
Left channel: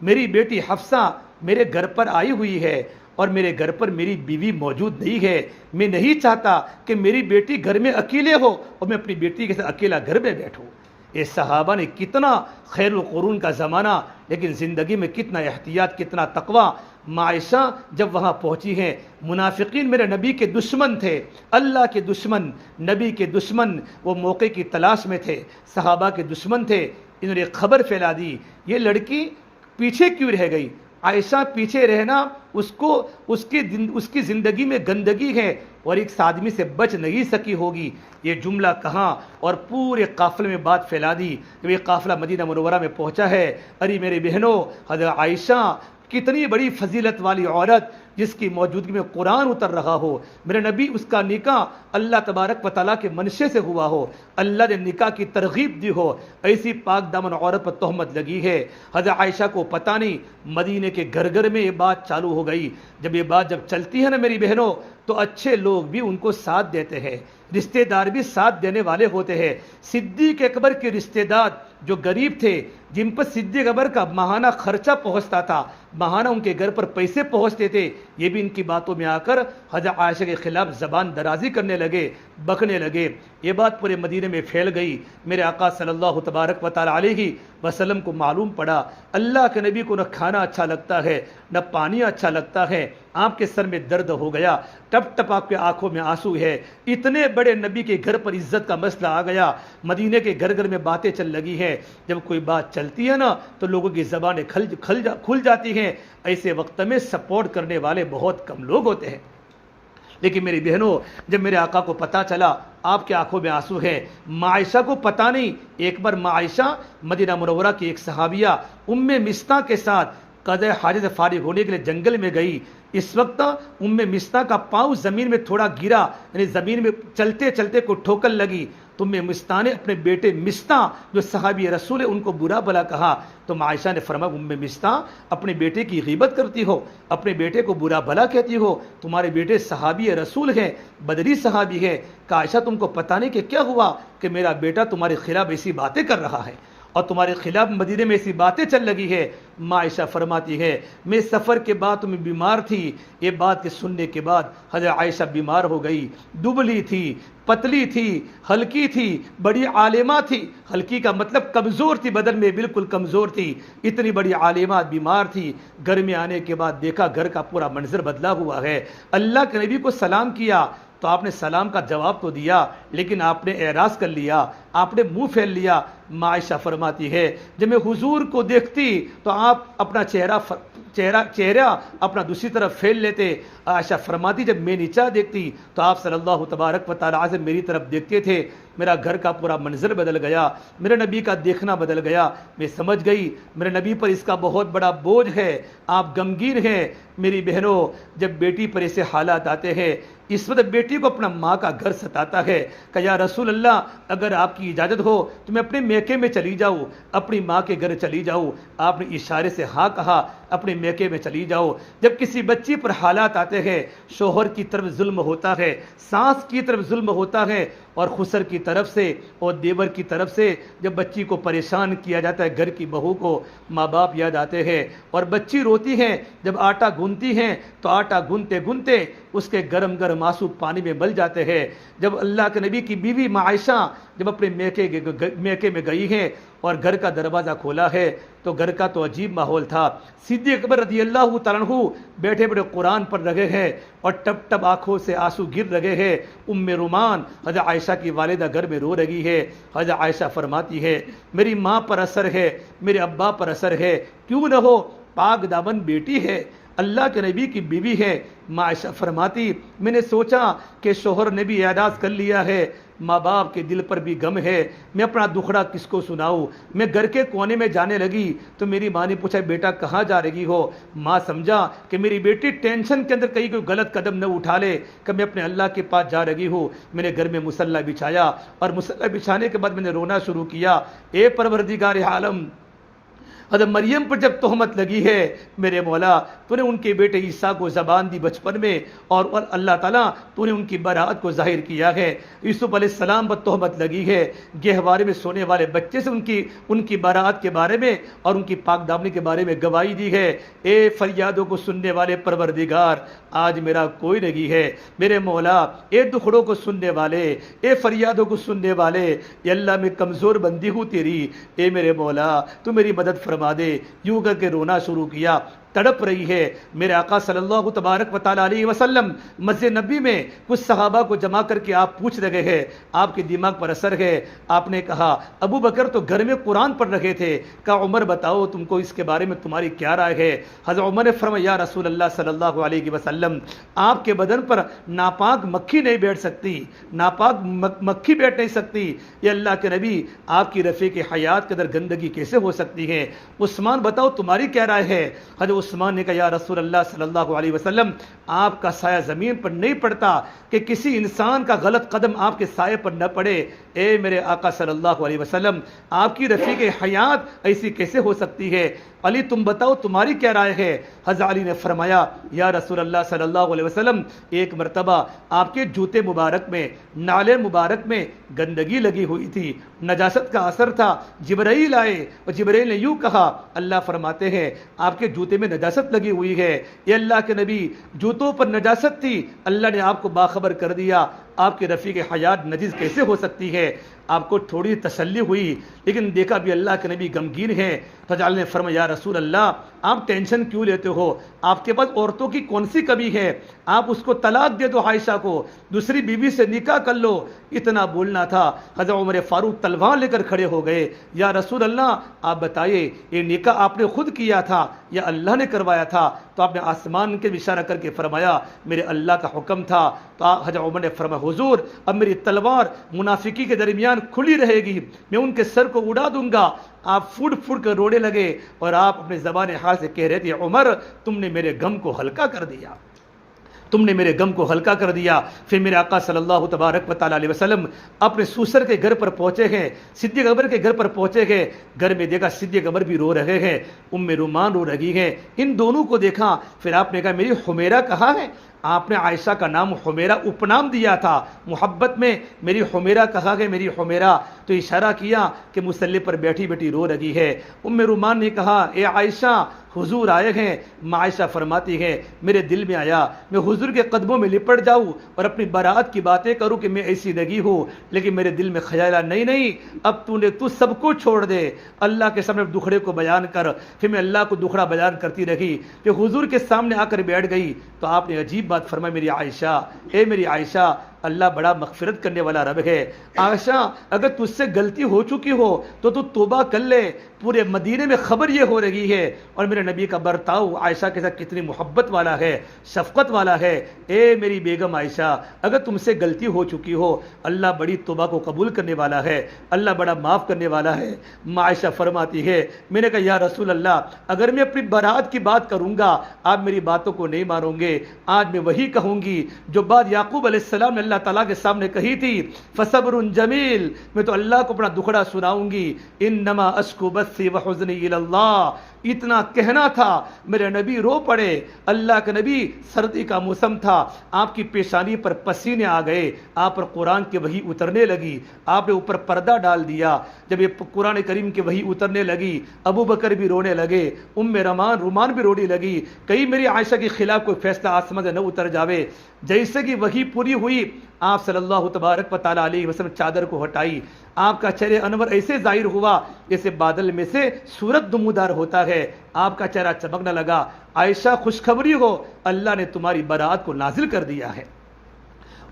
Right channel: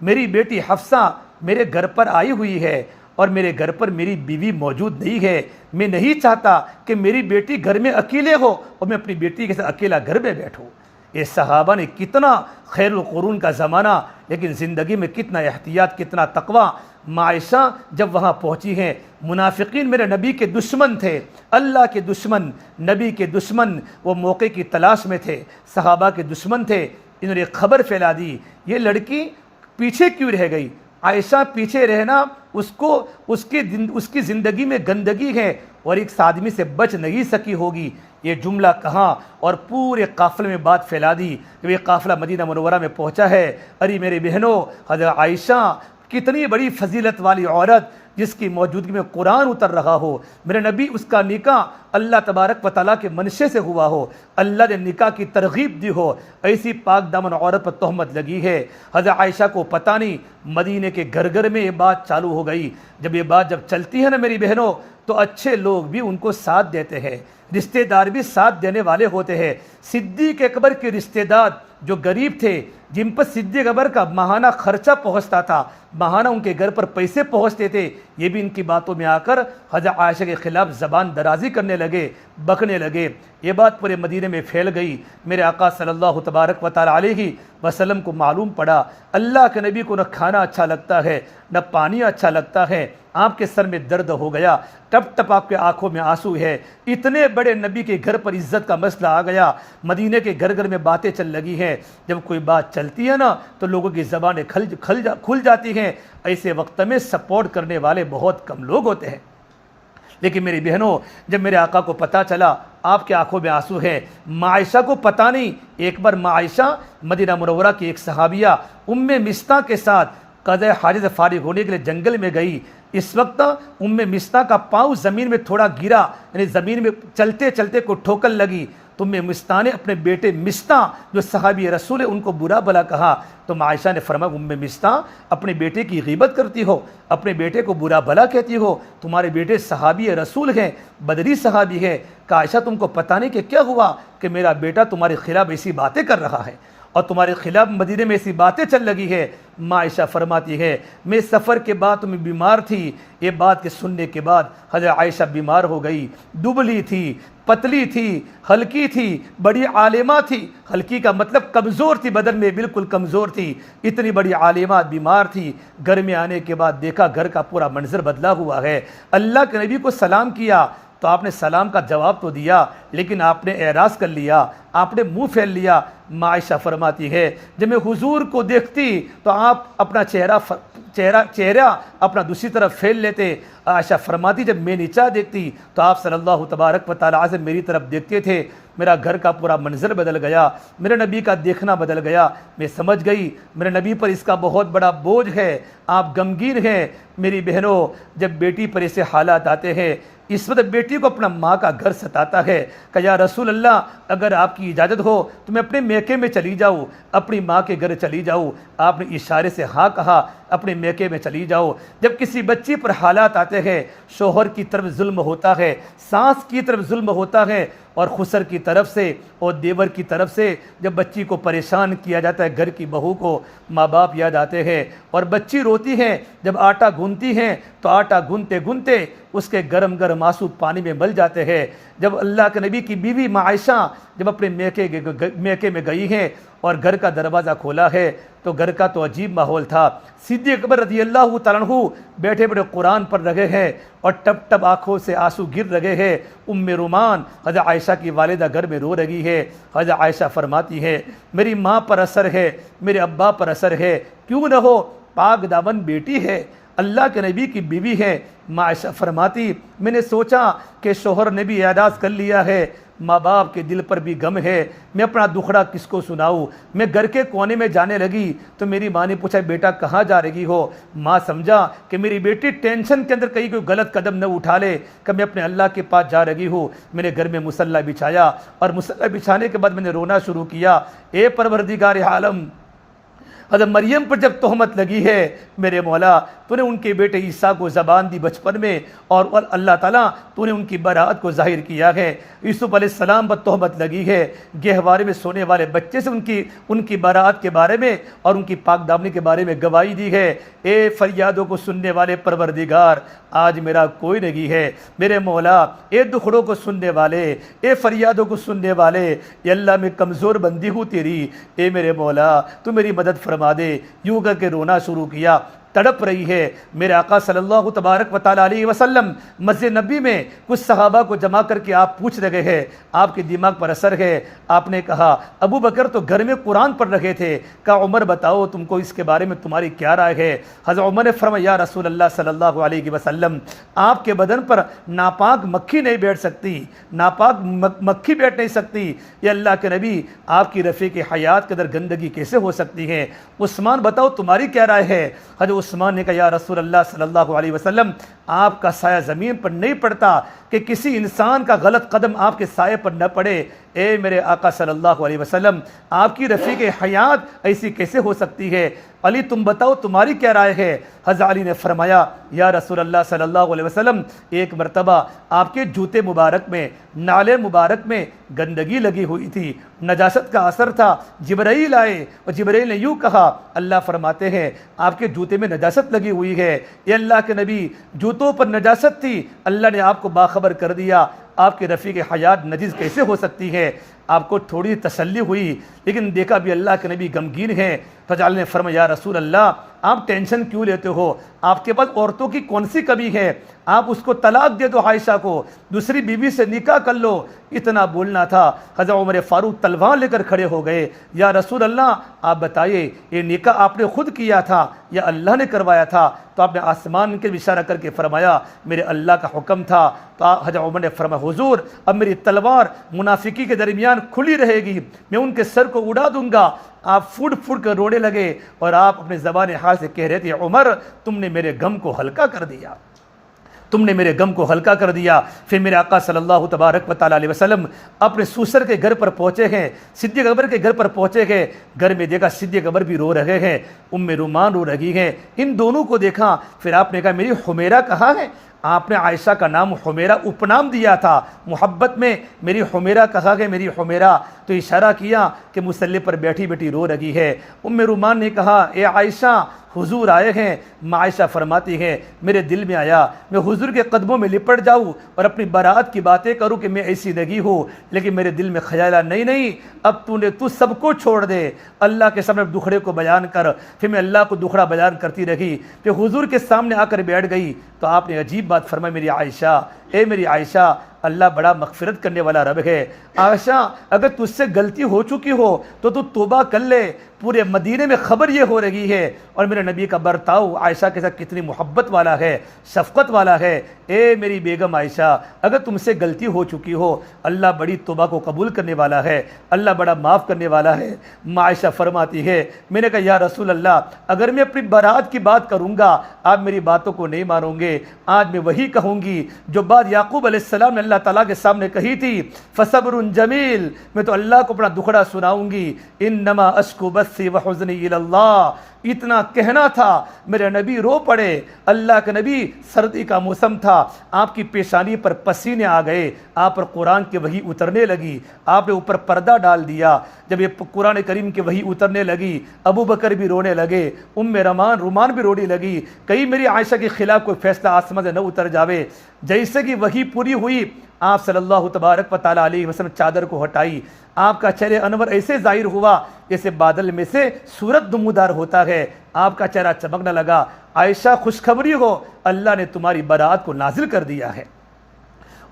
میری بیٹی حفصہ میرے گھر پر آئی ہوئی ہے اور میرے گھر پر میری بیوی موجود نہیں ہے، میں نہیں چاہتا کہ میری بیٹی گھر میں اکیلے ہو اور میں اپنی بیٹی کے ساتھ اکیلا گھر میں بیٹھوں۔ یہ صحابہ نے کتنا خیر القرون کا زمانہ، لیکن زندگی میں کتنا احتیاط، کتنا تقوی۔ عائشہ جب وہاں پہنچی ہیں، منافقین میرے نبی کے دشمن تھے، اللہ کے دشمن، نبی کے دشمن، وہ موقع کی تلاش میں تھے، صحابہ کے دشمن تھے۔ انہوں نے خبر پھیلا دی، یہ لڑکی پیچھے کیوں رہ گئی؟ عائشہ پیچھے رہنا اس کی زندگی میں گندگی ہے اور ایک آدمی سے بچ نہیں سکی ہوگی۔ یہ جملہ کہا اور پورے قافلے میں بات پھیلا دی۔ جب یہ قافلہ مدینہ منورہ میں پہنچا ہے، ارے میرے بہنوں، حضرت عائشہ کتنی بڑی فضیلت والی عورت جس کی موجودگی میں قرآن اتر رہا ہو، میرے نبی اس کا نکاح اللہ تبارک و تعالیٰ کے منشے سے ہوا ہو، اللہ نے نکاح کی ترغیب دی ہو، ایسی پاک دامن عورت پر تہمت لگی ہے۔ حضرت عائشہ کو پتہ نہیں، مدینے کے گھر گھر میں یہ بات چالو ہو گئی۔ جب یہ بات چلتی ہے نا میری بہنوں، تو اچھے لوگ بھی ان کو ساتھ دیتے ہیں، رشتہ دار بھی ساتھ دینے والے ہوتے ہیں۔ صدیق اکبر کے رشتہ دار جو غریب تھے، جن پر صدیق اکبر کا ماہانہ خرچہ پہنچتا تھا، ماہانہ ان کے گھر پر پیسے پہنچتے تھے، یہ بھی ان کی باتوں میں آ کر حضرت عائشہ کے خلاف زبان درازی کرنے لگے، بکنے لگے۔ یہ بات پورے مدینے میں پھیل گئی۔ میرے آقا صلی اللہ تبارک و تعالی علیہ وسلم کو معلوم پڑا، اللہ کے نبی کو نہ کھانا اچھا لگتا ہے، نہ پانی اچھا لگتا ہے۔ آپ کے سر میں درد ہو گیا، ٹپ ٹپ آپ کے آنکھوں میں آنسو ہے۔ اتنے بڑے نبی کے گھر پر عزت کا مسئلہ آ گیا، مدینے کے گھر گھر میں باتیں چل لگی ہیں۔ جب کوئی بات چلتی ہے نا تو لوگوں کی زبانیں کھل جاتی ہیں۔ ایسے وقت میں سپورٹ کرنے والے بہت کم لوگ ہوتے ہیں۔ لیکن میری بہنوں، جب میرے آقا کو پتہ چلا، آپ کے آنکھوں میں آنسو ہیں، عائشہ کو پتہ نہیں۔ ایک بار عائشہ مدینہ منورہ کی ایک صحابیہ مستہ کے ساتھ قضاء حاجت سے فارغ ہونے کے لیے جنگل میں گئی۔ اس وقت مستہ کا پاؤں زمین میں تھوڑا گرا، یعنی زمین میں چلتے چلتے کو ٹھوکر لگی۔ تو مستہ نے اپنے بیٹے مستہ جو صحابی رسول ہے ان کو برا بھلا کہا۔ تو عائشہ نے فرمایا، مستہ اپنے بیٹے کی غیبت کرتی ہو، اپنے بیٹے کو برا بھلا کہتی ہو، تمہارے بیٹے صحابی رسول ہیں، بدری صحابی ہیں۔ کہ عائشہ تم کو پتہ نہیں کہ کیا ہوا کہ میرا بیٹا تمہارے خلاف ایسی باتیں کر رہا ہے اور تمہارے خلاف مدینے میں ایسی باتیں چل لگی ہے۔ عائشہ فرماتی ہے، میں سفر کے بعد تمہیں بیمار تھی، یہ بات کے سننے کے بعد حضرت عائشہ بیمار ہو گئی، دبلی تھی، پتلی تھی، ہلکی تھی، بڑی عالمہ تھی۔ ہلکی کا مطلب کمزور تھی، بدن میں بالکل کمزور تھی، اتنی بڑی عالمہ بیمار تھی۔ گھر میں آنے کے بعد دیکھا گھر کا پورا منظر بدلا ہوا ہے۔ اللہ کے نبی کو سلام کیا تو آپ نے سلام کا جواب تو دیا، لیکن آپ نے اعراض کر لیا، آپ نے منہ پھیل لیا۔ عائشہ فرماتی ہے، جب میں حضور کو دیکھتی تو آپ اپنا چہرہ اپنا دوسری طرف پھیل لیتے۔ عائشہ فرماتی، جب میں نیچا دیکھتی تو آپ صلی اللہ تبارک و تعالی سے میری طرف دیکھتے تھے۔ میرا گھر کا پورا منظر بدل گیا، میرے نبی کا دیکھنا بدل گیا۔ میں سمجھ گئی میرے نبی پر اس کا بہت بڑا بوجھ ہے، آپ غمگین ہیں۔ میری بہنوں، جب بیٹی پر ایسے حالات آتے ہیں، اس وقت بیٹی کو اپنا ماں کا گھر ستاتا ہے کہ یا رسول اللہ، اگر آپ کی اجازت ہو تو میں اپنے میکے میں چلی جاؤں، اپنی ماں کے گھر چلی جاؤں۔ آپ نے اشارے سے ہاں کہا، اپنے میکے میں چلی جاؤ۔ جب کسی بچی پر حالات آتے ہیں، شوہر کی طرف ظلم ہوتا ہے، ساس کی طرف ظلم ہوتا ہے، اور خسر کی طرف سے اور دیور کی طرف سے جب بچی کو پریشان کیا جاتا ہے، گھر کی بہو کو ماں باپ یاد آتے ہیں، اور بچی روتی ہے، جب آٹا گوندتی ہیں تو آٹا گوندتے گوندتے اس کے گرم گرم آنسو پانی میں مل جاتے ہیں۔ جب اللہ کے نبی کی بیوی عائشہ جب اپنے میکے میں گئی ہیں اور گھر کا دروازہ کھولا ہے تو گھر کا تو عجیب ماحول تھا۔ صدیق اکبر رضی اللہ تعالیٰ عنہ بیٹھے بیٹھے قرآن پڑھ رہے ہیں اور ٹپ ٹپ آنکھوں سے آنسو گر رہے ہیں۔ رومان حضرت عائشہ کی والدہ گھر میں رو رہی ہے۔ حضرت عائشہ فرماتی ہے، میری ماں پر اثر ہے، میرے ابا پر اثر ہے، کیوں نہ ہو، پاک دامن بیٹی ہے، اللہ کے نبی کی بیوی ہے۔ عائشہ فرماتی، میں نے سوچا کہ شوہر نے بھی اعراض کر لیا ہے، ماں باپ کے دل پر بھی غم ہے، میں اپنا دکھڑا کس کو سناؤں۔ میں گھر کے کونے میں جانے لگی تو میری ماں نے پوچھا، بیٹا کہاں جا رہی ہو؟ ماں سمجھا کہ میری بیٹی ٹینشن کے اندر کہیں کوئی غلط قدم نہ اٹھا لے کہ میں اپنے اللہ کے پاس جا رہی ہوں۔ میں نے گھر میں مصلی بچھایا اور مصلی بچھانے کے بعد میں نے رونا شروع کیا، اے پروردگار عالم، حضرت مریم پر جب تہمت لگی ہے میرے مولا تو نے ان کے بیٹے عیسیٰ کو زبان دی بچپن میں، اور اللہ تعالیٰ تو نے ان کی براءت کو ظاہر کیا ہے۔ یوسف علیہ السلام پر تہمت لگی ہے، گہوارے میں سونے والے بچے سے ان کی براءت کے بارے میں اور ان کی پاک دامنی کے بارے میں گواہی دی ہے۔ اے فریادوں کو سننے والے پروردگار، آج میرا کوئی نہیں ہے میرے مولا، اے دکھڑوں کو سننے والے، اے فریادوں کو سننے والے، اے اللہ میں کمزور بندی ہوں تیری، اے میرے مولا تو میری مدد فرما دے۔ یوں کر کے رونا شروع کیا، تڑپ رہی ہے۔ میرے آقا صلی اللہ تبارک و تعالیٰ علیہ وسلم مسجد نبی میں کچھ صحابہ کو جمع کر کے آپ پوچھ رہے ہیں، آپ کے دماغ پر اثر ہے۔ آپ نے کہا ابو بکر تو گھر میں قرآن پڑھ رہے تھے، کہا عمر بتاؤ تم کو اس کے بارے میں تمہاری کیا رائے ہے؟ حضرت عمر نے فرمایا یا رسول اللہ صلی اللہ علیہ وسلم، آپ کے بدن پر ناپاک مکھی نہیں بیٹھ سکتی، ناپاک مکھی بیٹھ نہیں سکتی۔ یہ اللہ کے نبی، آپ کی رفیق حیات کے اندر گندگی کیسے ہو سکتی ہے؟ عثمان بتاؤ تمہاری کیا رائے ہے؟ حضرت عثمان نے کہا یا رسول اللہ صلی اللہ علیہ وسلم، آپ کا سایہ زمین پر نہیں پڑتا کہ کسی انسان کا غلط قدم آپ کے سائے پر نہ پڑے۔ اے میرے آقا صلی اللہ علیہ وسلم، آپ کی رفیق حیات ایسی کیسے ہو سکتی ہے؟ علی تم بتاؤ تمہاری کیا رائے ہے؟ حضرت علی نے فرمایا یا رسول اللہ صلی اللہ علیہ وسلم، ایک مرتبہ آپ کے جوتے مبارک میں، نالے مبارک میں گندگی لگی ہوئی تھی، نجاست کا اثر تھا۔ جبرائیل آئے اور جبرائیل نے یوں کہا، اللہ فرماتے ہیں آپ کے جوتے میں نجاست لگی ہوئی ہے۔ یہ اللہ کے نبی، جوتوں پر نجاست تھی، اللہ نے آپ کو باخبر کر دیا، آپ کے رفیق حیات نجس کیسے ہو سکتی ہے؟ آپ کو تھوڑی تسلی ہوئی، لیکن دیکھا بھی اللہ کے نبی غمگین ہیں۔ فجعل نے فرمایا یا رسول اللہ، آپ ٹینشن کیوں لیتے ہو؟ آپ کے پاس عورتوں کی کون سی کمی ہے؟ آپ اس کو طلاق دے دو، عائشہ کو دوسری بیوی سے نکاح کر لو، اتنا بولنا تھا۔ حضرت عمر فاروق تلوار لے کر کھڑے ہو گئے، یا رسول اللہ آپ بتائیے یہ نکاح آپ نے خود کیا تھا یا اللہ نے کروایا تھا؟ تو آپ نے آسمان کے اشارہ کر کے فرمایا میرے اللہ کا حکم تھا۔ تو حضرت عمر نے فرمایا حضور اب میری تلوار منافقی کے درمیان کھلی رہے گی، میں ان کے سر کو اڑا دوں گا۔ آپ پھوٹ پھوٹ کر رونے لگے اور آپ اپنے زبان حال سے کہہ رہے تھے عمر تم نے میرے غم کو ہلکا کر دیا، تم نے میرے غم کو ہلکا کر دیا۔ پھر میرے آقا صلی اللہ تبارک و تعالیٰ علیہ وسلم اپنے سوسر کے گھر پر پہنچے ہیں، صدیق اکبر کے گھر پر پہنچے ہیں۔ گھر میں دیکھا صدیق اکبر بھی رو رہے ہیں، ام رومان رو رہی ہیں۔ ان دونوں کو دیکھا، پھر آپ نے کہا میری حمیرہ کہاں ہے؟ آپ نے عائشہ کا نام حمیرہ اپنام دیا تھا محبت میں، میری حمیرہ کہا گیا، میری حمیرہ، تو اشارہ کیا کہ مصلی پر بیٹھی بیٹھی رو رہی ہے۔ ام رومان نے کہا اے عائشہ حضور آئے ہیں۔ عائشہ فرماتی ہے میرے دل میں آیا میں حضور کے قدموں میں لپٹ جاؤں اور اپنی برات کی باتیں کروں کہ میں ایسی لگی ہوں، لیکن میرے دل میں خیال آیا نہیں اب تو سب کو چھوڑ دے، اللہ کے سامنے دکھڑے کو بیان کر۔ پھر میں اللہ کو دکھڑا بیان کرتی رہی، پھر حضور کے سامنے آ کر بیٹھ گئی تو آپ نے عجیب بات فرمائی میری عائشہ، اے میری عائشہ اللہ بڑا مغفرت کرنے والا رب ہے۔ عائشہ اگر تجھ سے غلطی ہو چکی ہو تو توبہ کر لے، پورے مدینے میں خبر یہ ہو رہی ہے اور میرے نبی کا برتاؤ عائشہ کے ساتھ کتنی محبت والا ہے، شفقت والا ہے۔ اے میری بیگم عائشہ اگر تم سے غلطی ہو چکی ہو اللہ بڑی توبہ کو قبول کرنے والا ہے، اللہ بڑا معاف کرنے والا ہے۔ عائشہ فرماتی ہے میں نے کہا یا رسول اللہ اگر میں اپنی برات کی بات کروں گا آپ میری باتوں کو نہیں مانو گے، آج میں وہی کہوں گی جو بات یعقوب علیہ السلام نے اللہ تعالیٰ کے سامنے کہی تھی، فصبر جمیل، میں تو اللہ کو اپنا دکھڑا سناؤں گی، انما اشکو بثی وحزنی الی اللہ، اتنا کہنا تھا میرے نبی رو پڑے۔ اللہ کے نبی سردی کا موسم تھا، آپ کی پیشانی پر پسینے آ گئے، آپ پر قرآن کی وحی اترنے لگی، آپ نے اوپر پردہ ڈال دیا۔ جب یہ قرآن کریم کی وحی اترنے لگی ابو بکر بھی رونے لگے، ام رومان بھی رونے لگی، کہیں میری عائشہ کے خلاف کوئی فیصلہ آسمان سے نہ اتر جاوے۔ جیسے کہ وحی پوری ہوئی آپ صلی اللہ تبارک و تعالیٰ علیہ وسلم چادر کو ہٹائی، آپ کا چہرہ انور ایسے ظاہر ہوا جیسے بادل میں سے سورج نمودار ہوتا ہے، آپ کا چہرہ چمکنے لگا۔ عائشہ خوشخبری ہو اللہ نے تمہاری برات کو نازل کر دیا ہے۔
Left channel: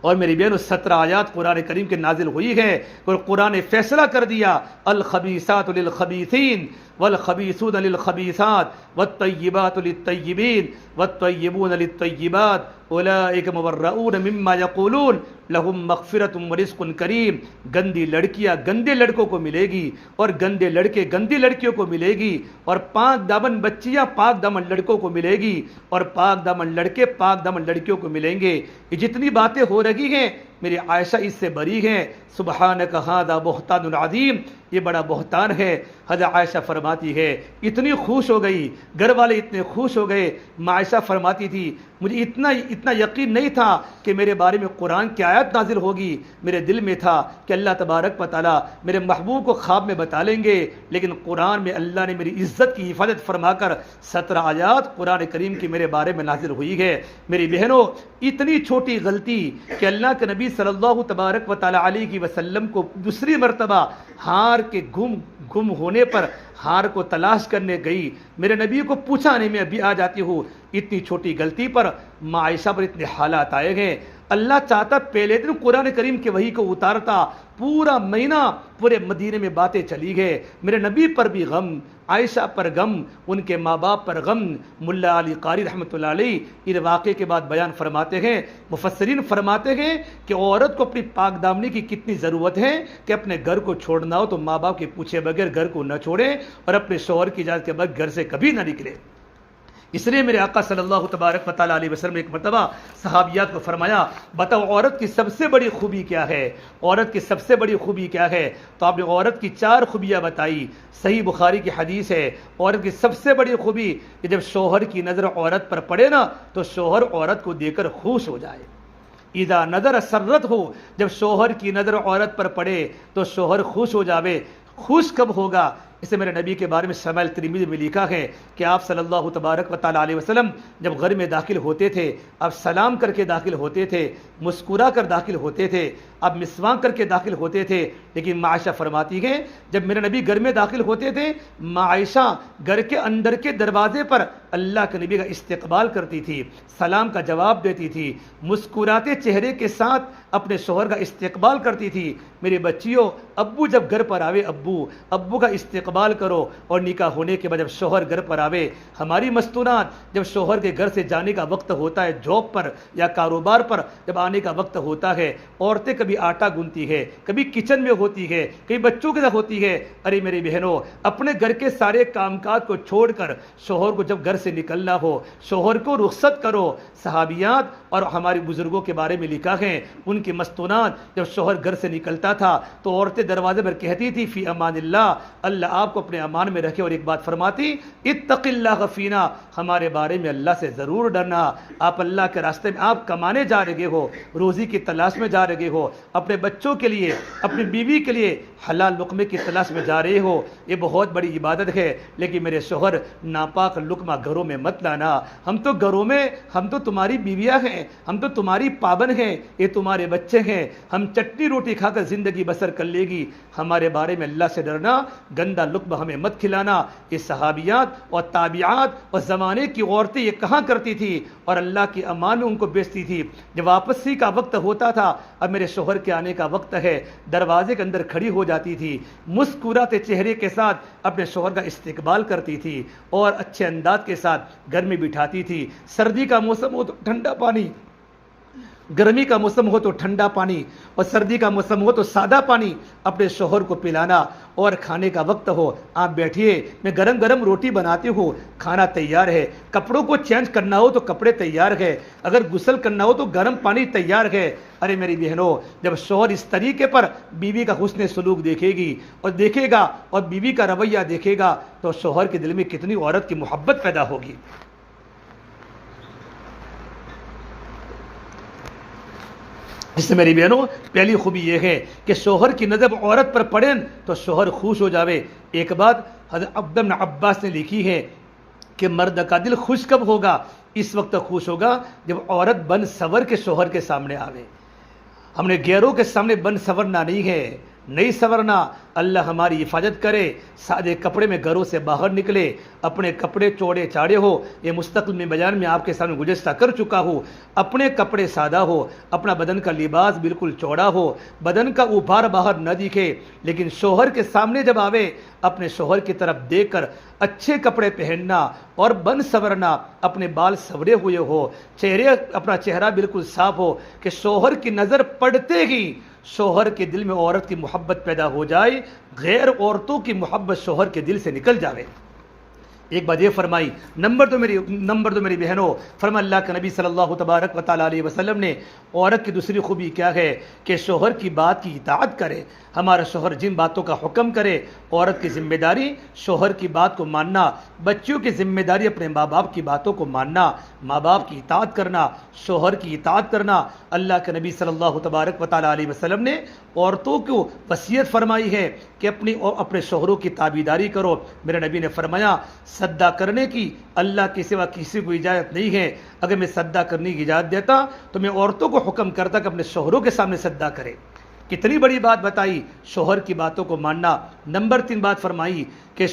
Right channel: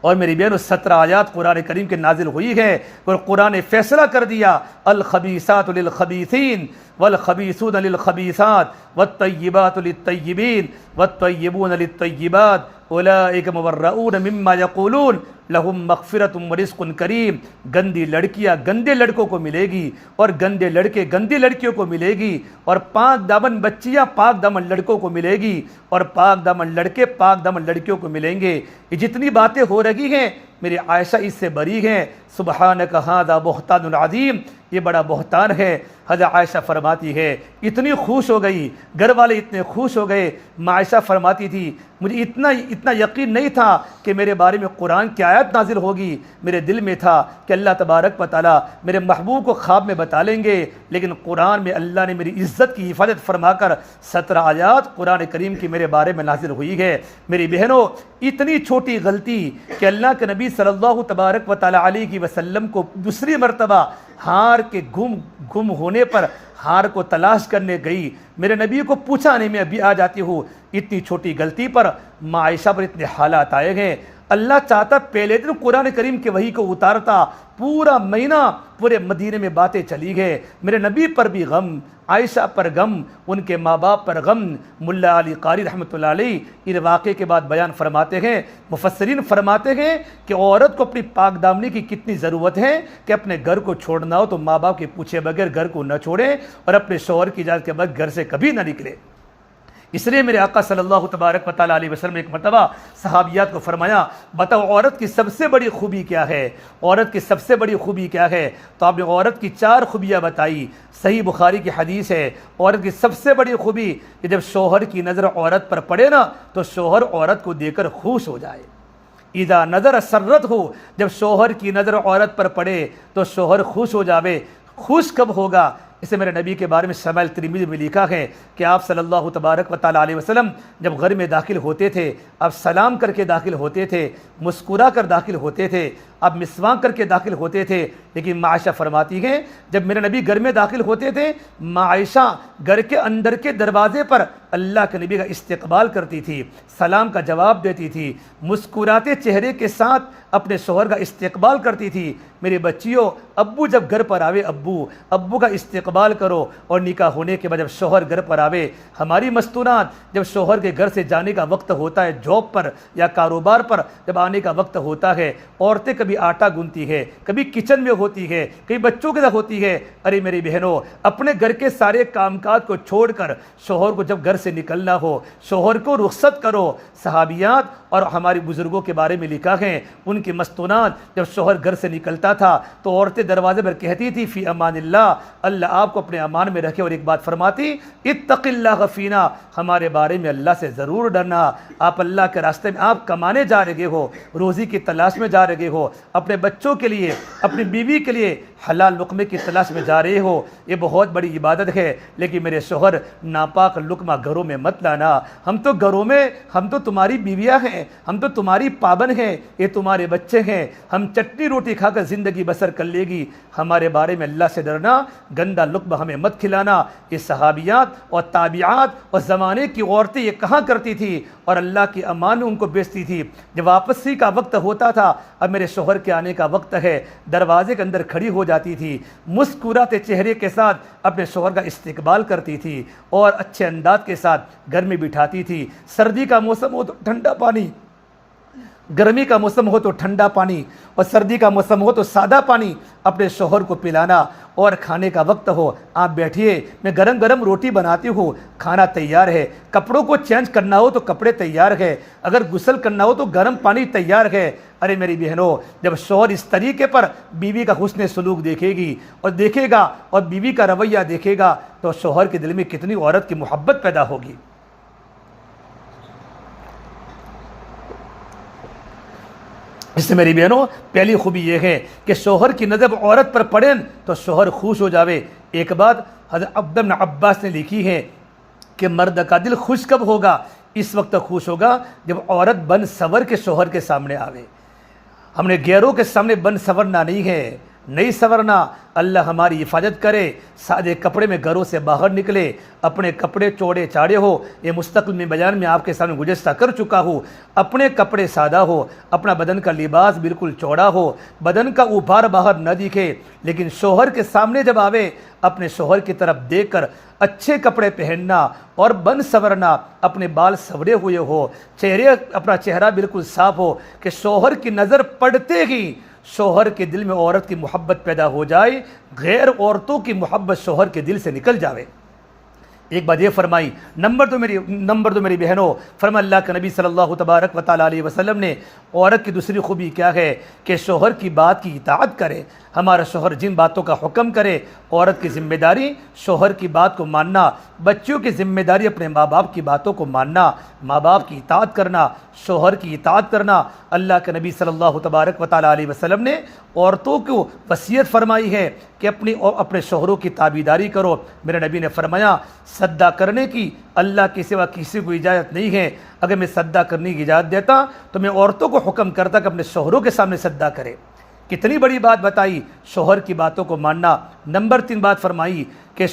اور میری بہنوں 17 آیات قرآن کریم کے نازل ہوئی ہے اور قرآن نے فیصلہ کر دیا الخبیثات للخبیثین والخبیثون للخبیثات والطیبات للطیبین والطیبون للطیبات اولئک مبرؤون مما یقولون لہم مغفرۃ ورزق کریم۔ گندی لڑکیاں گندے لڑکوں کو ملے گی اور گندے لڑکے گندی لڑکیوں کو ملے گی، اور پاک دامن بچیاں پاک دامن لڑکوں کو ملے گی، اور پاک دامن لڑکے پاک دامن لڑکیوں کو ملیں گے۔ یہ جتنی باتیں ہو رہی ہیں میری عائشہ اس سے بری ہیں۔ سبحانک ھذا بہتان عظیم، یہ بڑا بہتان ہے۔ حضرت عائشہ فرماتی ہے اتنی خوش ہو گئی، گھر والے اتنے خوش ہو گئے۔ عائشہ فرماتی تھی مجھے اتنا یقین نہیں تھا کہ میرے بارے میں قرآن کی آیت نازل ہوگی، میرے دل میں تھا کہ اللہ تبارک و تعالیٰ میرے محبوب کو خواب میں بتا لیں گے، لیکن قرآن میں اللہ نے میری عزت کی حفاظت فرما کر 17 آیات قرآن کریم کی میرے بارے میں نازل ہوئی ہے۔ میری بہنوں، اتنی چھوٹی غلطی کہ اللہ کے نبی صلی اللہ تبارک و تعالیٰ علیہ وسلم کو دوسری مرتبہ ہار کے گم ہونے پر ہار کو تلاش کرنے گئی، میرے نبی کو پوچھا نہیں، میں ابھی آ جاتی ہوں۔ اتنی چھوٹی غلطی پر ماں عائشہ پر اتنے حالات آئے گئے۔ اللہ چاہتا پہلے دن قرآن کریم کے وحی کو اتارتا، پورا مہینہ پورے مدینے میں باتیں چلی گئے، میرے نبی پر بھی غم، عائشہ پر غم، ان کے ماں باپ پر غم۔ ملا علی قاری رحمۃ اللہ علیہ اس واقعے کے بعد بیان فرماتے ہیں، مفسرین فرماتے ہیں کہ عورت کو اپنی پاک دامنی کی کتنی ضرورت ہے کہ اپنے گھر کو چھوڑنا ہو تو ماں باپ کے پوچھے بغیر گھر کو نہ چھوڑے اور اپنے شوہر کی اجازت کے بغیر گھر سے کبھی نہ نکلے۔ اس لیے میرے آقا صلی اللہ تبارک و تعالیٰ علیہ وسلم ایک مرتبہ صحابیات کو فرمایا بتاؤ عورت کی سب سے بڑی خوبی کیا ہے؟ عورت کی سب سے بڑی خوبی کیا ہے؟ تو آپ نے عورت کی 4 خوبیاں بتائی۔ صحیح بخاری کی حدیث ہے، عورت کی سب سے بڑی خوبی کہ جب شوہر کی نظر عورت پر پڑے نا تو شوہر عورت کو دیکھ کر خوش ہو جائے۔ اذا نظر سرت ہو، جب شوہر کی نظر عورت پر پڑے تو شوہر خوش ہو جاوے۔ خوش کب ہوگا؟ اسے میرے نبی کے بارے میں شمائل ترمذی میں لکھا ہے کہ آپ صلی اللہ تبارک و تعالیٰ علیہ وسلم جب گھر میں داخل ہوتے تھے، آپ سلام کر کے داخل ہوتے تھے، مسکرا کر داخل ہوتے تھے، آپ مسواک کر کے داخل ہوتے تھے۔ لیکن ماں عائشہ فرماتی ہیں جب میرے نبی گھر میں داخل ہوتے تھے، ماں عائشہ گھر کے اندر کے دروازے پر اللہ کے نبی کا استقبال کرتی تھی، سلام کا جواب دیتی تھی، مسکراتے چہرے کے ساتھ اپنے شوہر کا استقبال کرتی تھی۔ میری بچیوں، ابو جب گھر پر آوے ابو کا استقبال کرو، اور نکاح ہونے کے بعد جب شوہر گھر پر آوے، ہماری مستونات جب شوہر کے گھر سے جانے کا وقت ہوتا ہے، جاب پر یا کاروبار پر جب آنے کا وقت ہوتا ہے، عورتیں کبھی آٹا گونتی ہے، کبھی کچن میں ہوتی ہے، کبھی بچوں کے ساتھ ہوتی ہے۔ ارے میری بہنوں، اپنے گھر کے سارے کام کاج کو چھوڑ کر شوہر کو جب گھر سے نکلنا ہو، شوہر کو رخصت کرو۔ صحابیات اور ہمارے بزرگوں کے بارے میں لکھا ہے، ان کی مستونات جب شوہر گھر سے نکلتا تھا تو عورتیں دروازے پر کہتی تھی فی امان اللہ، اللہ آپ کو اپنے امان میں رکھے، اور ایک بات فرماتی اتق اللہ فینا، ہمارے بارے میں اللہ سے ضرور ڈرنا۔ آپ اللہ کے راستے میں آپ کمانے جا رہے ہو، روزی کی تلاش میں جا رہے ہو، اپنے بچوں کے لیے، اپنی بیوی کے لیے حلال لقمے کی تلاش میں جا رہے ہو، یہ بہت بڑی عبادت ہے، لیکن میرے شوہر ناپاک لقمہ گھروں میں مت لانا۔ ہم تو گھروں میں، ہم تو تمہاری بیویاں ہیں، ہم تو تمہاری پابند ہیں، یہ تمہارے بچے ہیں، ہم چٹنی روٹی کھا کر زندگی بسر کر لے گی، ہمارے بارے میں اللہ سے ڈرنا، گندا لقمہ ہمیں مت کھلانا۔ یہ صحابیات اور تابعات اور زمانے کی عورتیں یہ کہاں کرتی تھی، اور اللہ کی امان ان کو بیچتی تھی۔ جب واپسی کا وقت ہوتا تھا، اب میرے شوہر کے آنے کا وقت ہے، دروازے کے اندر کھڑی ہو جاتی تھی، مسکراتے چہرے کے ساتھ اپنے شوہر کا استقبال کرتی تھی اور اچھے انداز کے ساتھ گھر میں بٹھاتی تھی۔ سردی کا موسم ہو تو ٹھنڈا پانی، گرمی کا موسم ہو تو ٹھنڈا پانی، اور سردی کا موسم ہو تو سادہ پانی اپنے شوہر کو پلانا۔ اور کھانے کا وقت ہو، آپ بیٹھیے، میں گرم گرم روٹی بناتی ہوں، کھانا تیار ہے، کپڑوں کو چینج کرنا ہو تو کپڑے تیار ہے، اگر غسل کرنا ہو تو گرم پانی تیار ہے۔ ارے میری بہنوں، جب شوہر اس طریقے پر بیوی کا حسن سلوک دیکھے گی اور دیکھے گا اور بیوی کا رویہ دیکھے گا تو شوہر کے دل میں کتنی عورت کی محبت پیدا ہوگی۔ اس سے میری بہنوں، پہلی خوبی یہ ہے کہ شوہر کی نظر عورت پر پڑے تو شوہر خوش ہو جاوے۔ ایک بات حضرت عبد بن عباس نے لکھی ہے کہ مرد کا دل خوش کب ہوگا؟ اس وقت خوش ہوگا جب عورت بن سور کے شوہر کے سامنے آوے۔ ہم نے غیروں کے سامنے بن سورنا نہیں ہے، نہیں سورنا۔ اللہ ہماری حفاظت کرے، سادے کپڑے میں گھروں سے باہر نکلے، اپنے کپڑے چوڑے چاڑے ہو۔ یہ مستقل میں بیان میں آپ کے سامنے گزشتہ کر چکا ہوں، اپنے کپڑے سادہ ہو، اپنا بدن کا لباس بالکل چوڑا ہو، بدن کا اوبھار باہر نہ دکھے، لیکن شوہر کے سامنے جب آوے اپنے شوہر کی طرف دیکھ کر اچھے کپڑے پہننا اور بن سورنا، اپنے بال سورے ہوئے ہو، اپنا چہرہ بالکل صاف ہو کہ شوہر کی نظر پڑتے ہی شوہر کے دل میں عورت کی محبت پیدا ہو جائے، غیر عورتوں کی محبت شوہر کے دل سے نکل جاوے۔ ایک بات یہ فرمائی، نمبر دو میری بہنوں، فرما اللہ کے نبی صلی اللہ تبارک و تعالیٰ علیہ وسلم نے عورت کی دوسری خوبی کیا ہے کہ شوہر کی بات کی اطاعت کرے۔ ہمارا شوہر جن باتوں کا حکم کرے، عورت کی ذمہ داری شوہر کی بات کو ماننا، بچیوں کی ذمہ داری اپنے ماں باپ کی باتوں کو ماننا، ماں باپ کی اطاعت کرنا، شوہر کی اطاعت کرنا۔ اللہ کے نبی صلی اللہ تبارک و تعالیٰ علیہ وسلم نے عورتوں کو وصیت فرمائی ہے کہ اپنے شوہروں کی تابعداری کرو۔ میرے نبی نے فرمایا سدا کرنے کی اللہ کے سوا کسی کو اجازت نہیں ہے۔ اگر میں سدا کرنے کی اجازت دیتا تو میں عورتوں کو حکم کرتا کہ اپنے شوہروں کے سامنے سدا کرے۔ کتنی بڑی بات بتائی، شوہر کی باتوں کو ماننا۔ نمبر 3 بات فرمائی کہ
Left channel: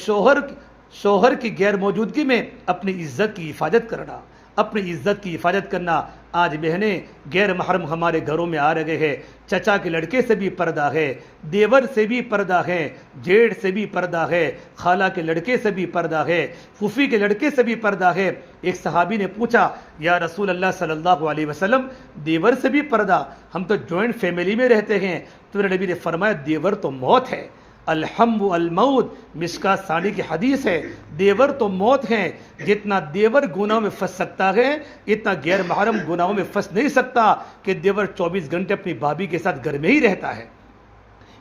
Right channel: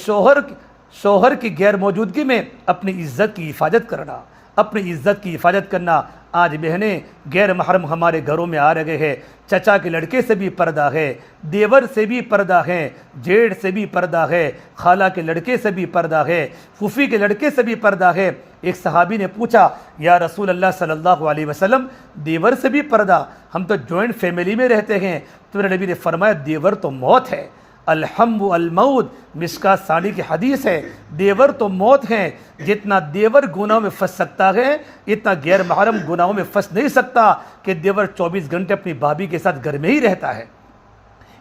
شوہر کی غیر موجودگی میں اپنی عزت کی حفاظت کرنا، اپنی عزت کی حفاظت کرنا۔ آج بہنیں غیر محرم ہمارے گھروں میں آ رہے ہیں، چچا کے لڑکے سے بھی پردہ ہے، دیور سے بھی پردہ ہے، جیڑ سے بھی پردہ ہے، خالہ کے لڑکے سے بھی پردہ ہے، پھوپھی کے لڑکے سے بھی پردہ ہے۔ ایک صحابی نے پوچھا یا رسول اللہ صلی اللہ علیہ وسلم دیور سے بھی پردہ؟ ہم تو جوائنٹ فیملی میں رہتے ہیں۔ تو میرے نبی نے فرمایا دیور تو موت ہے، الحم الموت، مشکات ثانی کی حدیث ہے، دیور تو موت ہے۔ جتنا دیور گناہوں میں پھنس سکتا ہے اتنا غیر محرم گناہوں میں پھنس نہیں سکتا کہ دیور 24 گھنٹے اپنی بھابھی کے ساتھ گھر میں ہی رہتا ہے۔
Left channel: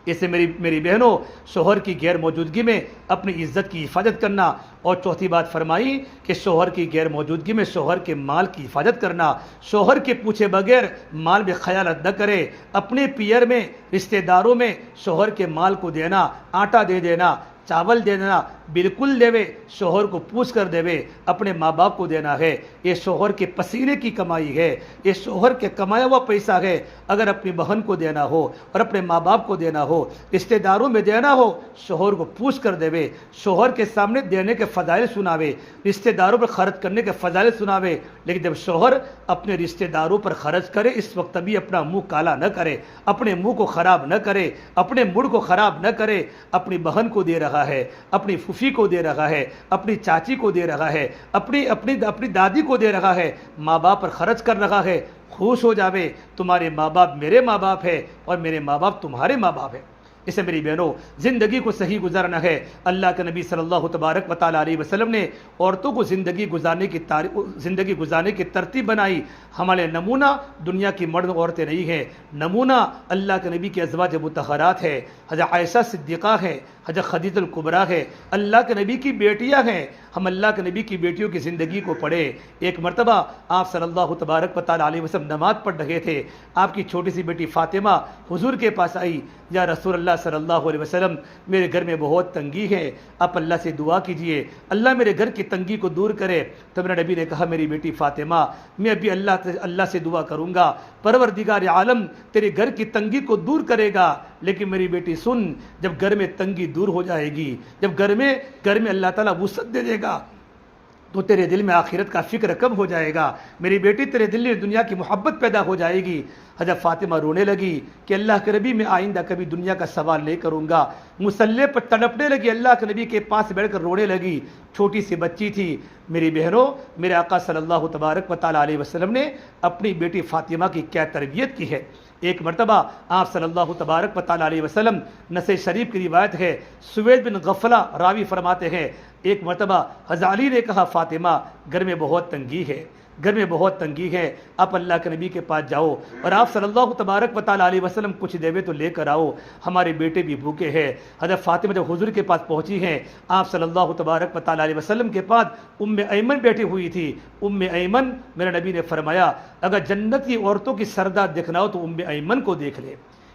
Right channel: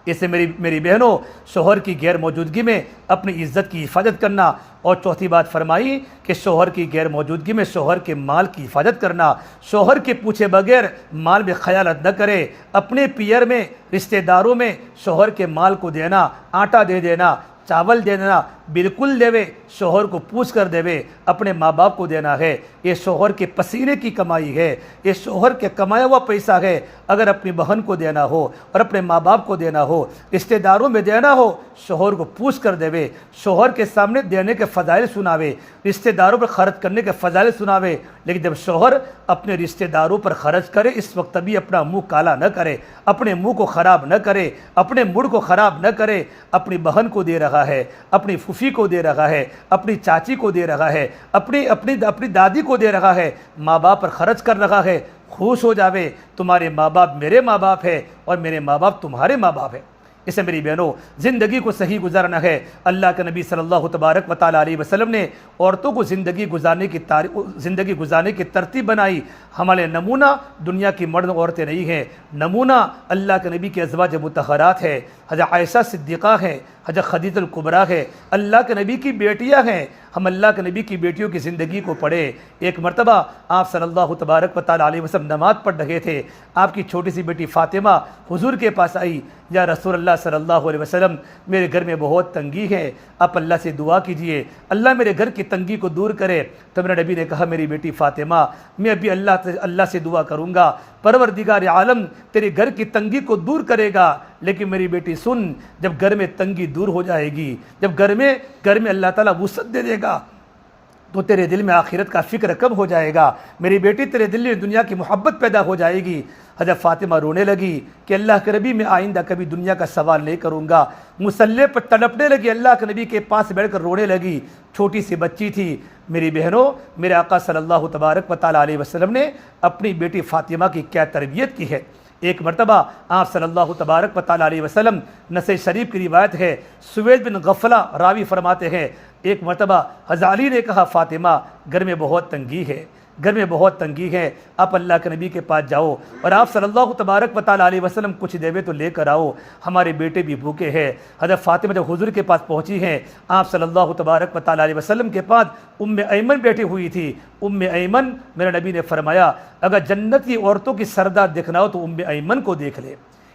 اس سے میری بہنوں، شوہر کی غیر موجودگی میں اپنی عزت کی حفاظت کرنا۔ اور چوتھی بات فرمائی کہ شوہر کی غیر موجودگی میں شوہر کے مال کی حفاظت کرنا۔ شوہر کے پوچھے بغیر مال میں خیانت نہ کرے۔ اپنے پیئر میں، رشتہ داروں میں شوہر کے مال کو دینا، آٹا دے دینا، چاول دے دینا، بالکل دیوے، شوہر کو پوچھ کر دیوے۔ اپنے ماں باپ کو دینا ہے، یہ شوہر کے پسینے کی کمائی ہے، یہ شوہر کے کمایا ہوا پیسہ ہے۔ اگر اپنی بہن کو دینا ہو اور اپنے ماں باپ کو دینا ہو، رشتہ داروں میں دینا ہو، شوہر کو پوچھ کر دیوے۔ شوہر کے سامنے دینے کے فضائل سناوے، رشتہ داروں پر خرچ کرنے کے فضائل سناوے۔ لیکن جب شوہر اپنے رشتہ داروں پر خرچ کرے، اس وقت بھی اپنا منہ کالا نہ کرے، اپنے منہ کو خراب نہ کرے، اپنے موڈ کو خراب نہ کرے۔ اپنی بہن کو دے رہا ہے، اپنی پھوپھی کو دے رہا ہے، اپنی چاچی کو دے رہا ہے، اپنی دادی کو دے رہا ہے، ماں باپ پر خرچ کر رہا ہے۔ خوش ہو جاوے، تمہارے ماں باپ میرے ماں باپ ہے اور میرے ماں باپ تمہارے ماں باپ ہے۔ اسے میری بہنوں، زندگی کو صحیح گزارنا ہے۔ اللہ کے نبی صلی اللہ تبارک و تعالیٰ علیہ وسلم نے عورتوں کو زندگی گزارنے کی ترتیب بنائی۔ ہمارے نمونہ دنیا کی مرد عورتیں نہیں ہیں، نمونہ اللہ کے نبی کے ازواج مطہرات ہے، حضرت عائشہ صدیقہ ہے، حضرت خدیجہ الکبریٰ ہے، اللہ کے نبی کی بیٹیاں ہیں۔ ہم اللہ کے نبی کی بیٹیوں کی زندگی کو پڑھیں۔ ایک مرتبہ آپ صلی اللہ تبارک و تعالیٰ علیہ وسلم نماز پڑھ رہے تھے، آپ کی چھوٹی سی بیٹی فاطمہ حضور کے پاس آئی، یا رسول اللہ صلی اللہ علیہ وسلم میرے گھر میں بہت تنگی ہے، آپ اللہ سے دعا کیجئے، اللہ میرے گھر کی تنگی کو دور کرے۔ تو میرے نبی نے کہا میری بیٹی فاطمہ، میں ابھی اللہ سے دعا کروں گا، پروردگار عالم تیرے گھر کی تنگی کو دور کرے گا۔ لیکن میری بیٹی سن، جب گھر میں تنگی دور ہو جائے گی، جب گھر میں اللہ تعالیٰ وسعت دے دے گا تو تیرے دل میں آخرت کا فکر کم ہو جائے گا، میری بیٹی تیرے دل میں دنیا کی محبت پیدا ہو جائے گی۔ حضرت فاطمہ رونے لگی کہ اللہ کے نبی میں آئندہ کبھی دنیا کا سوال نہیں کروں گا، مصلی پر تڑپنے لگی، اللہ کے نبی کے پاس بیٹھ کر رونے لگی۔ چھوٹی سی بچی تھی۔ میری بہنوں، میرے آقا صلی اللہ تبارک و تعالیٰ علیہ وسلم نے اپنی بیٹی فاطمہ کی کیا تربیت کی ہے۔ ایک مرتبہ آپ صلی اللہ تبارک و تعالیٰ علیہ وسلم، نسائی شریف کی روایت ہے، سوید بن غفلہ راوی فرماتے ہیں، ایک مرتبہ حضرت علی نے کہا فاطمہ گھر میں بہت تنگی ہے، گھر میں بہت تنگی ہے، آپ اللہ کے نبی کے پاس جاؤ اور آپ صلی اللہ تبارک و تعالیٰ علیہ وسلم کچھ دیوے تو لے کر آؤ، ہمارے بیٹے بھی بھوکے ہیں۔ حضرت فاطمہ جب حضور کے پاس پہنچی ہیں، آپ صلی اللہ تبارک و تعالیٰ علیہ وسلم کے پاس ایمن بیٹھی ہوئی تھی۔ ایمن، میرے نبی نے فرمایا اگر جنت کی عورتوں کی سردار دیکھنا ہو تو ایمن کو دیکھ لے۔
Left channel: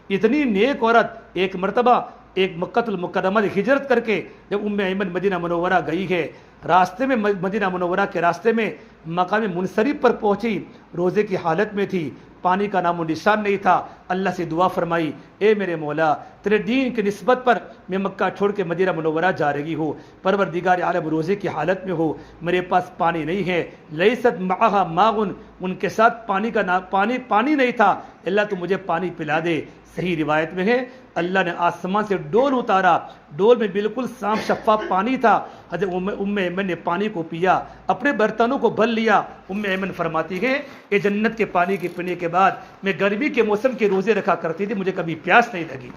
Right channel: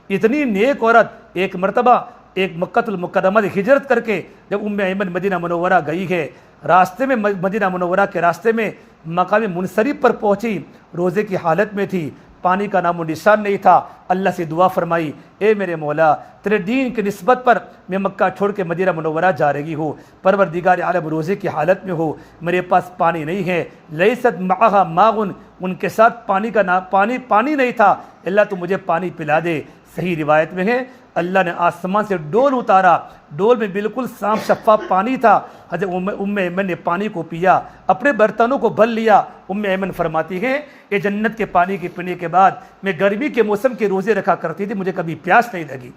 اتنی نیک عورت، ایک مرتبہ ایک مکہ المکرمہ سے ہجرت کر کے جب ایمن مدینہ منورہ گئی ہے، راستے میں مدینہ منورہ کے راستے میں مقام منصرف پر پہنچی، روزے کی حالت میں تھی، پانی کا نام و نشان نہیں تھا۔ اللہ سے دعا فرمائی، اے میرے مولا، تیرے دین کی نسبت پر میں مکہ چھوڑ کے مدینہ منورہ جا رہی ہوں، پروردگار عالم روزے کی حالت میں ہوں، میرے پاس پانی نہیں ہے، لیست معہا ماء، ان کے ساتھ پانی نہیں تھا، اللہ تو مجھے پانی پلا دے۔ صحیح روایت میں ہے اللہ نے آسمان سے ڈول اتارا، ڈول میں بالکل صاف شفاف پانی تھا۔ حضرت ایمن نے پانی کو پیا، اپنے برتنوں کو بھر لیا۔ ایمن فرماتی ہے کہ جنت کے پانی کے پینے کے بعد میں گرمی کے موسم کے روزے رکھا کرتی تھی، مجھے کبھی پیاس نہیں لگی۔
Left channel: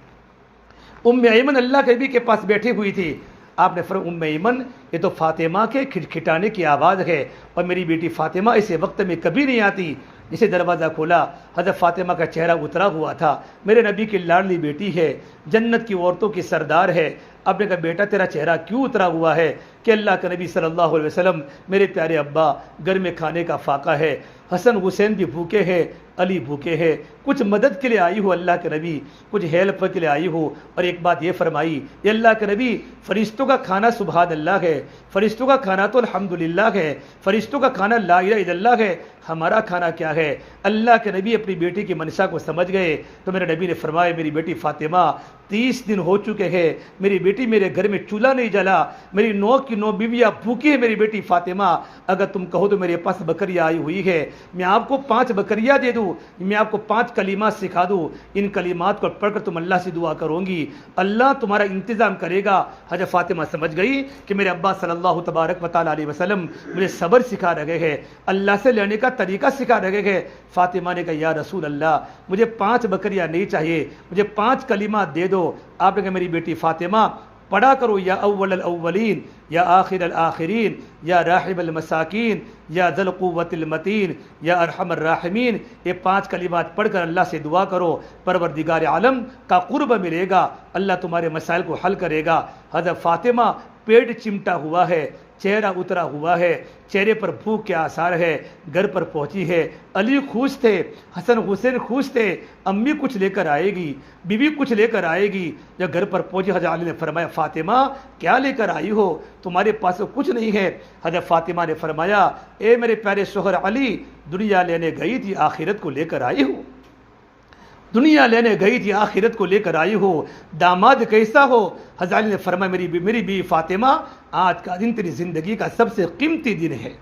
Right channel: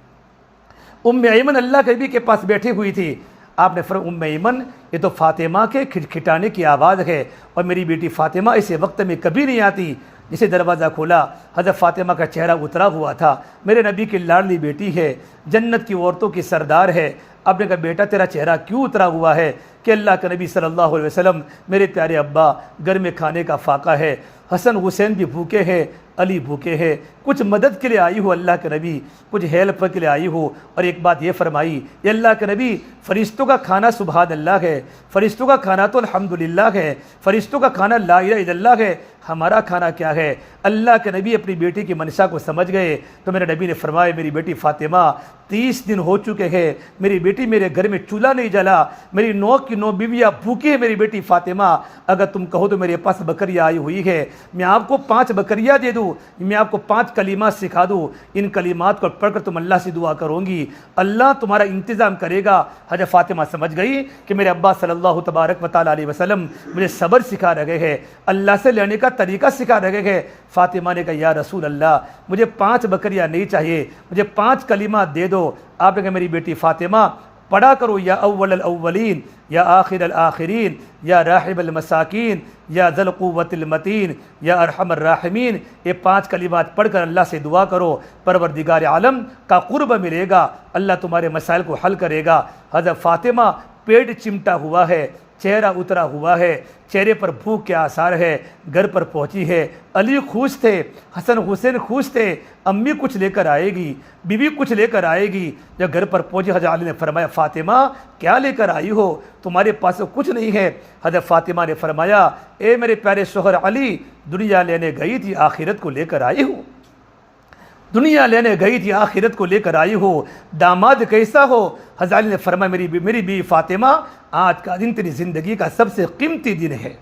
ایمن اللہ کے نبی کے پاس بیٹھی ہوئی تھی، آپ نے فرمایا ام ایمن یہ تو فاطمہ کے کھٹکھٹانے کی آواز ہے، اور میری بیٹی فاطمہ ایسے وقت میں کبھی نہیں آتی۔ جسے دروازہ کھولا، حضرت فاطمہ کا چہرہ اترا ہوا تھا۔ میرے نبی کی لاڈلی بیٹی ہے، جنت کی عورتوں کی سردار ہے۔ آپ نے کہا بیٹا تیرا چہرہ کیوں اترا ہوا ہے؟ کہ اللہ کے نبی صلی اللہ علیہ وسلم میرے پیارے ابا، گھر میں کھانے کا فاقہ ہے، حسن حسین بھی بھوکے ہیں، علی بھوکے ہیں، کچھ مدد کے لیے آئی ہو اللہ کے نبی، کچھ ہیلپ کے لیے آئی ہو۔ اور ایک بات یہ فرمائی، یہ اللہ کے نبی فرشتوں کا کھانا سبحان اللہ ہے، فرشتوں کا کھانا تو الحمدللہ ہے، فرشتوں کا کھانا لا الہ الا اللہ ہے، ہمارا کھانا کیا ہے؟ اللہ کے نبی اپنی بیٹی کی منشا کو سمجھ گئے تو میرے نبی نے فرمایا میری بیٹی فاطمہ 30 دن ہو چکے ہیں، میری بیٹی میرے گھر میں چولہا نہیں جلا، میری 9 کی 9 بیویاں بھوکی ہے میری بیٹی فاطمہ، اگر تم کہو تو میرے پاس بکریاں آئی ہوئی ہے، میں آپ کو 5 بکریاں دے دوں، میں آپ کو 5 کلمات سکھا دوں، ان کلمات کو پڑھ کر تم اللہ سے دعا کرو گی، اللہ تمہارا انتظام کرے گا۔ حضرت فاطمہ سمجھ گئی کہ میرے ابا صلی اللہ تبارک و تعالیٰ علیہ وسلم مجھے صبر سکھا رہے ہیں، اللہ سے لینے کا طریقہ سکھا رہے ہیں۔ فاطمہ نے کہا یا رسول اللہ مجھے 5 بکریاں نہیں چاہیے، مجھے 5 کلمات دے دو۔ آپ نے کہا میری بیٹی فاطمہ پڑھا کرو یا اول الاولین یا آخر الآخرین یا راحب المساکین یا ذی القوۃ المتین یا ارحم الراحمین، یہ 5 کلمات پڑھ کر اللہ سے دعا کرو، پروردگار عالم کا قرب ملے گا، اللہ تمہارے مسائل کو حل کرے گا۔ حضرت فاطمہ پیٹ چمٹا ہوا ہے، چہرہ اترا ہوا ہے، چہرے پر بھوک کے آثار ہے، گھر پر پہنچی ہے، علی خوش تھے، حسن حسین خوش تھے، امی کچھ لے کر آئے گی، بیوی کچھ لے کر آئے گی۔ جب گھر پر پہنچی حضرت علی نے فرمایا فاطمہ کیا لے کر آئی ہو؟ تمہارے پاس کچھ نہیں ہے۔ حضرت فاطمہ نے فرمایا اے میرے پیارے شوہر علی، دنیا لینے گئی تھی آخرت کو لے کر آئی ہو، دنیا لینے گئی تھی آخرت کو لے کر آئی ہو، داماد کیسا ہو؟ حضرت علی نے فرمایا میری بیوی فاطمہ آج کا دن تیری زندگی کا سب سے قیمتی دن ہے،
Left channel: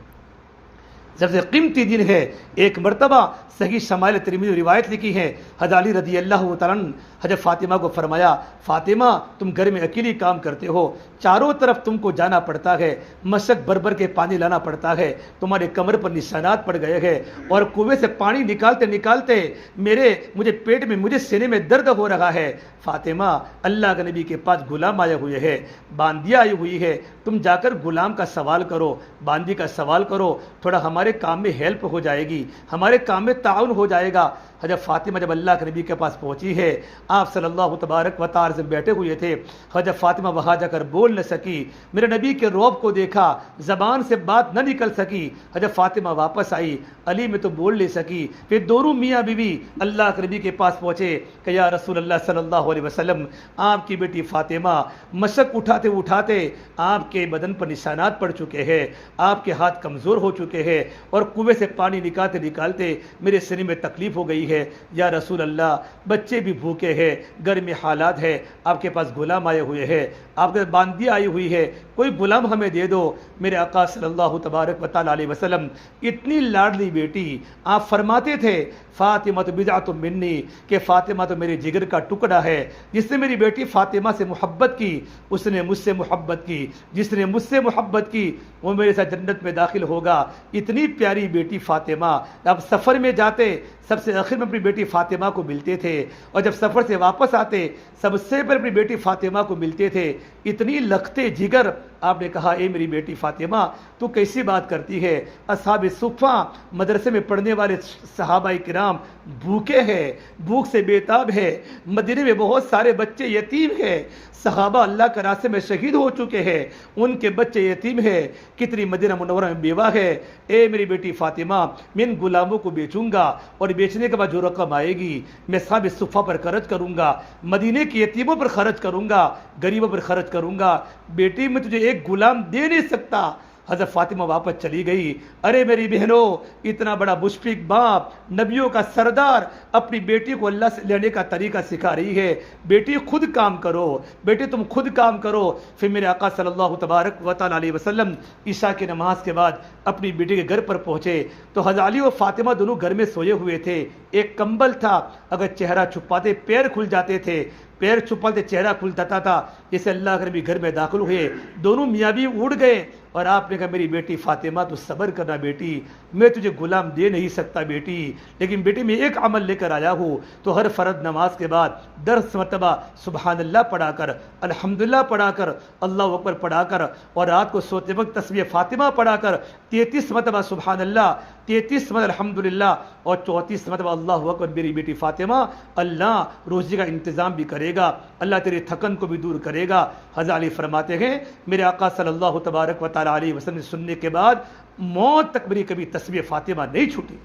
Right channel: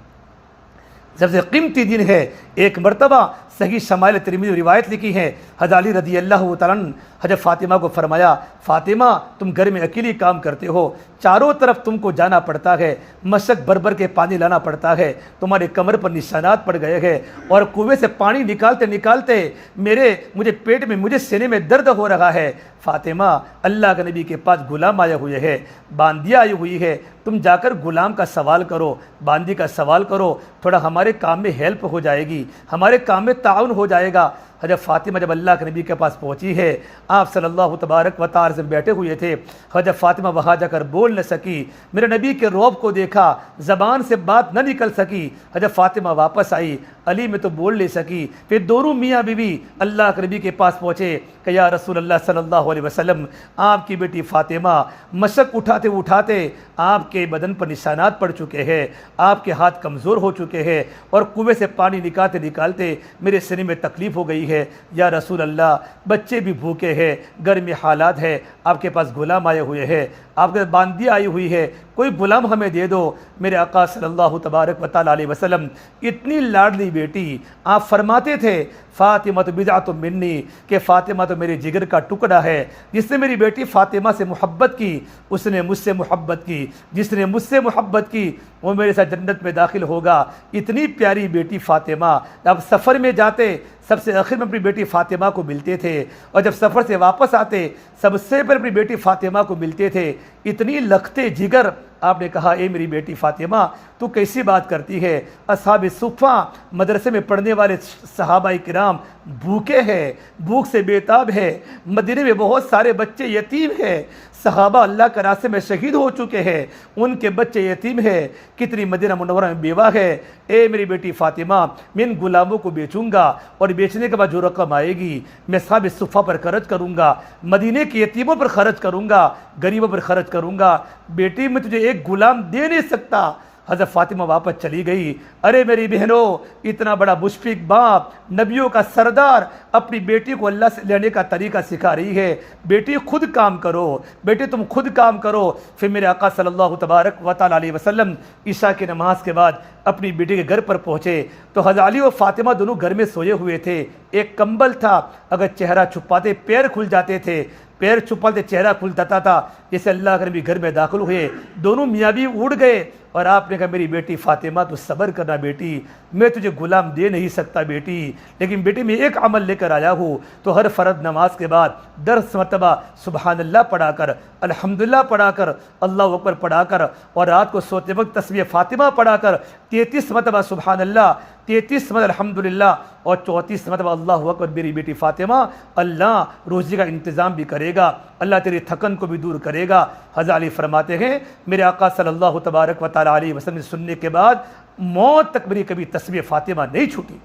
سب سے قیمتی دن ہے۔ ایک مرتبہ صحیح شمائل ترمذی روایت لکھی ہے، حضرت علی رضی اللہ تعالیٰ عنہ حضرت فاطمہ کو فرمایا فاطمہ تم گھر میں اکیلی کام کرتے ہو، چاروں طرف تم کو جانا پڑتا ہے، مشق بھر کے پانی لانا پڑتا ہے، تمہارے کمر پر نشانات پڑ گئے ہیں، اور کنویں سے پانی نکالتے نکالتے مجھے پیٹ میں مجھے سینے میں درد ہو رہا ہے۔ فاطمہ اللہ کے نبی کے پاس غلام آئے ہوئے ہیں، باندیا آئی ہوئی ہے، تم جا کر غلام کا سوال کرو، باندی کا سوال کرو، تھوڑا ہمارے کام میں ہیلپ ہو جائے گی، ہمارے کام میں تعاون ہو جائے گا۔ حضرت فاطمہ جب اللہ کے نبی کے پاس پہنچی ہے، آپ صلی اللہ تبارک و تعالی سے بیٹھے ہوئے تھے، حضرت فاطمہ وہاں جا کر بول نہ سکی، میرے نبی کے رعب کو دیکھا، زبان سے بات نہ نکل سکی۔ حضرت فاطمہ واپس آئی، علی میں تو بول نہیں سکی، پھر دونوں میاں بیوی اللہ کے نبی کے پاس پہنچے کہ یا رسول اللہ صلی اللہ علیہ وسلم آپ کی بیٹی فاطمہ مشق اٹھاتے اٹھاتے آپ کے بدن پر نشانات پڑ چکے ہیں، آپ کے ہاتھ کمزور ہو چکے ہیں، اور کنویں سے پانی نکالتے نکالتے میرے سینے میں تکلیف ہو گئی ہے، یا رسول اللہ بچے بھی بھوکے ہیں، گھر میں حالات ہے، آپ کے پاس غلام آئے ہوئے ہیں، آپ کے باندی آئی ہوئی ہے، کوئی غلام ہمیں دے دو۔ میرے آقا صلی اللہ تبارک و تعالی علیہ وسلم اتنی لاڈلی بیٹی، آپ فرماتے تھے فاطمہ تو بضعۃ منی، کہ فاطمہ تو میرے جگر کا ٹکڑا ہے، جس نے میری بیٹی فاطمہ سے محبت کی اس نے مجھ سے محبت کی، جس نے مجھ سے محبت کی وہ میرے ساتھ جنت میں داخل ہوگا۔ اتنی پیاری بیٹی فاطمہ، اب سفر میں جاتے سب سے آخر میں اپنی بیٹی فاطمہ کو ملتے تھے، اور جب سفر سے واپس آتے سب سے پہلے اپنی بیٹی فاطمہ کو ملتے تھے، اتنی لختے جگر۔ آپ نے کہا اے میری بیٹی فاطمہ تو کیسی بات کرتی ہے؟ اصحاب صفہ مدرسے میں پڑھنے والے صحابہ کرام بھوکے ہیں، بھوک سے بیتاب ہے، مدینے میں بہت سارے بچے یتیم ہیں، صحابہ اللہ کے راستے میں شہید ہو چکے ہیں، ان کے بچے یتیم ہیں، کتنی مدینہ منورہ میں بیوہ ہے۔ اے میری بیٹی فاطمہ میں ان غلاموں کو بیچوں گا، اور بیچنے کے بعد جو رقم آئے گی میں اصحاب صفہ پر خرچ کروں گا، مدینے کے یتیموں پر خرچ کروں گا، غریبوں پر خرچ کروں گا۔ بیٹی میں تجھے ایک غلام دے نہیں سکتا۔ حضرت فاطمہ واپس چلی گئی۔ ارے میری بہنوں، اتنا بڑا مشفق باپ، نبیوں کا سردار اپنی بیٹی کو اللہ سے لینے کا طریقہ سکھا رہی ہے، بیٹی خود کام کرو، بیٹی تم خود کام کرو۔ پھر میرے آقا صلی اللہ تبارک و تعالی علیہ وسلم عشاء کی نماز کے بعد اپنی بیٹی کے گھر پر پہنچے تو حضرت علی اور فاطمہ دونوں گھر میں سوئے ہوئے تھے، ایک کمبل تھا، اگر چہرہ چھپاتے پیر کھل جاتے تھے، پیر چھپاتے چہرہ کھل جاتا تھا۔ جیسے اللہ کے نبی گھر میں داخل ہوئے، دونوں میاں بھی اڑ گئے، اور آپ نے کہا میری بیٹی فاطمہ تو صبر کرنا بیٹی، میں تجھے غلام دے نہیں سکتا بیٹی، لیکن بیٹی میں ایک عمل لے کر کر آیا ہوں تو ہر فرض نماز کے بعد 10 مرتبہ سبحان اللہ پڑھا کر، الحمدللہ پڑھا کر، اللہ اکبر پڑھا کر، اور رات کو سوتے وقت تسبیح فاطمہ پڑھا کر 33 مرتبہ سبحان اللہ، 33 مرتبہ الحمدللہ اور 34 مرتبہ اللہ اکبر، میری بیٹی فاطمہ اللہ روزی کا انتظام بھی کرے گا، اللہ تیری تھکن کو بھی دور کرے گا۔ حضرت علی فرماتے ہیں میرے آقا صلی اللہ تبارک و تعالی علیہ وسلم سننے کے بعد موت تک میری کبھی تسبیح فاطمہ نہیں چھوٹی۔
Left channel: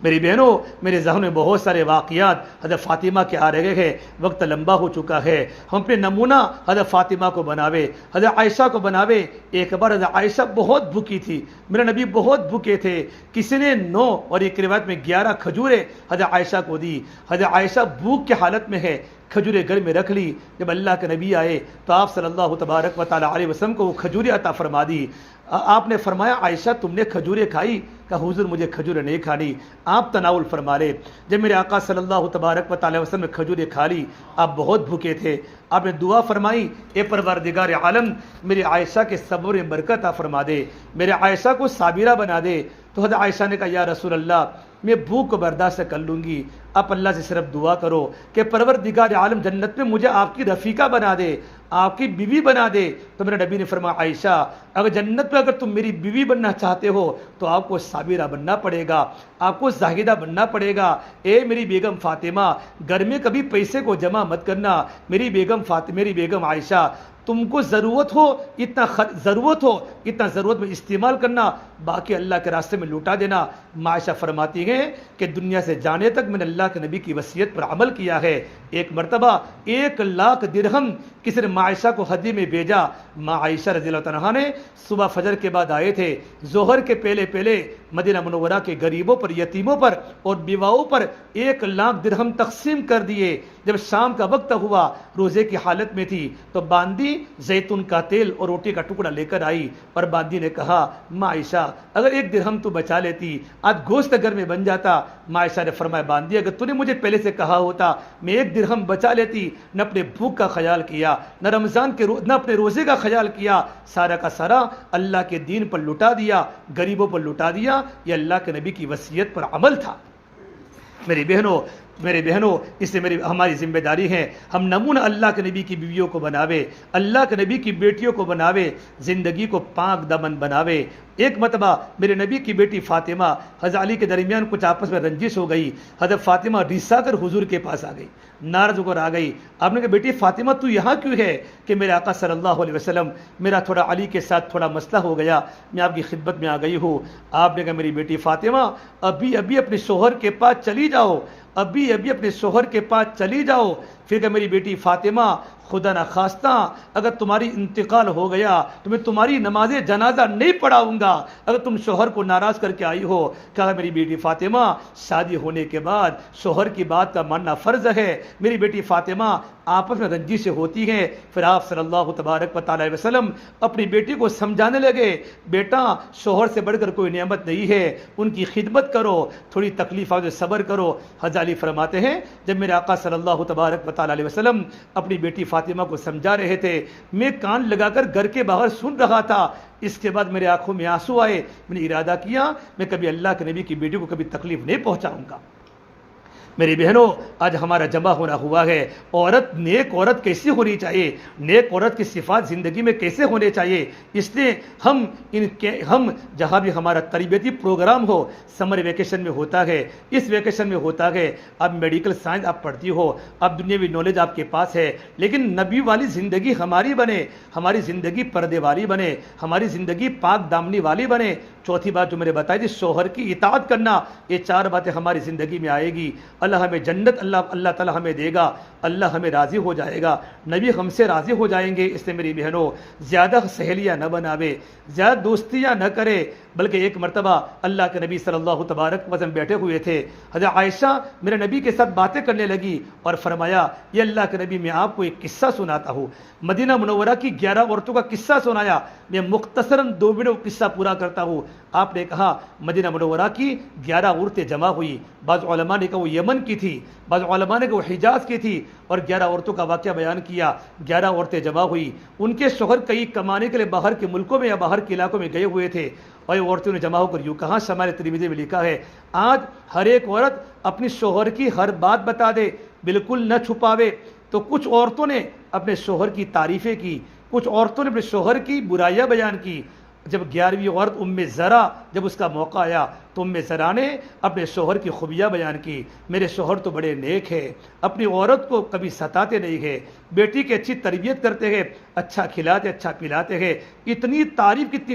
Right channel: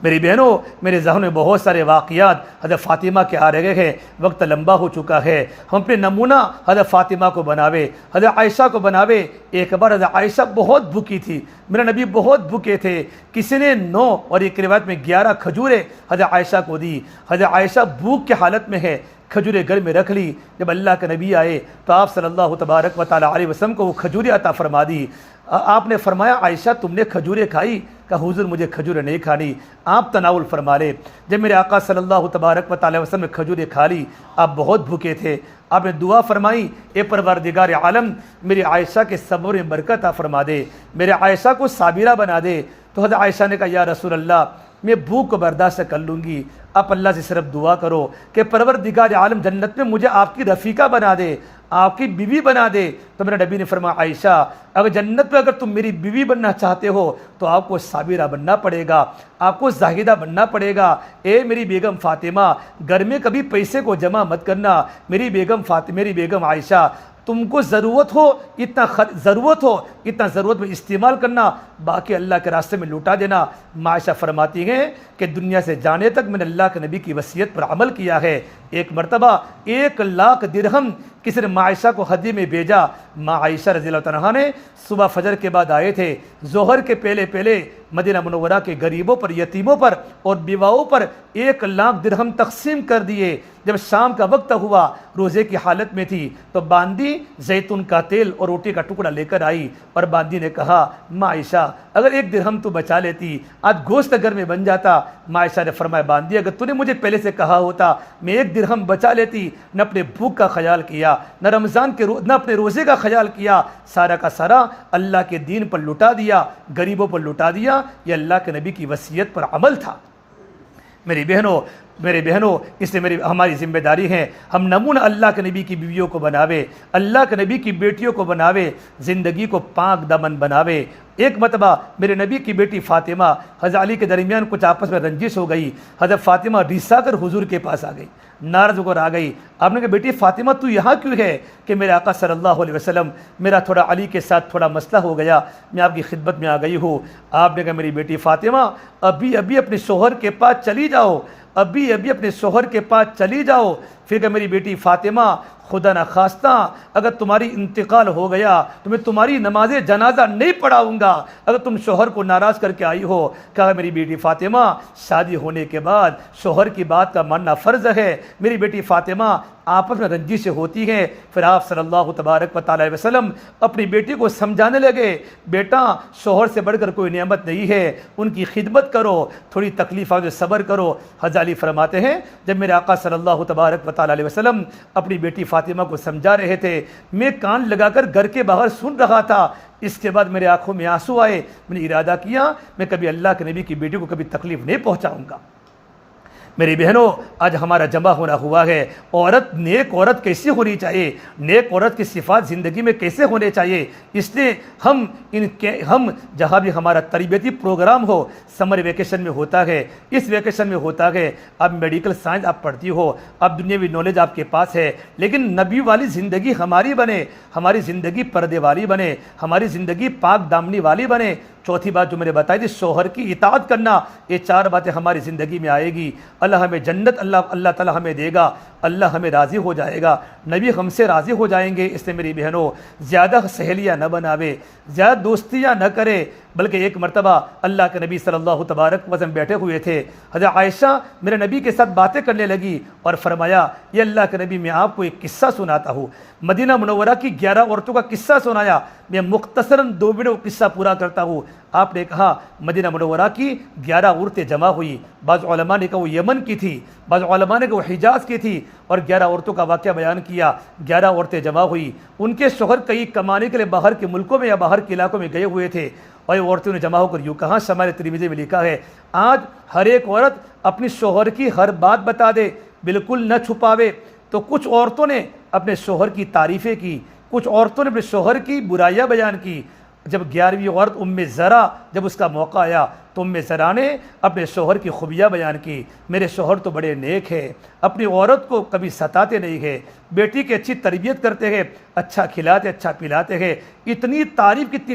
میری بہنوں، میرے ذہن میں بہت سارے واقعات حضرت فاطمہ کے آ رہے ہیں، وقت لمبا ہو چکا ہے، ہم اپنے نمونہ حضرت فاطمہ کو بناوے، حضرت عائشہ کو بناوے۔ ایک بار حضرت عائشہ بہت بھوکی تھی، میرا نبی بہت بھوکے تھے، کسی نے 9 اور ایک روایت میں 11 کھجوریں حضرت عائشہ کو دی۔ حضرت عائشہ بھوک کی حالت میں ہے، کھجوریں گھر میں رکھ لی۔ جب اللہ کے نبی آئے تو آپ صلی اللہ تبارک و تعالی علیہ وسلم کو وہ کھجوریں عطا فرما دی۔ آپ نے فرمایا عائشہ تم نے کھجوریں کھائی؟ کہا حضور مجھے کھجوریں نہیں کھانی، آپ تناول فرما لے۔ جب میرے آقا صلی اللہ تبارک و تعالی وسلم نے کھجوریں کھا لی، آپ بہت بھوکے تھے، آپ نے دعا فرمائی اے پروردگار عالم میری عائشہ کے صبر میں برکت عطا فرما دے، میرے عائشہ کو صابرہ بنا دے۔ تو حضرت عائشہ نے کہا یا رسول اللہ میں بھوک کو برداشت کر لوں گی، آپ اللہ سے صرف دعا کرو کہ پروردگار عالم جنت میں مجھے آپ کی رفیقہ بنا دے، آپ کی بیوی بنا دے۔ تو میرے نبی نے فرمایا عائشہ اگر جنت میں اگر تم میری بیوی بننا چاہتے ہو تو آپ کو صابرہ بننا پڑے گا، آپ کو زاہدہ بننا پڑے گا۔ اے میری بیگم فاطمہ گھر میں کبھی پیسے کو جمع مت کرنا، میری بیگم عائشہ تم کو ضرورت ہو اتنا ضرورت میں استعمال کرنا، باقی اللہ کے راستے میں لوٹا دینا۔ عائشہ فرماتی ہیں کہ دنیا سے جانے تک میں نے اللہ کے نبی کی وصیت پر عمل کیا ہے۔ ایک مرتبہ 1,00,000 درہم کسی نے عائشہ کو ہدیے میں بھیجا۔ عائشہ رضی اللہ عنہا نے صبح فجر کے بعد آئے تھے، ظہر کے پہلے مدینہ منورہ کے غریبوں پر، یتیموں پر اور بیواؤں پر 1,00,000 درہم تقسیم کر دیے۔ جب شام کا وقت ہوا روزے کی حالت میں تھی تو باندی زیتون کا تیل اور روٹی کا ٹکڑا لے کر آئی اور باندی نے کہا عائشہ اگر 1 درہم تو بچا لیتی آج گوشت گھر میں بن جاتا۔ عائشہ نے فرمایا باندی اگر تو نے مجھے پہلے سے کہا ہوتا میں 1 درہم بچا لیتی، نہ اپنے بھوک کا خیال کیا، نہ رمضان کے نہ اپنے روزے کا خیال کیا، سارا کا سارا اللہ کے دین پر لٹا دیا، غریبوں پر لٹا دیا۔ یہ اللہ کے نبی کی وصیت پر عمل تھا۔ میری بہنوں اس لیے ہماری ذمہ داری ہے ہم نمونہ اللہ کے نبی کی بیویوں کو بناوے، اللہ کے نبی کی بیٹیوں کو بناوے، زندگی کو پاک دامن بناوے۔ ایک مرتبہ میرے نبی کی بیٹی فاطمہ حضرت علی کے درمیان کچھ آپس میں رنجش ہو گئی، حضرت فاطمہ ریسا کر حضور کے پاس آ گئی، ناراض ہو کر آ گئی۔ آپ نے کہا بیٹی فاطمہ تو یہاں کیوں ہے؟ کہ میرے آقا صلی اللہ علیہ وسلم میرا تھوڑا علی کے ساتھ تھوڑا مسئلہ ہو گیا، میں آپ کی خدمت میں آ گئی ہوں۔ آپ نے کہا میری بیٹی فاطمہ ابھی اپنے شوہر کے پاس چلی جاؤ، اپنے شوہر کے پاس چلی جاؤ۔ پھر کہ میری بیٹی فاطمہ خدا نخواستہ اگر تمہاری انتقال ہو گیا تو میں تمہاری نماز جنازہ نہیں پڑھاؤں گا اگر تم شوہر کو ناراض کر کے آئی ہو۔ کہا میری بیٹی فاطمہ شادی ہونے کے بعد شوہر کی بات کا ماننا فرض ہے۔ میری بیٹی فاطمہ آپس میں رنجش سے ہوتی ہیں۔ پھر آپ صلی اللہ تبارک و تعالی وسلم اپنی بیٹی کو سمجھانے لگے بیٹا شوہر سے بڑھ کر کوئی نعمت نہیں ہے، ان کی خدمت کرو، تھوڑی تکلیف آئے صبر کرو۔ حضرت علی فرماتے ہیں جب میرے آقا صلی اللہ تبارک و تعالی وسلم اپنی بیٹی فاطمہ کو سمجھا رہے تھے میں کان لگا کر گھر کے باہر سن رہا تھا۔ اس کے بعد میرے آنکھوں میں آنسو آئے، میں نے ارادہ کیا میں کبھی اللہ کے نبی کی بیٹی کو کبھی تکلیف نہیں پہنچاؤں گا۔ میری بہنوں آج ہمارا جمع ہونا ہوا ہے، نیک عورت کیسی ہونی چاہیے، نیک عورت کی صفات زندگی میں کیسے ہونے چاہیے، اس لیے ہم جہاں بھی ہمارا تربیتی پروگرام ہو، سمر ویکیشن میں ہوتا ہے، اس ویکیشن میں ہوتا ہے، اب میڈیکل سائنس آپ پڑھتی ہو، اب دنیاوی نالج آپ کے پاس ہے، لیکن نبی والی زندگی ہماری بنے، ہماری زندگی پردے والی بنے، ہماری زندگی پاک دامنی والی بنے۔ چوتھی بات جو میں نے بتائی تھی شوہر کی اطاعت کرنا، یہ 4 باتیں ہماری زندگی میں آئے گی، اللہ ہمیں جنت اللہ تعالیٰ ہمیں دے گا، اللہ ہمیں راضی ہو جائے گا، نبی ہم سے راضی ہو جائیں گے۔ اس لیے میری بہنوں زیادہ سہیلیاں نہ بناوے، زیادہ دوستیاں نہ کرے، بلکہ ایک مرتبہ اللہ کے نبی صلی اللہ تبارک وسلم بیٹھے ہوئے تھے، حضرت عائشہ میرے نبی کے ساتھ باتیں کرنے لگی اور فرمایا یہ اللہ کے نبی میں آپ کو ایک قصہ سناتا ہوں۔ مدینہ منورہ کی 11 عورتوں کا قصہ سنایا. میں مختصراً 2 منٹ قصہ پورا کرتا ہوں. آپ نے کہا مدینہ منورہ کی 11 عورتیں جمع ہوئی. بعض علماء نے کہا وہ یمن کی تھی, بعض علماء نے کہا وہ حجاز کی تھی, اور 11 عورتوں کا واقعہ بیان کیا. 11 عورتیں جمع ہوئی. ان کے شوہر کئی کمانے کے لیے باہر کے ملکوں میں یا باہر کے علاقوں میں گئے ہوئے تھے, اور عورتوں نے جمع ہو کر یوں کہا, شمال ترمذی میں لکھا ہے, آج ہر ایک عورت اپنی شوہر کی ہر بات بتا دے, بالکل نہ چھپاوے. تو کچھ عورتوں نے اپنے شوہر کی تعریفیں کی, کچھ عورتوں نے اپنے شوہر کی برائیاں بیان کی. جب 11ویں عورت ام زرع, جب اس کا موقع آیا تو ام زرع نے اپنے شوہر کی خوبیاں بیان کی. میرے شوہر تو بڑے نیک ہے, اپنی عورت کو کبھی ستاتے نہیں ہے, بیٹی کی اچھی تربیت کرتے ہیں, اچھا کھلاتے اچھا پلاتے ہیں. اتنی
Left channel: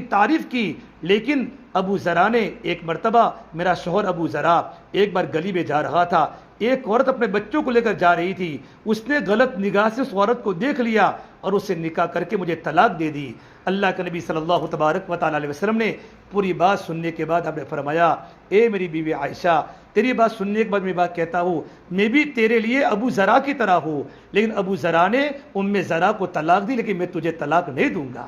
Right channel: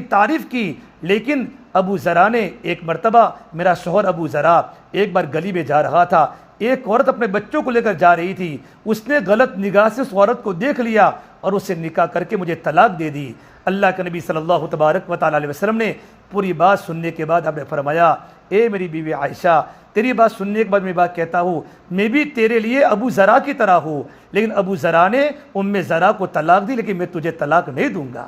تعریف کی. لیکن ابو زرع نے ایک مرتبہ, میرا شوہر ابو زرع ایک بار گلی میں جا رہا تھا, ایک عورت اپنے بچوں کو لے کر جا رہی تھی, اس نے غلط نگاہ سے اس عورت کو دیکھ لیا اور اسے نکاح کر کے مجھے طلاق دے دی. اللہ کے نبی صلی اللہ تبارک و تعالی علیہ وسلم نے پوری بات سننے کے بعد آپ نے فرمایا, اے میری بیوی عائشہ, تیری بات سننے کے بعد میں بات کہتا ہوں, میں بھی تیرے لیے ابو زرع کی طرح ہوں, لیکن ابو زرع نے ام زرع کو طلاق دی, لیکن میں تجھے طلاق نہیں دوں گا.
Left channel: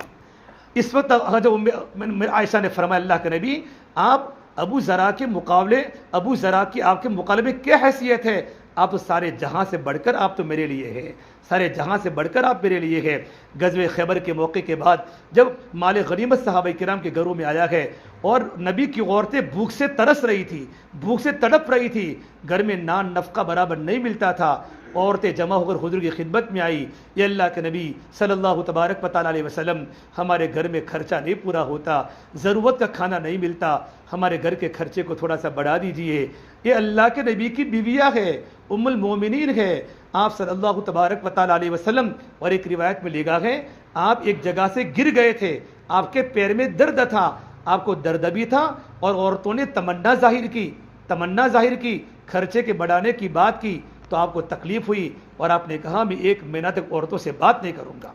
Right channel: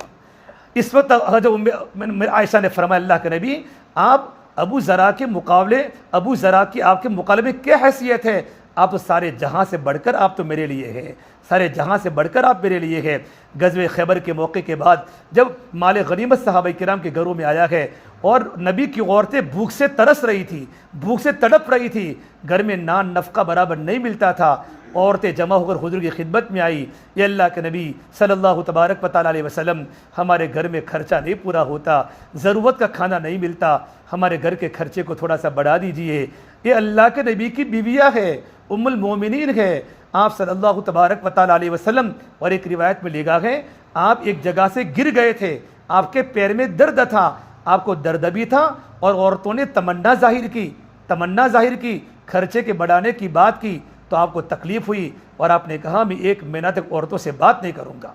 اس وقت عائشہ نے فرمایا, اللہ کے نبی, آپ ابو زرع کے مقابلے, ابو زرع کی آپ کے مقابلے میں کیا حیثیت ہے؟ آپ تو سارے جہاں سے بڑھ کر آپ تو میرے لیے ہے, سارے جہاں سے بڑھ کر آپ میرے لیے ہے. غزوہ خیبر کے موقع کے بعد جب مال غنیمت صحابہ کرام کے گھروں میں آیا ہے اور نبی کی عورتیں بھوک سے ترس رہی تھی, بھوک سے تڑپ رہی تھی, گھر میں نان نفقہ برابر نہیں ملتا تھا, عورتیں جمع ہو کر حضور کی خدمت میں آئی, یہ اللہ کے نبی صلی اللہ تبارک و تعالی علیہ وسلم, ہمارے گھر میں خرچہ نہیں پورا ہوتا, ضرورت کا کھانا نہیں ملتا, ہمارے گھر کے خرچے کو تھوڑا سا بڑھا دیجئے. یہ اللہ کے نبی کی بیویاں ہے, ام المومنین ہے, آپ صلی اللہ تبارک و تعالی علیہ وسلم. اور ایک روایت میں لکھا ہے, آپ ایک جگہ سے گر گئے تھے, آپ کے پیر میں درد تھا, آپ کو درد بھی تھا, اور عورتوں نے تمنا ظاہر کی, خرچے کے بڑھانے کی بات کی, تو آپ کو تکلیف ہوئی, اور آپ نے کہا میں 1 مہینہ تک عورتوں سے بات نہیں کروں گا.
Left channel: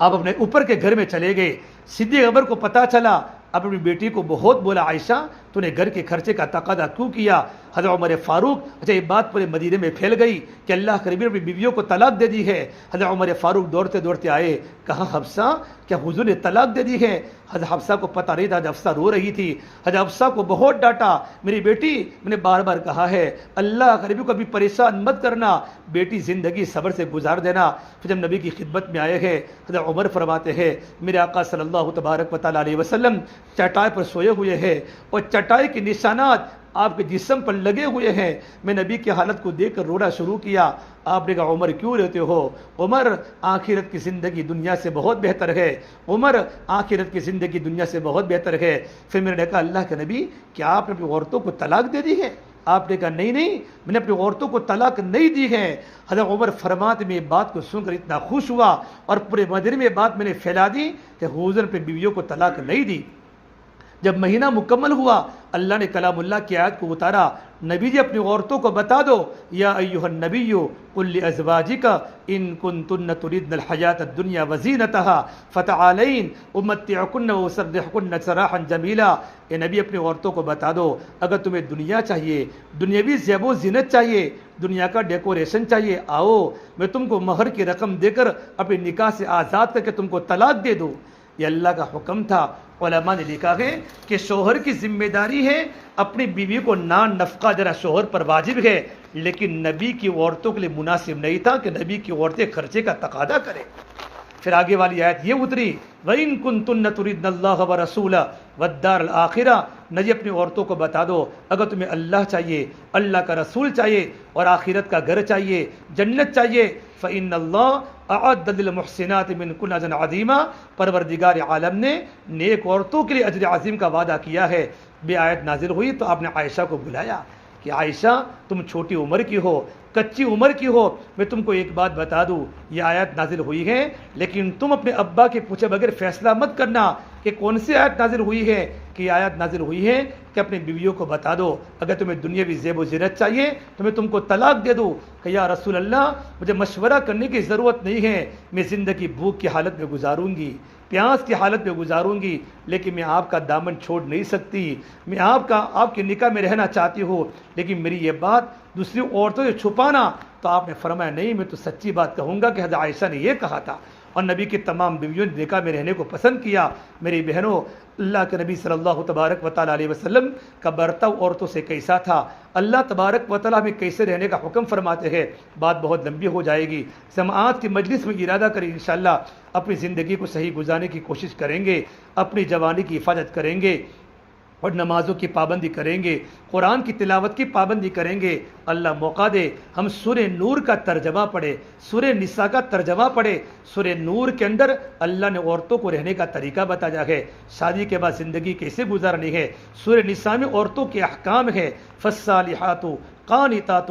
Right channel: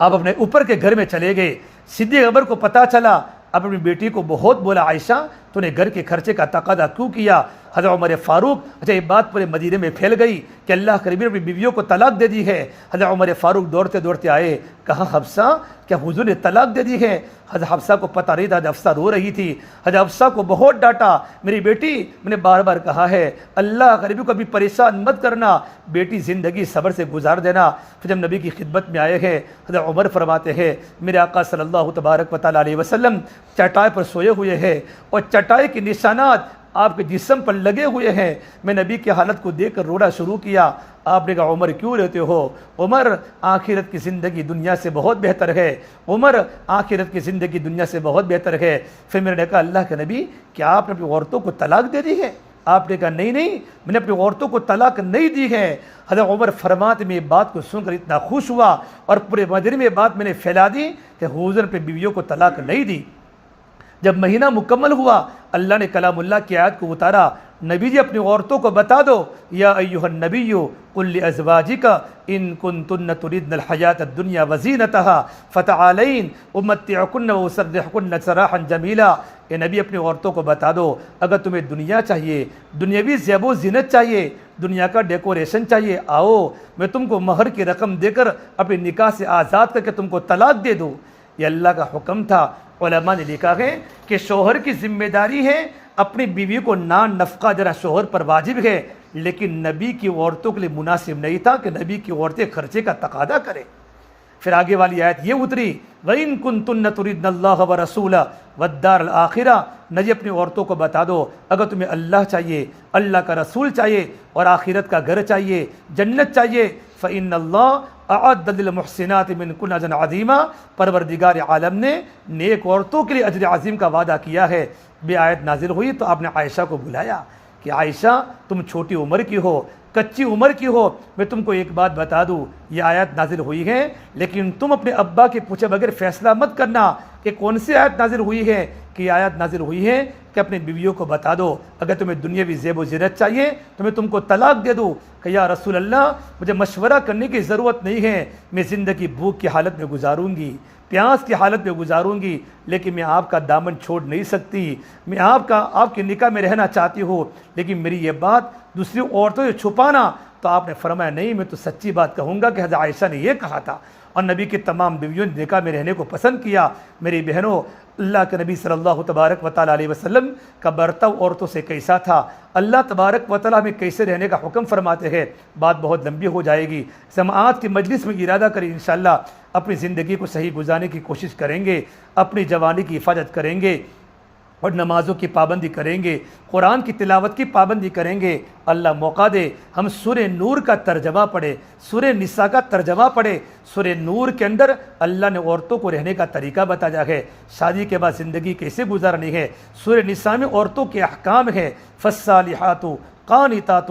آپ اپنے اوپر کے گھر میں چلے گئے. صدیق اکبر کو پتہ چلا, اپنی بیٹی کو بہت بولا, عائشہ تو نے گھر کے خرچے کا تقاضا کیوں کیا؟ حضرت عمر فاروق, اچھا یہ بات پورے مدینے میں پھیل گئی کہ اللہ کے نبی نے اپنی بیویوں کو طلاق دے دی ہے. حضرت عمر فاروق دوڑتے آئے, کہا حفصہ کیا حضور نے طلاق دے دی ہے؟ حضرت حفصہ کو پتہ نہیں تھا, حضرت حفصہ رو رہی تھی. حضرت حفصہ کو بہت ڈانٹا, میری بیٹی, میں نے بار بار کہا ہے اللہ کے نبی کو ابھی پریشان مت کرنا, بیٹی زندگی صبر سے گزار دینا. پھر جب نبی کی خدمت میں آئے ہیں, حضرت عمر فرماتے ہیں, میرے آقا صلی اللہ تبارک و تعالی علیہ وسلم چٹائی پر سوئے ہوئے ہیں, اور چٹائی کے نشانات آپ کے جسم پر لگے ہوئے ہیں. میں نبی کی حالت کو دیکھ کر رونا شروع کیا. آپ نے کہا عمر کیوں رہتے ہو؟ عمر آخرت کی زندگی دنیا سے بہت بہتر ہے, عمر آخرت کی زندگی دنیا سے بہت بہتر ہے. پھر میں نے کہا اللہ کے نبی کیا آپ نے اپنی عورتوں کو طلاق دے دی ہے؟ آپ نے کہا نہیں, میں نے اپنی عورتوں کو طلاق نہیں دی ہے. حضرت عمر فرماتے میں بات کو سن کر اتنا خوش ہوا اور پورے مدینے میں بات میں نے پھیلا دی کہ حضور نے بیویوں کو طلاق نہیں دی. جب مہینہ مکمل ہوا, اللہ نے کلام اللہ کی آیت کو اتارا, نبی جی اپنی عورتوں کو بتا دو, یا ایھا النبی قل لازواجک ان کنتن تردن الحیاۃ الدنیا وزینتها فتعالین امتعکن واسرحکن سراحا جمیلا. اے نبی اپنی عورتوں کو بتا دو, اگر تمہیں دنیا چاہیے, دنیاوی زیب و زینت چاہیے, دنیا کا ڈیکوریشن چاہیے, آؤ میں تم کو مہر کی رقم دے کر اپنے نکاح سے آزاد کر کے تم کو طلاق دے دوں. یہ اللہ کا حکم تھا. علماء نے لکھا ہے کہ شوہر کی ذمہ داری ہے اپنی بیوی کو نان نفقہ دینا شوہر پر واجب ہے, لیکن نبی کی عورتوں کے لیے مناسب نہیں تھا کہ نبی کی عورتیں خرچے کا تقاضا کریں. پھر آگے والی آیت یہ اتری, وَإِن كُنتُنَّ تُرِدْنَ اللَّهَ وَرَسُولَهُ وَالدَّارَ الْآخِرَةَ. نبی اپنی عورتوں کو بتا دو, اگر تمہیں اللہ چاہیے, اللہ کا رسول چاہیے, اور آخرت کا گھر چاہیے, جنت چاہیے, فَإِنَّ اللَّهَ اعد للمحسنات منکن اجرا عظیما. پروردگار عالم نے نیک عورتوں کے لیے اجر عظیم کا وعدہ کیا ہے. یہ آیت نازل ہوئی تو آپ نے عائشہ کو بلایا کہ عائشہ تم چھوٹی عمر کی ہو, کچی عمر کی ہو, میں تم کو ایک بات بتا دوں, یہ آیت نازل ہوئی ہے, لیکن تم اپنے ابا کے پوچھے بغیر فیصلہ مت کرنا کہ کون سی آیت نازل ہوئی ہے. کہ یہ آیت نازل ہوئی ہے کہ اپنی بیویوں کو بتا دو, اگر تمہیں دنیاوی زیب و زینت چاہیے تو میں تم کو طلاق دے دوں. کہ یا رسول اللہ مجھے مشورہ کرنے کی ضرورت نہیں ہے, میں زندگی بھوک کی حالت میں گزاروں گی, پیاس کی حالت میں گزاروں گی, لیکن میں آپ کا دامن چھوڑ نہیں سکتی. میں آپ کے نکاح میں رہنا چاہتی ہوں, لیکن میری یہ بات دوسری عورتوں سے چھپانا تو آپ نے فرمایا نہیں، میں تو سچی بات کہوں گا کہ حضرت عائشہ نے یہ کہا تھا، اور نبی کی تمام بیویوں نے نکاح میں رہنے کو پسند کیا۔ میری بہنوں، اللہ کے نبی صلی اللہ تبارک و تعالیٰ علیہ وسلم کا برتاؤ عورتوں سے کیسا تھا، اللہ تبارک و تعالیٰ ہمیں کیسے رہنے کا حکم فرماتے ہیں، بات بہت لمبی ہو جائے گی۔ سماعت کی مجلس میں ارادہ کریں انشاءاللہ اپنی زندگی کو صحیح گزارنے کی کوشش کریں گے، اپنی جوانی کی حفاظت کریں گے اور نمازوں کی پابندی کریں گے، قرآن کی تلاوت کی پابندی کریں گے۔ اللہ موقع دے ہم سورہ نور کا ترجمہ پڑھے، سورہ نساء کا ترجمہ پڑھے۔ سورہ نور کے اندر اللہ نے عورتوں کو رہنے کا طریقہ بتایا ہے، شادی کے بعد زندگی کیسے گزارنی ہے۔ سورہ نساء میں عورتوں کے احکام ہے، فالصالحات قانتات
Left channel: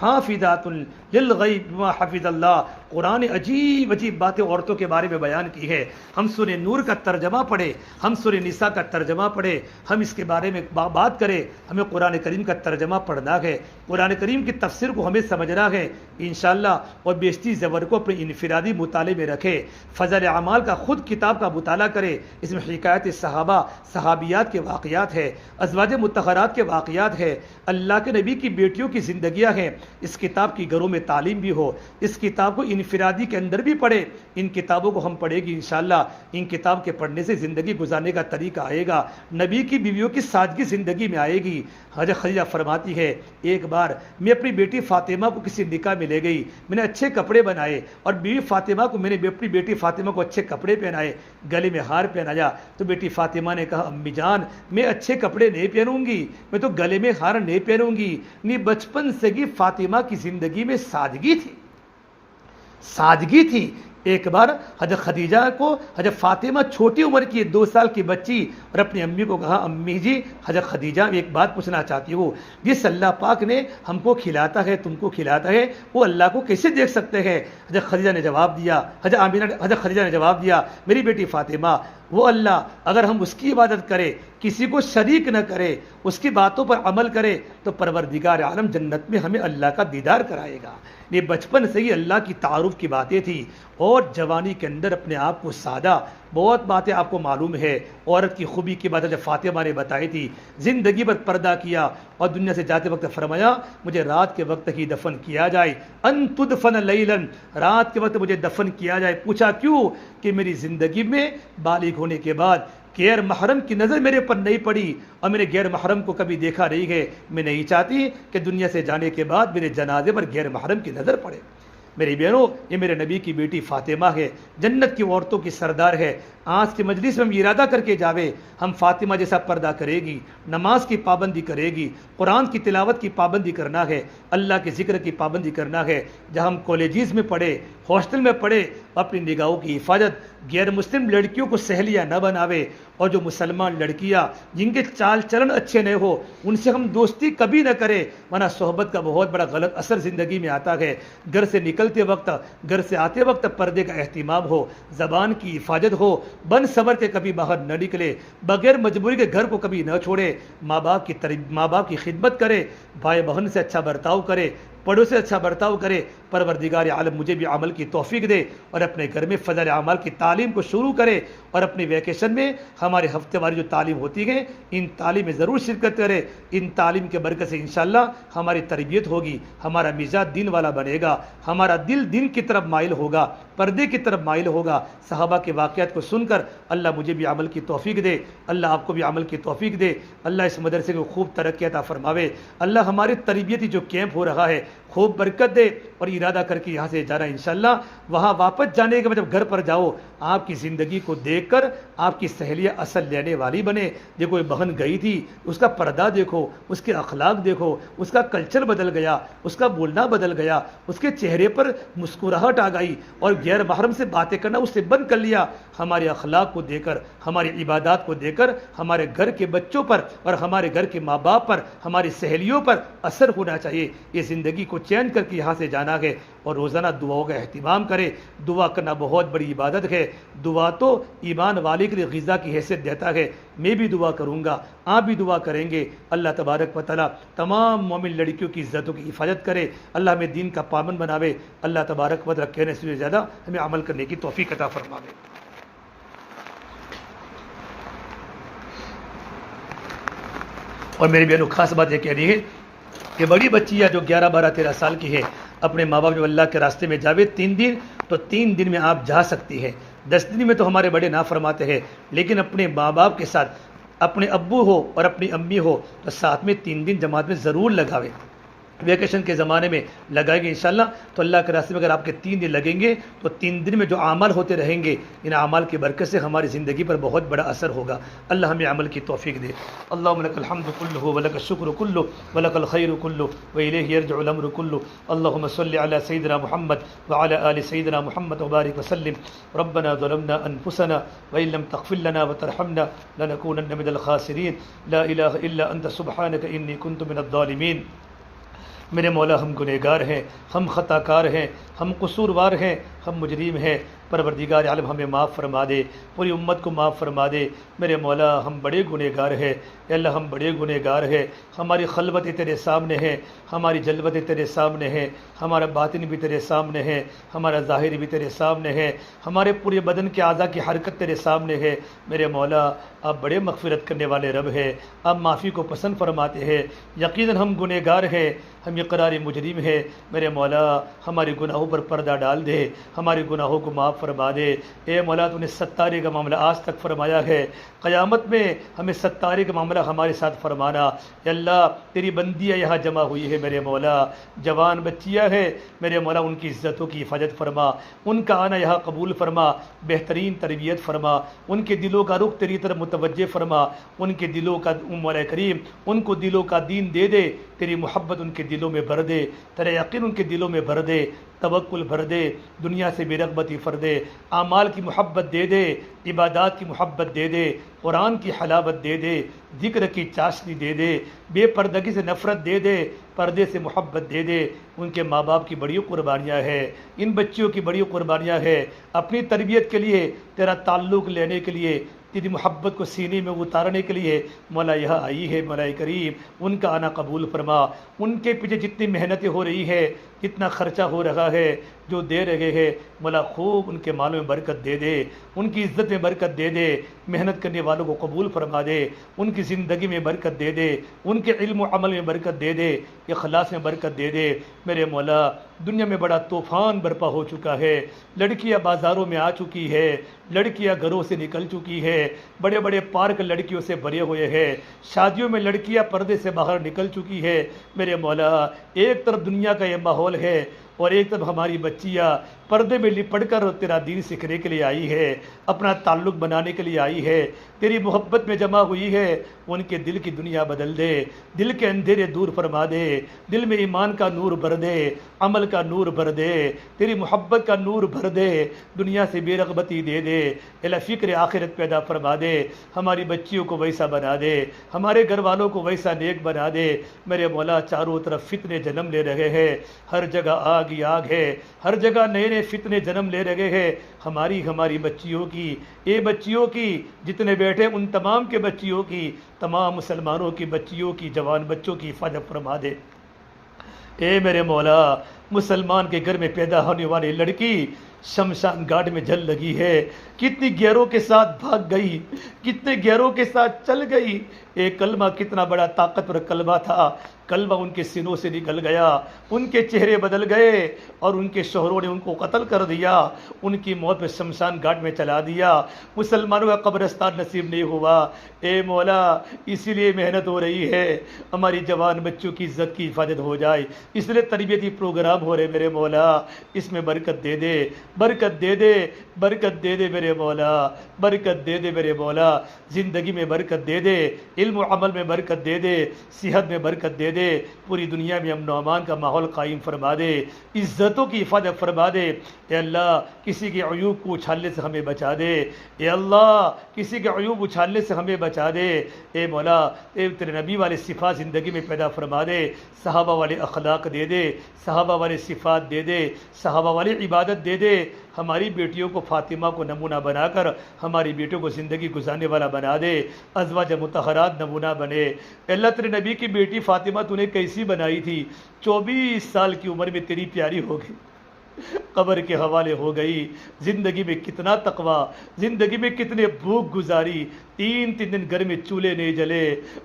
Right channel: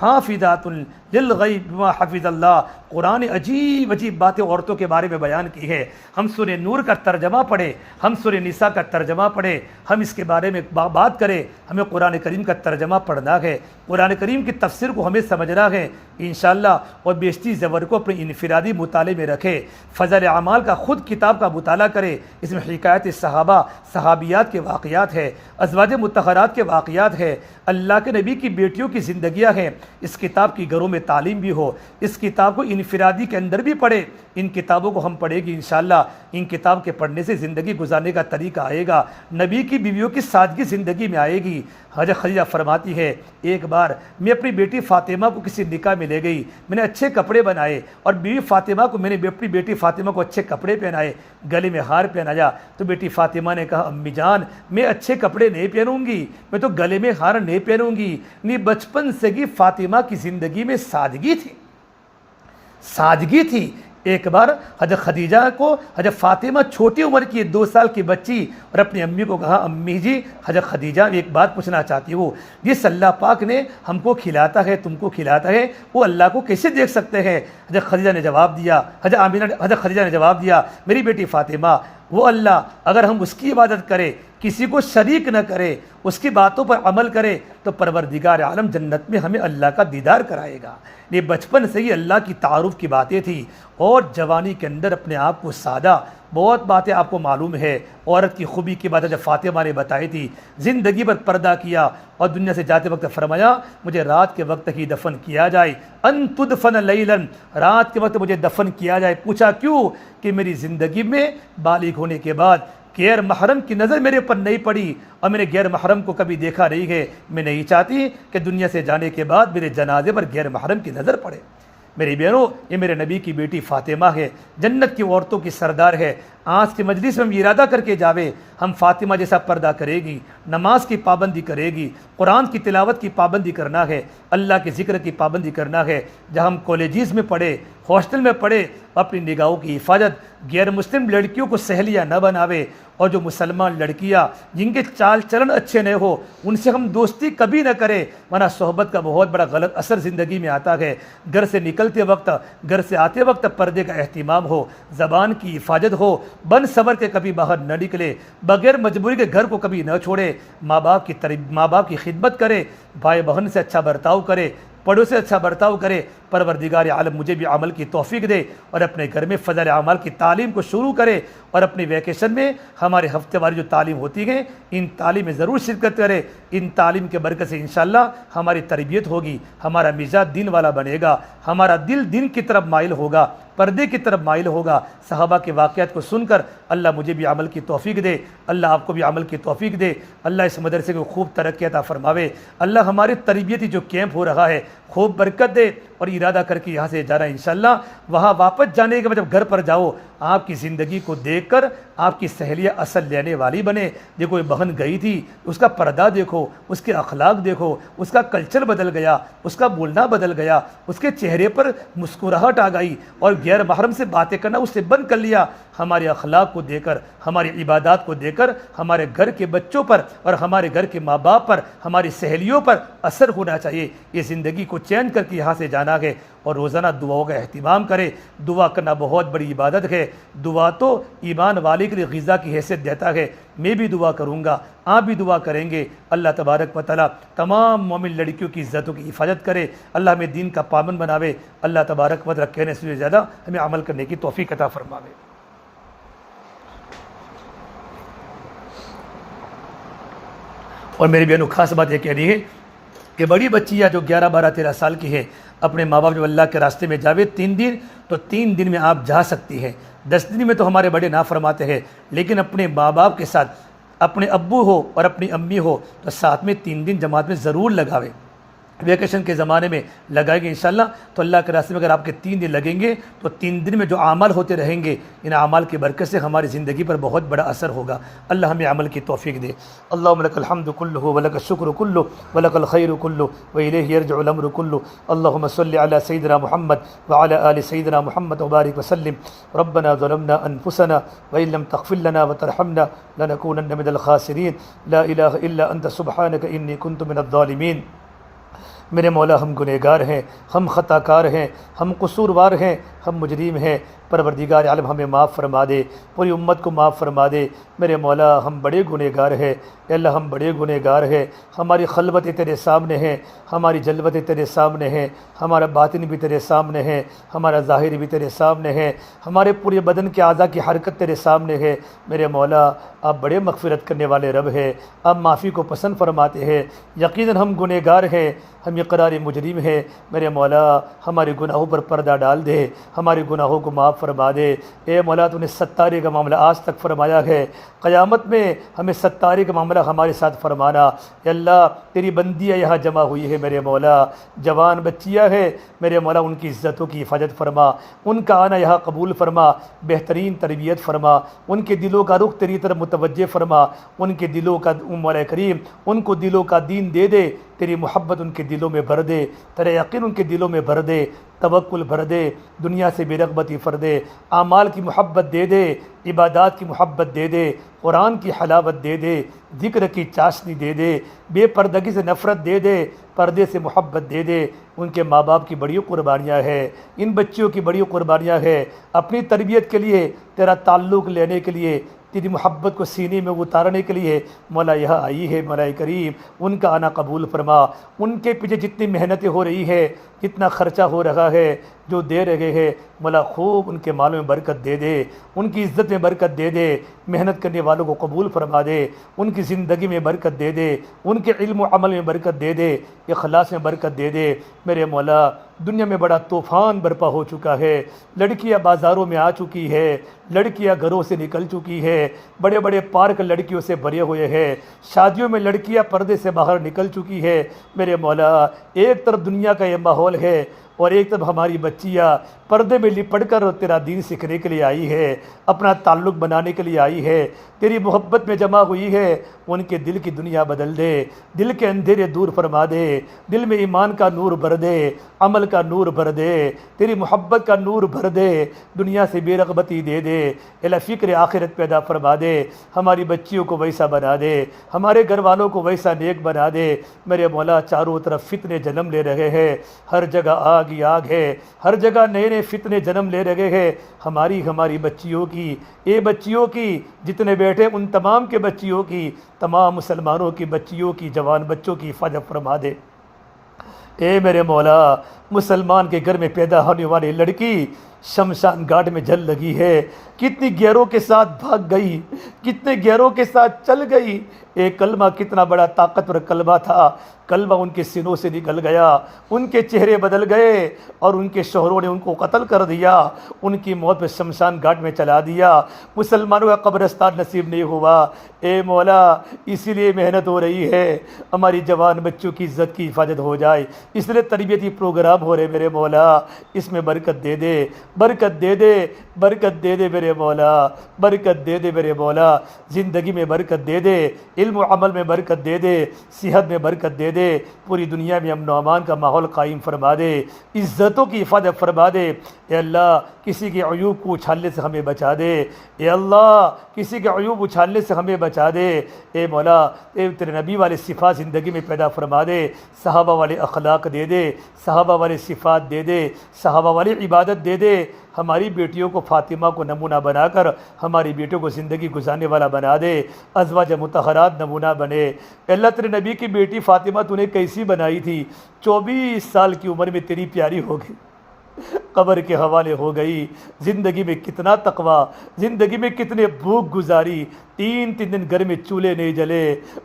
حافظات للغیب بما حفظ اللہ۔ قرآن عجیب عجیب باتیں عورتوں کے بارے میں بیان کی ہے۔ ہم سورہ نور کا ترجمہ پڑھیں، ہم سورہ نساء کا ترجمہ پڑھیں، ہم اس کے بارے میں بات کریں۔ ہمیں قرآن کریم کا ترجمہ پڑھنا ہے، قرآن کریم کی تفسیر کو ہمیں سمجھنا ہے انشاءاللہ، اور بیشتری زبر کو اپنے انفرادی مطالعے میں رکھے۔ فضل اعمال کا خود کتاب کا مطالعہ کرے، اس میں حکایت صحابہ صحابیات کے واقعات ہے، ازواج مطہرات کے واقعات ہے، اللہ کے نبی کی بیٹیوں کی زندگیاں ہیں۔ اس کتاب کی گھروں میں تعلیم بھی ہو، اس کتاب کو انفرادی کے اندر بھی پڑھے۔ ان کتابوں کو ہم پڑھیں گے انشاءاللہ، ان کتاب کے پڑھنے سے زندگی گزارنے کا طریقہ آئے گا، نبی کی بیویوں کی سادگی زندگی میں آئے گی۔ حضرت خدیجہ فرماتی ہے ایک بار میں اپنی بیٹی فاطمہ کو کسی نکاح میں لے گئی، میں نے اچھے کپڑے بنائے اور بیوی فاطمہ کو میں نے اپنی بیٹی فاطمہ کو اچھے کپڑے پہنائے، گلے میں ہار پہنایا، تو بیٹی فاطمہ نے کہا امی جان میں اچھے کپڑے نہیں پہنوں گی، میں تو گلے میں ہار نہیں پہنوں گی۔ نہیں، بچپن سے ہی فاطمہ کی زندگی میں سادگی تھی، سادگی تھی۔ ایک بار حضرت خدیجہ کو حضرت فاطمہ چھوٹی عمر کی 2 سال کی بچی اور اپنی امی کو کہا امی جی حضرت خدیجہ ایک بات پوچھنا چاہتی ہوں، جس اللہ پاک نے ہم کو کھلاتا ہے تم کو کھلاتا ہے وہ اللہ کو کیسے دیکھ سکتے ہیں؟ حضرت خدیجہ نے جواب دیا، حضرت خدیجہ نے جواب دیا میری بیٹی فاطمہ وہ اللہ اگر ہم اس کی عبادت کریں، کسی کو شریک نہ کرے، اس کی باتوں پر عمل کرے تو پروردگار عالم جنت میں ہمیں اللہ کا دیدار کرائے گا۔ یہ بچپن سے ہی اللہ کی تعارف کی باتیں تھی، اور جوانی کے اندر اپنے آپ کو سادہ، بہت باتیں آپ کو معلوم ہے، عورت کی خوبی کی باتیں جب فاطمہ نے بتائی تھی، زندگی پر پردہ کیا اور دنیا سے جاتے وقت فرمایا مجھے رات کے وقت ہی دفن کیا جائے، ان تدفن لیلا، رات کے وقت مجھے دفن کیا جائے۔ پوچھا کیوں؟ کہ میری زندگی میں بالغ ہونے کے بعد غیر محرم کی نظر میرے پر نہیں پڑی اور میں نے غیر محرم کو کبھی دیکھا نہیں ہے، میں نہیں چاہتی کہ دنیا سے جانے کے بعد میرے جنازے پر غیر محرم کی نظر پڑے۔ میری بہنوں، یہ میرے نبی کی بیٹی فاطمہ ہے، جنت کی عورتوں کی سردار ہے۔ آج کی مجلس میں ہم ارادہ کر کے جاوے ہم فاطمہ جیسا پردہ کرے گی، نماز کی پابندی کرے گی، قرآن کی تلاوت کی پابندی کرنا ہے، اللہ کے ذکر کی پابندی کرنا ہے۔ جہاں ہم کالجز میں پڑھے، ہاسٹل میں پڑھے، اپنی نگاہوں کی حفاظت، غیر مسلم لڑکیوں کو سہیلیاں نہ بناوے، اور جو مسلمان لڑکیاں جن کے چال چلن اچھے نہ ہو ان سے ہم دوستی کبھی نہ کریں، ورنہ صحبت کا بہت بڑا غلط اثر زندگی میں آتا ہے۔ گھر سے نکلتے وقت، گھر سے آتے وقت پردے کا اہتمام ہو، زبان کی حفاظت ہو، بن صبر کے کبھی باہر نہ نکلے، بغیر مجبوری کے گھر کو کبھی نہ چھوڑے، ماں باپ کی خدمت کرے، بھائی بہن سے اچھا برتاؤ کرے، پڑوں سے اچھا برتاؤ کرے۔ پروردگار عالم مجھے بھی عمل کی توفیق دے اور اپنے گھر میں فضل اعمال کی تعلیم کو شروع کرے، اور اپنی ویکیشن میں ہمارے ہفتے واری جو تعلیم ہوتی ہے ان تعلیم میں ضرور شرکت کرے۔ ان تعلیم کے برکت سے انشاءاللہ ہماری تربیت ہوگی، ہمارا مزاج دین والا بنے گا، ہمارا دل دین کی طرف مائل ہوگا، پردے کی طرف مائل ہوگا۔ صحابہ کے واقعات کو سن کر اللہ مجھے بھی عمل کی توفیق دے، اللہ آپ کو بھی عمل کی توفیق دے، اللہ اس مدرسے کو خوب ترقی عطا فرماوے، اللہ ہماری تربیتی جو کیمپ ہو رہا ہے خوب برکت دے، اور ارادہ کر کے یہاں سے جا رہا ہے انشاءاللہ وہاں واپس جانے کے بعد جب گھر پر جاؤ آپ کی زندگی کو دیکھ کر آپ کی سہیلیاں اصل لینے والی بنے۔ جو کوئی بہن گئی تھی اس کا پردہ دیکھو، اس کے اخلاق دیکھو، اس کا کلچر بدل گیا، اس کا بولنا بدل گیا، اس کے چہرے پر مسکراہٹ آ گئی اور غیر محرم سے باتیں کرنا اس سے بند کر لیا۔ ہمارے اخلاق کو دے کر، ہماری عبادات کو دے کر ہمارے گھر کے بچوں پر اور ہمارے گھر کے ماں باپ پر، ہماری سہیلیوں پر اثر ہونا چاہیے۔ یہ زندگی کو چین کر کے یہاں سے جانا ہے، اور روزانہ دعاؤں کا اہتمام کرے۔ دعا کرنا بہت بڑی عبادت ہے، دعا تو ایمان والے کے لیے غذا کی حیثیت دیتا ہے۔ میں بھی دعا کروں گا، آپ بھی دعا کریں گے، اللہ تبارک و تعالیٰ تمام مومن لڑکیوں کی عزتوں کی حفاظت کرے، اللہ ہمیں دین کا پابند بناوے، اللہ تبارک و تعالیٰ کہنے سے زیادہ ہمیں عمل کرنے کی توفیق عطا فرماوے۔ اور میری بہنوں خاص بات یہ کہنی ہے کہ بڑی بچیاں جو 11 12 13 سال کی ہے اپنے ماں باپ جب اللہ کے راستے میں جاوے 3 دن تو 3 دن میں آپ جا سکتی ہے، 10 دن میں تو ہمارے بڑے نہ فرماتے ہیں، لیکن اپنے ماں باپ کے ساتھ اپنے ابو ہو اور اپنی امی ہو تو ساتھ میں 3 دن جماعت میں ضرور لگاوے۔ ویکیشن کے زمانے میں لگائے گے انشاءاللہ تو اللہ کے راستے میں اگر آپ کے 3 دن لگیں گے تو 3 دن میں جو اعمال ہوتے رہیں گے ان اعمال کی برکت سے ہماری زندگی پر بہت بڑا اثر ہوگا۔ اللہ ہمیں عمل کی توفیق دے۔ اللہم لک الحمد کلہ ولک الشکر کلہ ولک الخیر کلہ والیہ یرجع الامر کلہ۔ اللہم صل علی سیدنا محمد وعلی آل سیدنا محمد وبارک وسلم۔ ربنا ظلمنا انفسنا وان لم تغفر لنا وترحمنا لنکونن من الخاسرین۔ لا الہ الا انت سبحانک انی کنت من الظالمین۔ میرے مولا ہم گنہگار ہیں، ہم خطا کار ہیں، ہم قصوروار ہیں، ہم مجرم ہیں، پروردگار عالم ہمیں معاف فرما دے، پوری امت کو معاف فرما دے۔ میرے مولا ہم بڑے گنہگار ہیں، اے اللہ ہم بڑے گنہگار ہیں، ہماری خلوتیں تیرے سامنے ہیں، ہماری جلوتیں تیرے سامنے ہیں، ہمارا باطن بھی تیرے سامنے ہے، ہمارا ظاہر بھی تیرے سامنے ہے، ہمارے پورے بدن کے اعضاء کی حرکت تیرے سامنے ہے۔ میرے مولا آپ بڑے مغفرت کرنے والے رب ہیں، آپ معافی کو پسند فرماتے ہیں۔ یقیناً ہم گنہگار ہیں، ہم اقرار مجرم ہیں۔ میرے مولا ہمارے گناہوں پر پردہ ڈال دے، ہمارے گناہوں کو معاف فرما دے۔ اے مولا تو نے ستارے کا معاملہ آج تک فرمایا ہے، قیامت میں ہمیں ستارے کا معاملہ ہمارے ساتھ فرمانا۔ اے اللہ تیری بندیاں یہاں جمع ہوئی ہے میرے مولا، جوان بچیاں ہے میرے مولا، ان کی عزتوں کی حفاظت فرما، ان کا آنا یہاں قبول فرما، بہترین تربیت فرما، ان کے دلوں کا رخ تیری طرف متوجہ فرما، ان کے دلوں کا مولا کریم ان کو دلوں کا دین دے دے، تیری محبت ان کے دلوں میں بھر دے، تیرا یقین ان کے دلوں میں بھر دے، توکل بھر دے، دنیا سے بے رغبتی فر دے، اعمال کی محبت دے دے، عبادات کی محبت دے دے، قرآن کی حلاوت دے دے، ذکر کی چاشنی دے دے، بے پردگی سے نفرت دے دے، پردے سے محبت دے دے۔ ان کے ماں باپ کی بڑی قربانیاں ہیں، ان بچیوں کی بڑی قربانیاں ہیں، اپنی تربیت کے لیے، تیرا تعلق لینے کے لیے، تیری محبت کو سینے میں اتارنے کے لیے مولا یہاں آئی ہے۔ مولا کریم ان کا آنا قبول فرما، ان کے پیچھے جتنی محنتیں ہو رہی ہے، کتنا خرچہ ہو رہا ہے، جو دے رہے ہیں مولا خوب ان کے مالوں میں برکت دے دے، ان کی عزت میں برکت دے دے، محنت کرنے والوں کو قبول فرما دے، ان کی زندگی میں برکت دے دے، ان کے علم و عمل میں برکت دے دے، اخلاص میں برکت دے دے۔ میرے مولا دنیا میں بڑا طوفان برپا ہو چکا ہے، لڑکیاں بازاروں میں آ چکی ہے، لڑکیاں گھروں سے نکل چکی ہے، بڑے بڑے پارک لڑکیوں سے بھرے ہوئے ہیں، شادیوں میں لڑکیاں پردے سے باہر نکل چکی ہے۔ میرے مولا ایک طرف دنیا کا یہ ماحول ہے اور ایک طرف ہماری بچیاں پردے میں لپٹ کر تیرا دین سیکھنے کے لیے آئی ہے، اپنا تعلق بنانے کے لیے آئی ہے، تیری محبت میں جمع ہوئی ہے۔ ان کے دل کی دنیا بدل دے، دل کے اندھیرے دور فرما دے، دل میں ایمان کا نور بھر دے، عمل کا نور بھر دے، تیری محبت کا نور بھر دے، دنیا سے بے رغبتی دے دے، الہ فکر آخرت پیدا فرما دے، ہماری بچیوں کو ویسا بنا دے، ہمارے گھر والوں کو ویسا نیک بنا دے۔ میرے مولا چاروں طرف فتنے جنم لے رہے ہیں، ہر جگہ آگ ہی آگ ہے، ہر جگہ نئے نئے فتنے جنم لے رہے ہیں، ہماری بچیوں کی، اے بچیوں کی جتنے بیٹھے ان تمام کے بچیوں کی، تمام مسلمانوں کی بچیوں کی، جوان بچوں کی حفاظت فرما دے۔ اے میرے مولا مسلمان کے گھر میں پیدا ہونے والی لڑکی شمشان گھاٹ میں جل لگی ہے، کتنی گیروں کے ساتھ بھاگ گئی، کتنے گیروں کے ساتھ چل گئی۔ ایک کلمہ کتنا بڑا طاقتور کلمہ تھا، کلمہ ان کے سینوں سے نکل گیا، ان کے چہرے بدل گئے اور ان کے شوہروں نے ان کو قتل کر دیا، ان کی موت پہ شمشان گھاٹ میں چلا دیا، مسلمانوں کا قبرستان نصیب نہیں ہوا۔ اے مولا اسی لیے محنت ہو رہی ہے، ہماری جوان بچوں کی عزت کی حفاظت ہو جائے، اس لیے تربیتی پروگرام ہو رہے میرے مولا، اس میں برکت دے دے، برکت دے دے، برکت دے دے میرے مولا، برکت دے دے میرے مولا، زندگی میں برکت دے دے، علم و عمل میں برکت دے دے، صحت میں برکت دے دے، پوری دنیا میں امن و امان کا ماحول قائم فرما دے، عزتوں کی حفاظت فرما دے۔ اے اللہ کسی کے عیوب کو اچھالنے سے ہمیں بچا دے، اے اللہ کسی کے عیوب اچھالنے سے ہمیں بچا دے۔ اے مولا اے تیرے نبی والے صفات زندگی میں پیدا فرما دے، صحابہ والے اخلاق دے دے، صحابہ والے صفات دے دے، صحابہ والی عبادت دے دے۔ ہماری بیٹیوں کو فاطمہ کو نمونہ بنا کر ہماری بیٹیوں کو زندگی گزارنے والا بنا دے، ازواج مطہرات نمونہ بنے۔ اللہ تیرے نبی کی بیٹی فاطمہ تو نے کیسی بنائی تھی، 24 سال کی عمر میں تیری پیاری ہو گئی، قبر کے حوالے ہو گئی۔ زندگی میں کتنا تقویٰ، زندگی میں کتنے بھوک گزاری، 3 دن گھر میں چولہے نہیں جلے،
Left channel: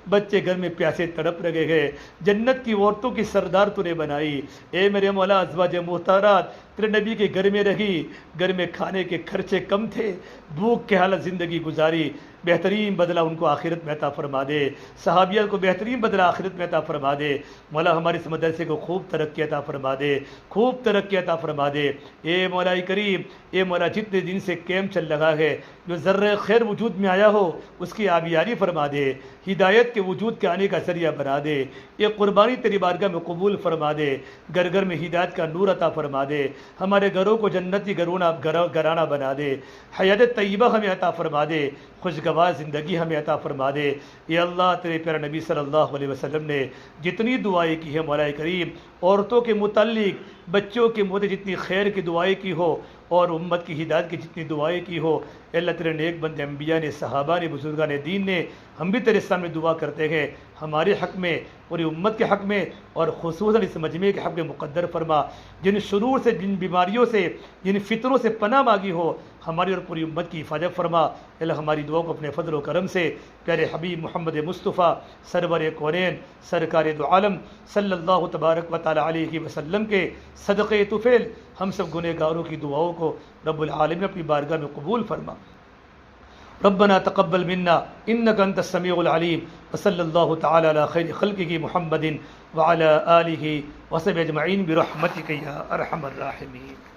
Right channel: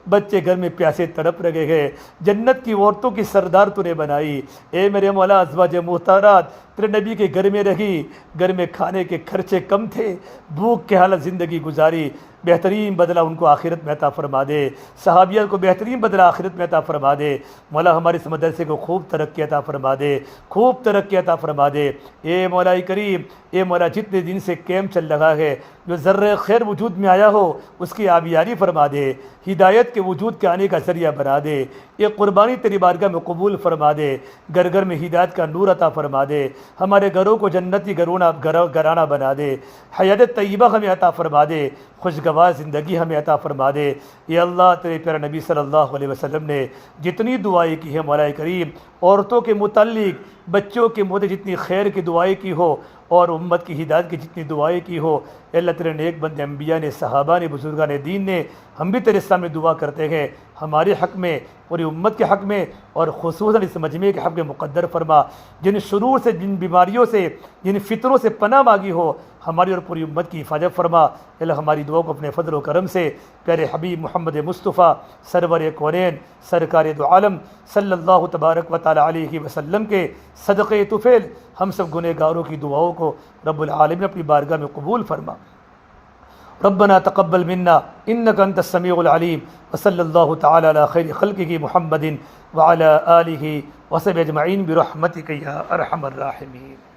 بچے گھر میں پیاسے تڑپ رہے ہیں، جنت کی عورتوں کی سردار تو نے بنائی۔ اے میرے مولا، ازواج محترمات تیرے نبی کے گھر میں رہی، گھر میں کھانے کے خرچے کم تھے، بھوک کے حالت زندگی گزاری، بہترین بدلہ ان کو آخرت میں عطا فرما دے، صحابیہ کو بہترین بدلہ آخرت میں عطا فرما دے۔ مولا ہمارے اس مدرسے کو خوب ترقی عطا فرما دے، خوب ترقی عطا فرما دے۔ اے مولا کریم، اے مولا جتنے دن سے کیمپ چل رہا ہے، جو ذرہ خیر وجود میں آیا ہو اس کی آبیاری فرما دے، ہدایت کے وجود کے آنے کا ذریعہ بنا دے، یہ قربانی تیری بارگاہ میں قبول فرما دے، گھر گھر میں ہدایت کا نور عطا فرما دے، ہمارے گھروں کو جنتی گھرانہ بنا دے، حیات طیبہ ہمیں عطا فرما دے، خوشگوار زندگی ہمیں عطا فرما دے۔ یا اللہ، تیرے پیارے نبی صلی اللہ علیہ وسلم نے جتنی دعائیں کی ہیں مولا کریم، عورتوں کے متعلق، بچوں کے متعلق جتنی خیر کی دعائیں کی ہو اور امت کی ہدایت کی جتنی دعائیں کی ہو، اے اللہ تیرے نیک بندے انبیاء نے، صحابہ نے، بزرگان دین نے، ہم بھی تیرے سامنے دعا کرتے ہیں، ہمارے حق میں، پوری امت کے حق میں، اور خصوصاً اس مجمع کے حق میں مقدر فرما۔ جن شرور سے، جن بیماریوں سے، جن فتنوں سے پناہ مانگی ہو، ہماری اور پوری امت کی حفاظت فرما۔ اللہ ہماری دعا کو اپنے فضل و کرم سے پیارے حبیب محمد مصطفیٰ سرور کونین سرکار دو عالم صلی اللہ تبارک و تعالی علیہ وسلم کے صدقے طفیل ہم سب گنہ گاروں کی دعاؤں کو رب العالمین اپنی بارگاہ میں قبول فرما۔ ربنا تقبل منا انك انت السميع العليم، وصلى الله تعالى على خير خلقه محمد وعلى آله وصحبه اجمعين برحمتك يا ارحم الراحمين۔